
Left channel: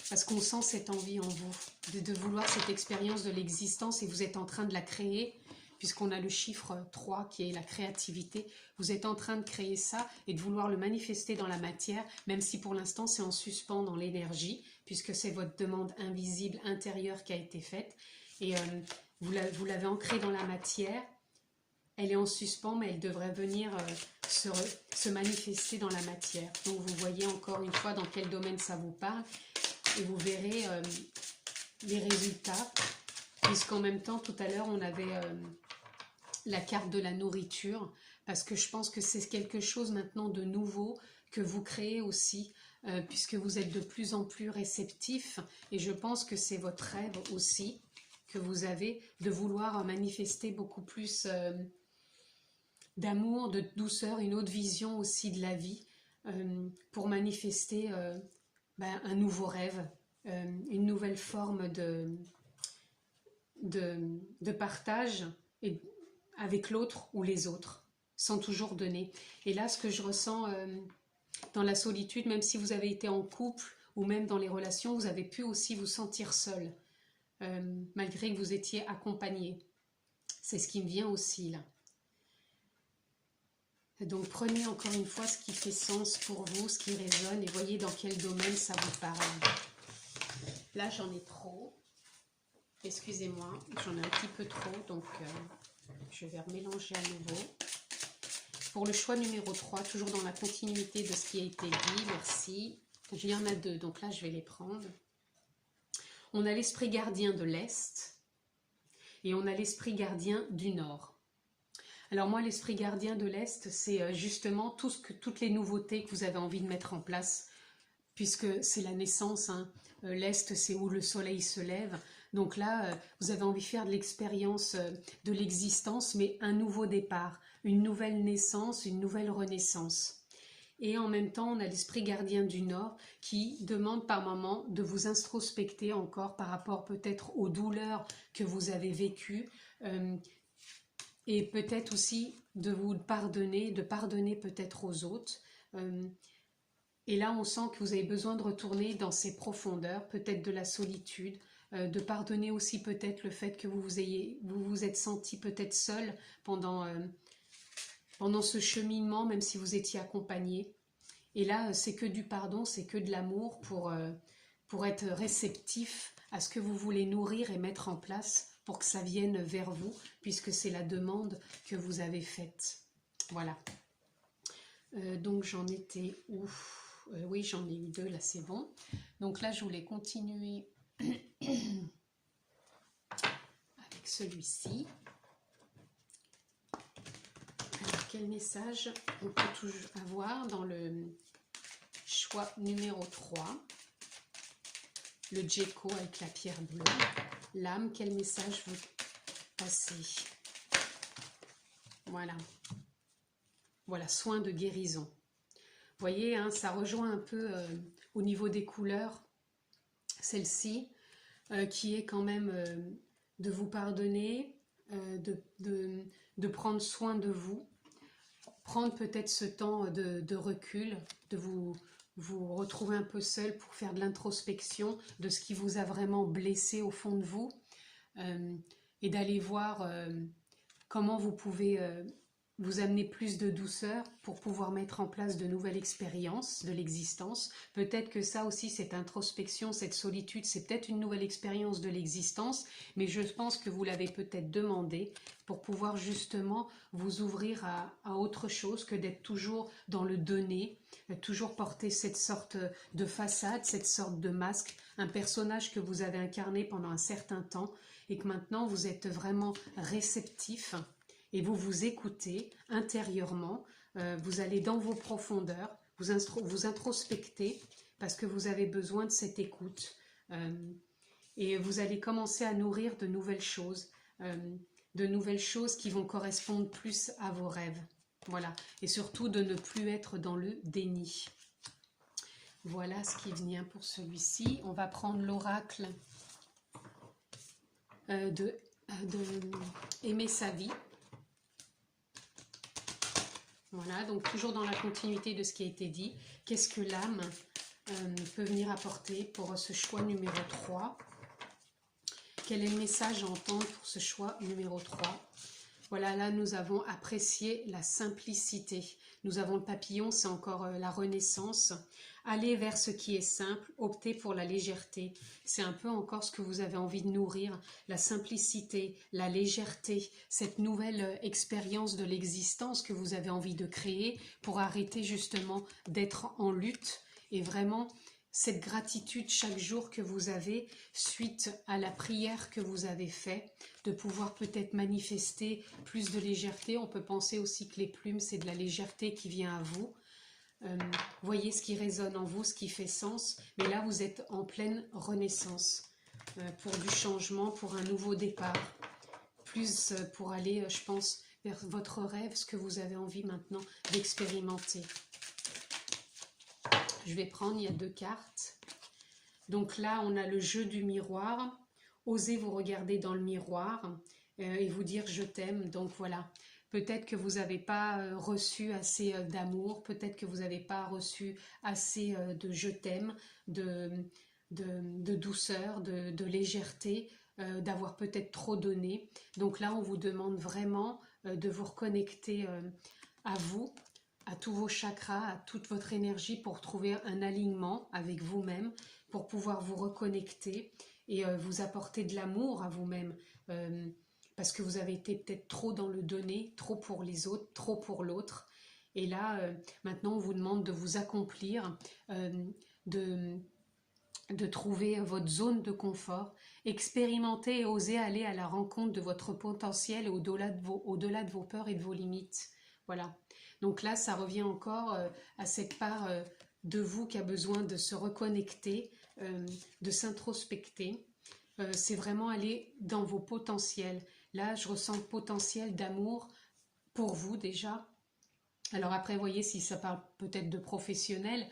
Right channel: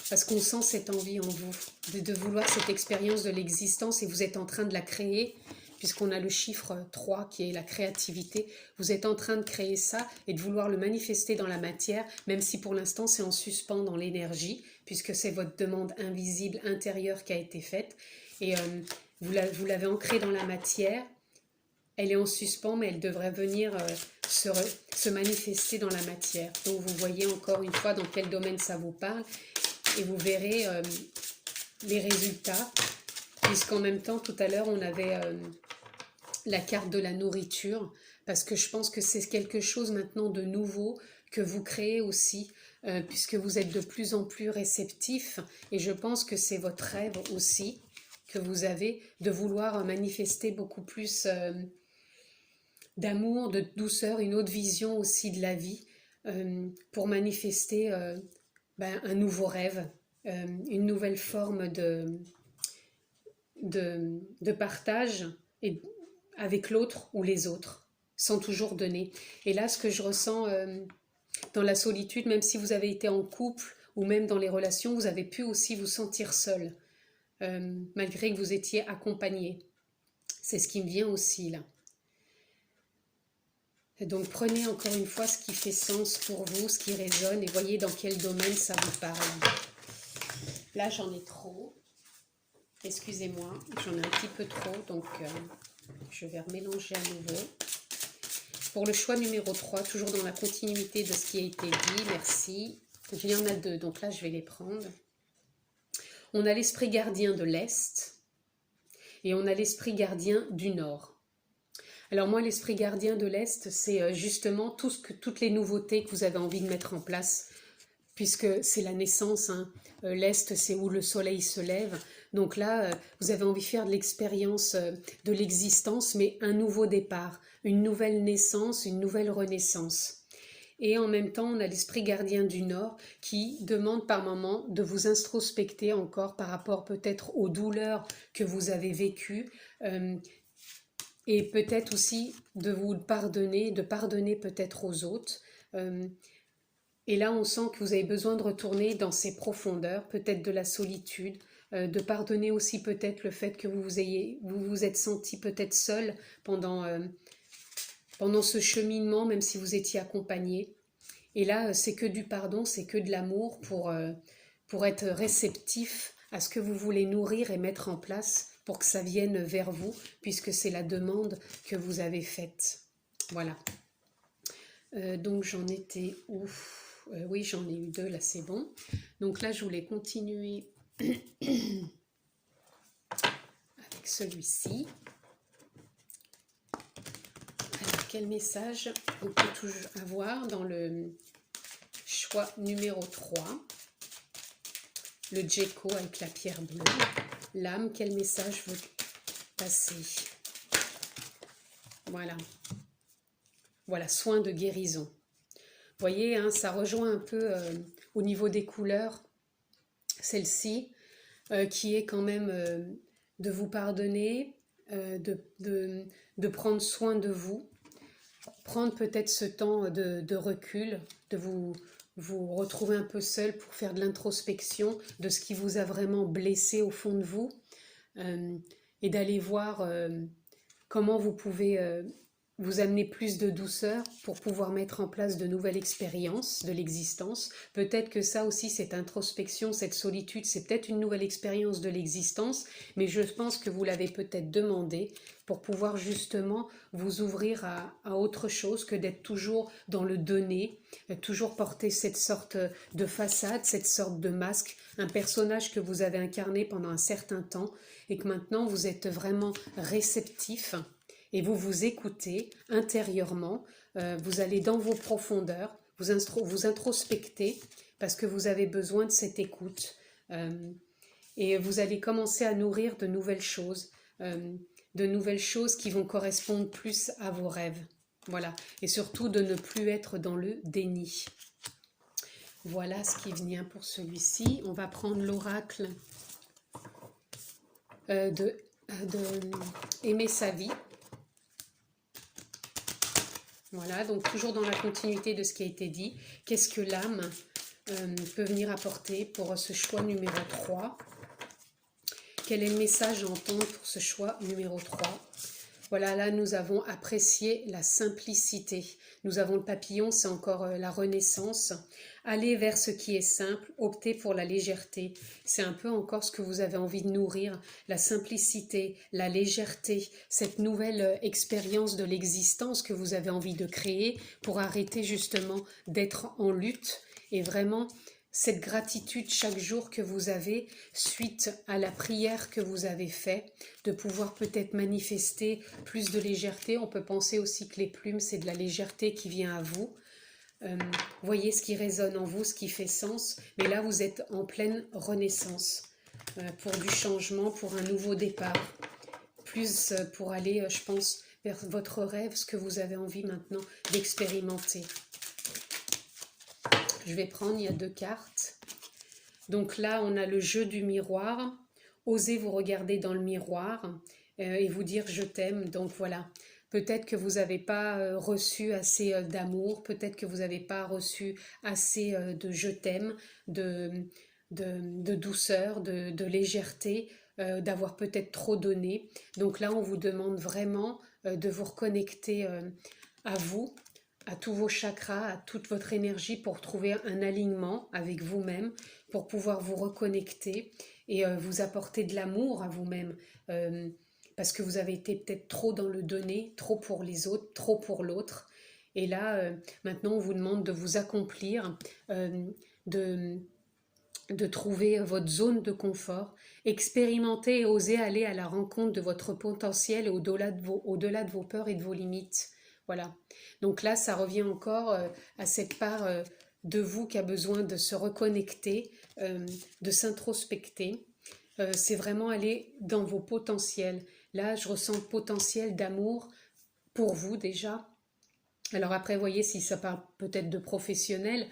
parce qu'on sent cette envie en vous, de vouloir cette expérience de l'existence, et vous êtes en train de la créer, puisqu'on a le chiffre 3 qui est la créativité. Vous êtes en train de créer ça et de vouloir le manifester dans la matière, même si pour l'instant c'est en suspens dans l'énergie, puisque c'est votre demande invisible intérieure qui a été faite. Et vous l'avez ancrée dans la matière. Elle est en suspens, mais elle devrait venir se manifester dans la matière. Donc vous voyez encore une fois dans quel domaine ça vous parle, et vous verrez les résultats, puisqu'en même temps, tout à l'heure, on avait la carte de la nourriture, parce que je pense que c'est quelque chose maintenant de nouveau que vous créez aussi, puisque vous êtes de plus en plus réceptif, et je pense que c'est votre rêve aussi que vous avez de vouloir manifester beaucoup plus d'amour, de douceur, une autre vision aussi de la vie, pour manifester un nouveau rêve, une nouvelle forme de partage et avec l'autre ou les autres, sans toujours donner. Et là, ce que je ressens dans la solitude, même si vous avez été en couple ou même dans les relations, vous avez pu aussi vous sentir seul, malgré que vous étiez accompagné. C'est ce qui me vient aussi là. Donc prenez encore une fois ce qui fait sens pour vous, ce qui résonne, et voyez dans quel domaine ça vous parle. Là, j'en ai trop. Excusez-moi, j'en ai un petit peu trop, donc je vais remélanger à nouveau. Pour le choix numéro 3, toujours dans la continuité de ce qui a été dit, merci. Il y en a deux, donc là, je vais les prendre. On a l'esprit gardien de l'Est et on a l'esprit gardien du Nord. Alors moi, l'esprit gardien de l'Est, c'est justement toutes les nouveautés que vous avez envie de mettre en place, puisque c'est la naissance, hein. L'Est, c'est où le soleil se lève. Donc là, vous avez envie de faire de l'expérience de l'existence, mais un nouveau départ, une nouvelle naissance, une nouvelle renaissance. Et en même temps, on a l'esprit gardien du Nord qui demande par moment de vous introspecter encore par rapport peut-être aux douleurs que vous avez vécues, et peut-être aussi de vous pardonner, de pardonner peut-être aux autres. Et là, on sent que vous avez besoin de retourner dans ces profondeurs, peut-être de la solitude, de pardonner aussi peut-être le fait que vous vous êtes senti peut-être seul pendant ce cheminement, même si vous étiez accompagné. Et là, c'est que du pardon, c'est que de l'amour pour être réceptif à ce que vous voulez nourrir et mettre en place pour que ça vienne vers vous, puisque c'est la demande que vous avez faite. Voilà. Donc j'en étais où? Oui, j'en ai eu 2, là c'est bon. Donc là, je voulais continuer avec celui-ci. Alors, quel message on peut toujours avoir dans le choix numéro 3? Le Djeko avec la pierre bleue. L'âme, quel message veut passer? Voilà. Voilà, soin de guérison. Vous voyez, hein, ça rejoint un peu au niveau des couleurs, celle-ci, qui est quand même de vous pardonner, de prendre soin de vous, prendre peut-être ce temps de recul, de vous retrouver un peu seul pour faire de l'introspection de ce qui vous a vraiment blessé au fond de vous, et d'aller voir comment vous pouvez vous amener plus de douceur pour pouvoir mettre en place de nouvelles expériences de l'existence. Peut-être que ça aussi, cette introspection, cette solitude, c'est peut-être une nouvelle expérience de l'existence, mais je pense que vous l'avez peut-être demandé pour pouvoir justement vous ouvrir à autre chose que d'être toujours dans le donner, toujours porter cette sorte de façade, cette sorte de masque, un personnage que vous avez incarné pendant un certain temps et que maintenant vous êtes vraiment réceptif. Et vous vous écoutez intérieurement, vous allez dans vos profondeurs, vous introspectez parce que vous avez besoin de cette écoute. Et vous allez commencer à nourrir de nouvelles choses qui vont correspondre plus à vos rêves. Voilà. Et surtout de ne plus être dans le déni. Voilà ce qui vient pour celui-ci. On va prendre l'oracle de Aimer sa vie. Voilà, donc toujours dans la continuité de ce qui a été dit, qu'est-ce que l'âme peut venir apporter pour ce choix numéro 3? Quel est le message à entendre pour ce choix numéro 3? Voilà, là nous avons apprécié la simplicité. Nous avons le papillon, c'est encore la renaissance. Aller vers ce qui est simple, opter pour la légèreté. C'est un peu encore ce que vous avez envie de nourrir, la simplicité, la légèreté, cette nouvelle expérience de l'existence que vous avez envie de créer pour arrêter justement d'être en lutte et vraiment cette gratitude chaque jour que vous avez suite à la prière que vous avez faite, de pouvoir peut-être manifester plus de légèreté. On peut penser aussi que les plumes, c'est de la légèreté qui vient à vous. Voyez ce qui résonne en vous, ce qui fait sens. Mais là, vous êtes en pleine renaissance pour du changement, pour un nouveau départ. Plus pour aller, je pense, vers votre rêve, ce que vous avez envie maintenant d'expérimenter. Je vais prendre, il y a 2 cartes. Donc là, on a le jeu du miroir. Osez vous regarder dans le miroir et vous dire « je t'aime ». Donc voilà, peut-être que vous n'avez pas reçu assez d'amour, peut-être que vous n'avez pas reçu assez de « je t'aime », de douceur, de légèreté, d'avoir peut-être trop donné. Donc là, on vous demande vraiment de vous reconnecter à vous, à tous vos chakras, à toute votre énergie pour trouver un alignement avec vous-même, pour pouvoir vous reconnecter et vous apporter de l'amour à vous-même, parce que vous avez été peut-être trop dans le donner, trop pour les autres, trop pour l'autre. Et là, maintenant, on vous demande de vous accomplir, de trouver votre zone de confort, expérimenter et oser aller à la rencontre de votre potentiel et au-delà de vos peurs et de vos limites. Voilà. Donc là, ça revient encore à cette part de vous qui a besoin de se reconnecter, de s'introspecter. C'est vraiment aller dans vos potentiels. Là, je ressens le potentiel d'amour pour vous déjà, Alors après, voyez, si ça parle peut-être de professionnel,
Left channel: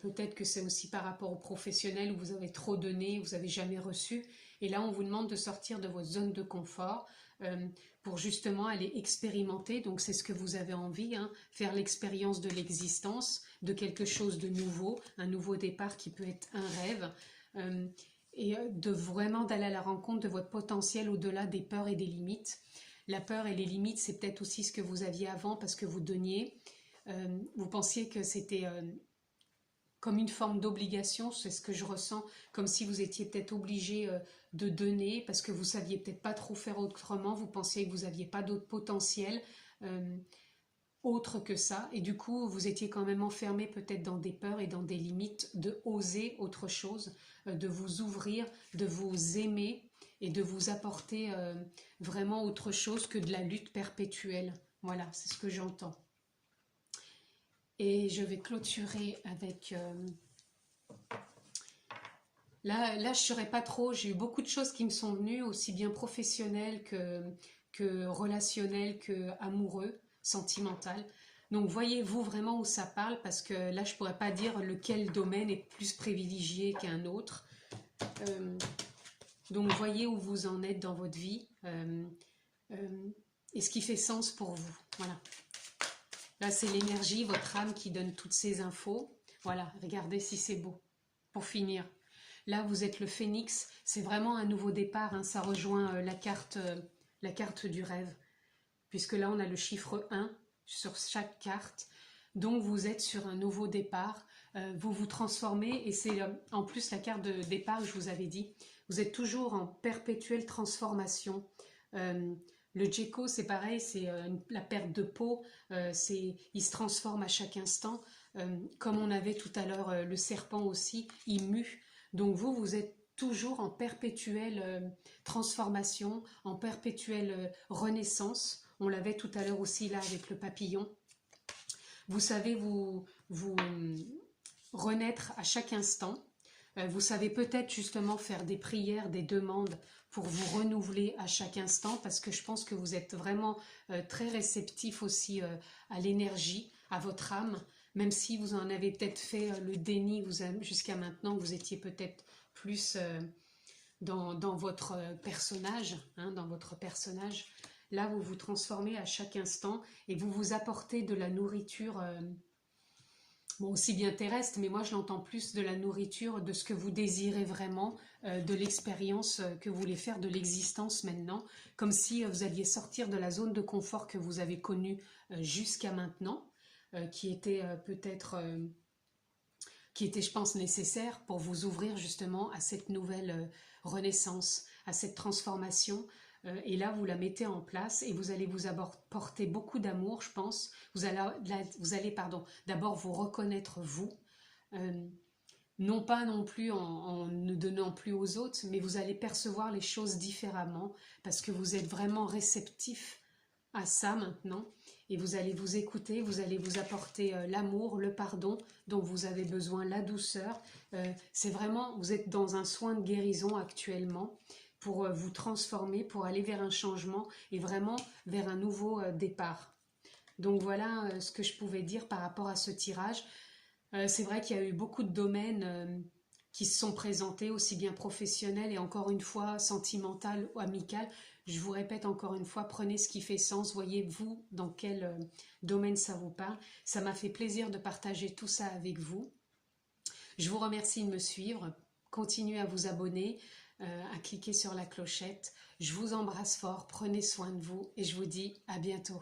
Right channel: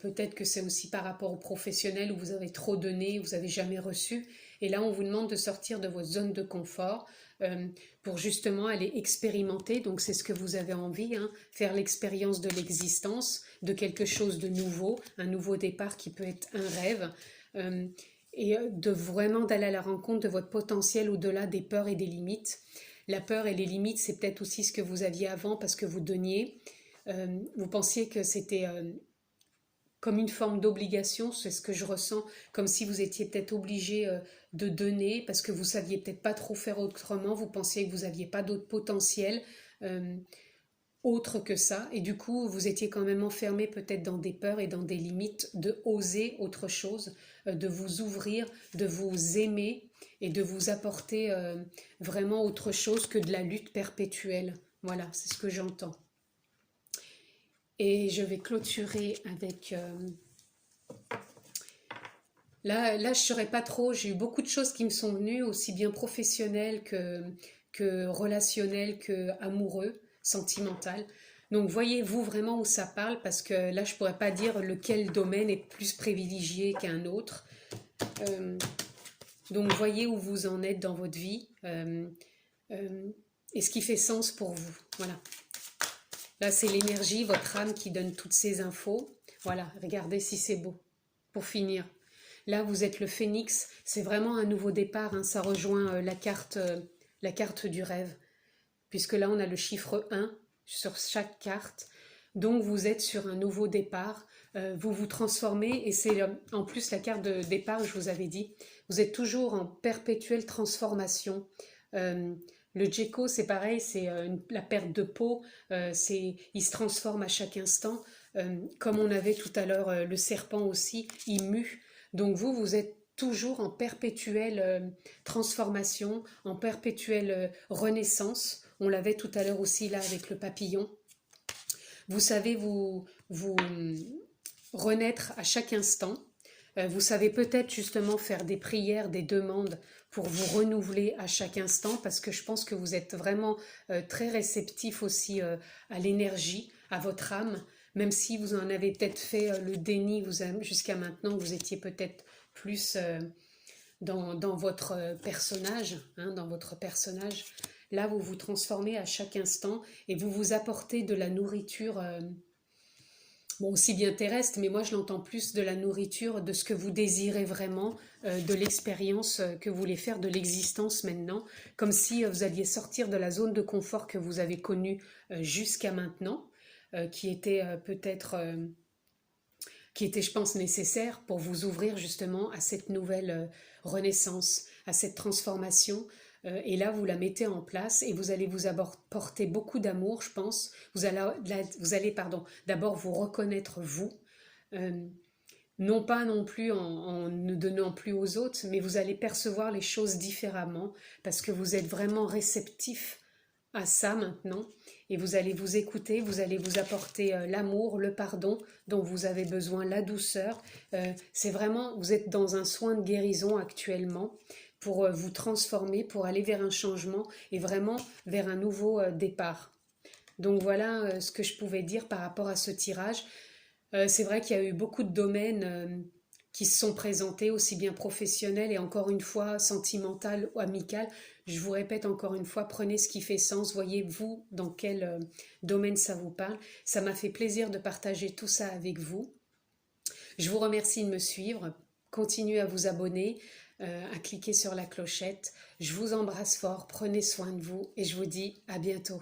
peut-être que c'est aussi par rapport aux professionnels où vous avez trop donné, vous n'avez jamais reçu. Et là, on vous demande de sortir de votre zone de confort pour justement aller expérimenter. Donc c'est ce que vous avez envie, hein, faire l'expérience de l'existence, de quelque chose de nouveau, un nouveau départ qui peut être un rêve. Et de vraiment d'aller à la rencontre de votre potentiel au-delà des peurs et des limites. La peur et les limites, c'est peut-être aussi ce que vous aviez avant parce que vous donniez. Vous pensiez que c'était comme une forme d'obligation, c'est ce que je ressens, comme si vous étiez peut-être obligé de donner parce que vous saviez peut-être pas trop faire autrement, vous pensiez que vous n'aviez pas d'autre potentiel autre que ça, et du coup vous étiez quand même enfermé peut-être dans des peurs et dans des limites de oser autre chose, de vous ouvrir, de vous aimer et de vous apporter vraiment autre chose que de la lutte perpétuelle. Voilà, c'est ce que j'entends. Et je vais clôturer avec... Là, je ne saurais pas trop, j'ai eu beaucoup de choses qui me sont venues, aussi bien professionnelles que relationnelles, que amoureux, sentimentales. Donc voyez-vous vraiment où ça parle, parce que là, je ne pourrais pas dire lequel domaine est plus privilégié qu'un autre. Donc voyez où vous en êtes dans votre vie et ce qui fait sens pour vous. Voilà. Là, c'est l'énergie, votre âme qui donne toutes ces infos. Voilà, regardez si c'est beau. Pour finir. Là, vous êtes le phénix. C'est vraiment un nouveau départ. Hein. Ça rejoint la carte du rêve. Puisque là, on a le chiffre 1 sur chaque carte. Donc, vous êtes sur un nouveau départ. Vous vous transformez. Et c'est en plus la carte de départ, je vous avais dit. Vous êtes toujours en perpétuelle transformation. Le Gecko, c'est pareil, c'est la perte de peau, il se transforme à chaque instant. Comme on avait tout à l'heure le serpent aussi, il mue. Donc vous êtes toujours en perpétuelle transformation, en perpétuelle renaissance. On l'avait tout à l'heure aussi là avec le papillon. Vous savez vous renaître à chaque instant. Vous savez peut-être justement faire des prières, des demandes pour vous renouveler à chaque instant, parce que je pense que vous êtes vraiment très réceptif aussi à l'énergie, à votre âme, même si vous en avez peut-être fait le déni jusqu'à maintenant, vous étiez peut-être plus dans votre personnage, hein, dans votre personnage. Là, vous vous transformez à chaque instant et vous vous apportez de la nourriture bon, aussi bien terrestre, mais moi je l'entends plus de la nourriture, de ce que vous désirez vraiment, de l'expérience que vous voulez faire, de l'existence maintenant, comme si vous alliez sortir de la zone de confort que vous avez connue jusqu'à maintenant, qui était peut-être, qui était je pense nécessaire pour vous ouvrir justement à cette nouvelle renaissance, à cette transformation. Et là, vous la mettez en place et vous allez vous apporter beaucoup d'amour, je pense. Vous allez d'abord vous reconnaître vous, non pas non plus en ne donnant plus aux autres, mais vous allez percevoir les choses différemment parce que vous êtes vraiment réceptif à ça maintenant et vous allez vous écouter, vous allez vous apporter l'amour, le pardon dont vous avez besoin, la douceur. C'est vraiment, vous êtes dans un soin de guérison actuellement pour vous transformer, pour aller vers un changement et vraiment vers un nouveau départ. Donc voilà ce que je pouvais dire par rapport à ce tirage. C'est vrai qu'il y a eu beaucoup de domaines qui se sont présentés, aussi bien professionnels et encore une fois sentimental ou amical. Je vous répète encore une fois, prenez ce qui fait sens, voyez-vous dans quel domaine ça vous parle. Ça m'a fait plaisir de partager tout ça avec vous. Je vous remercie de me suivre, continuez à vous abonner, à cliquer sur la clochette. Je vous embrasse fort, prenez soin de vous et je vous dis à bientôt.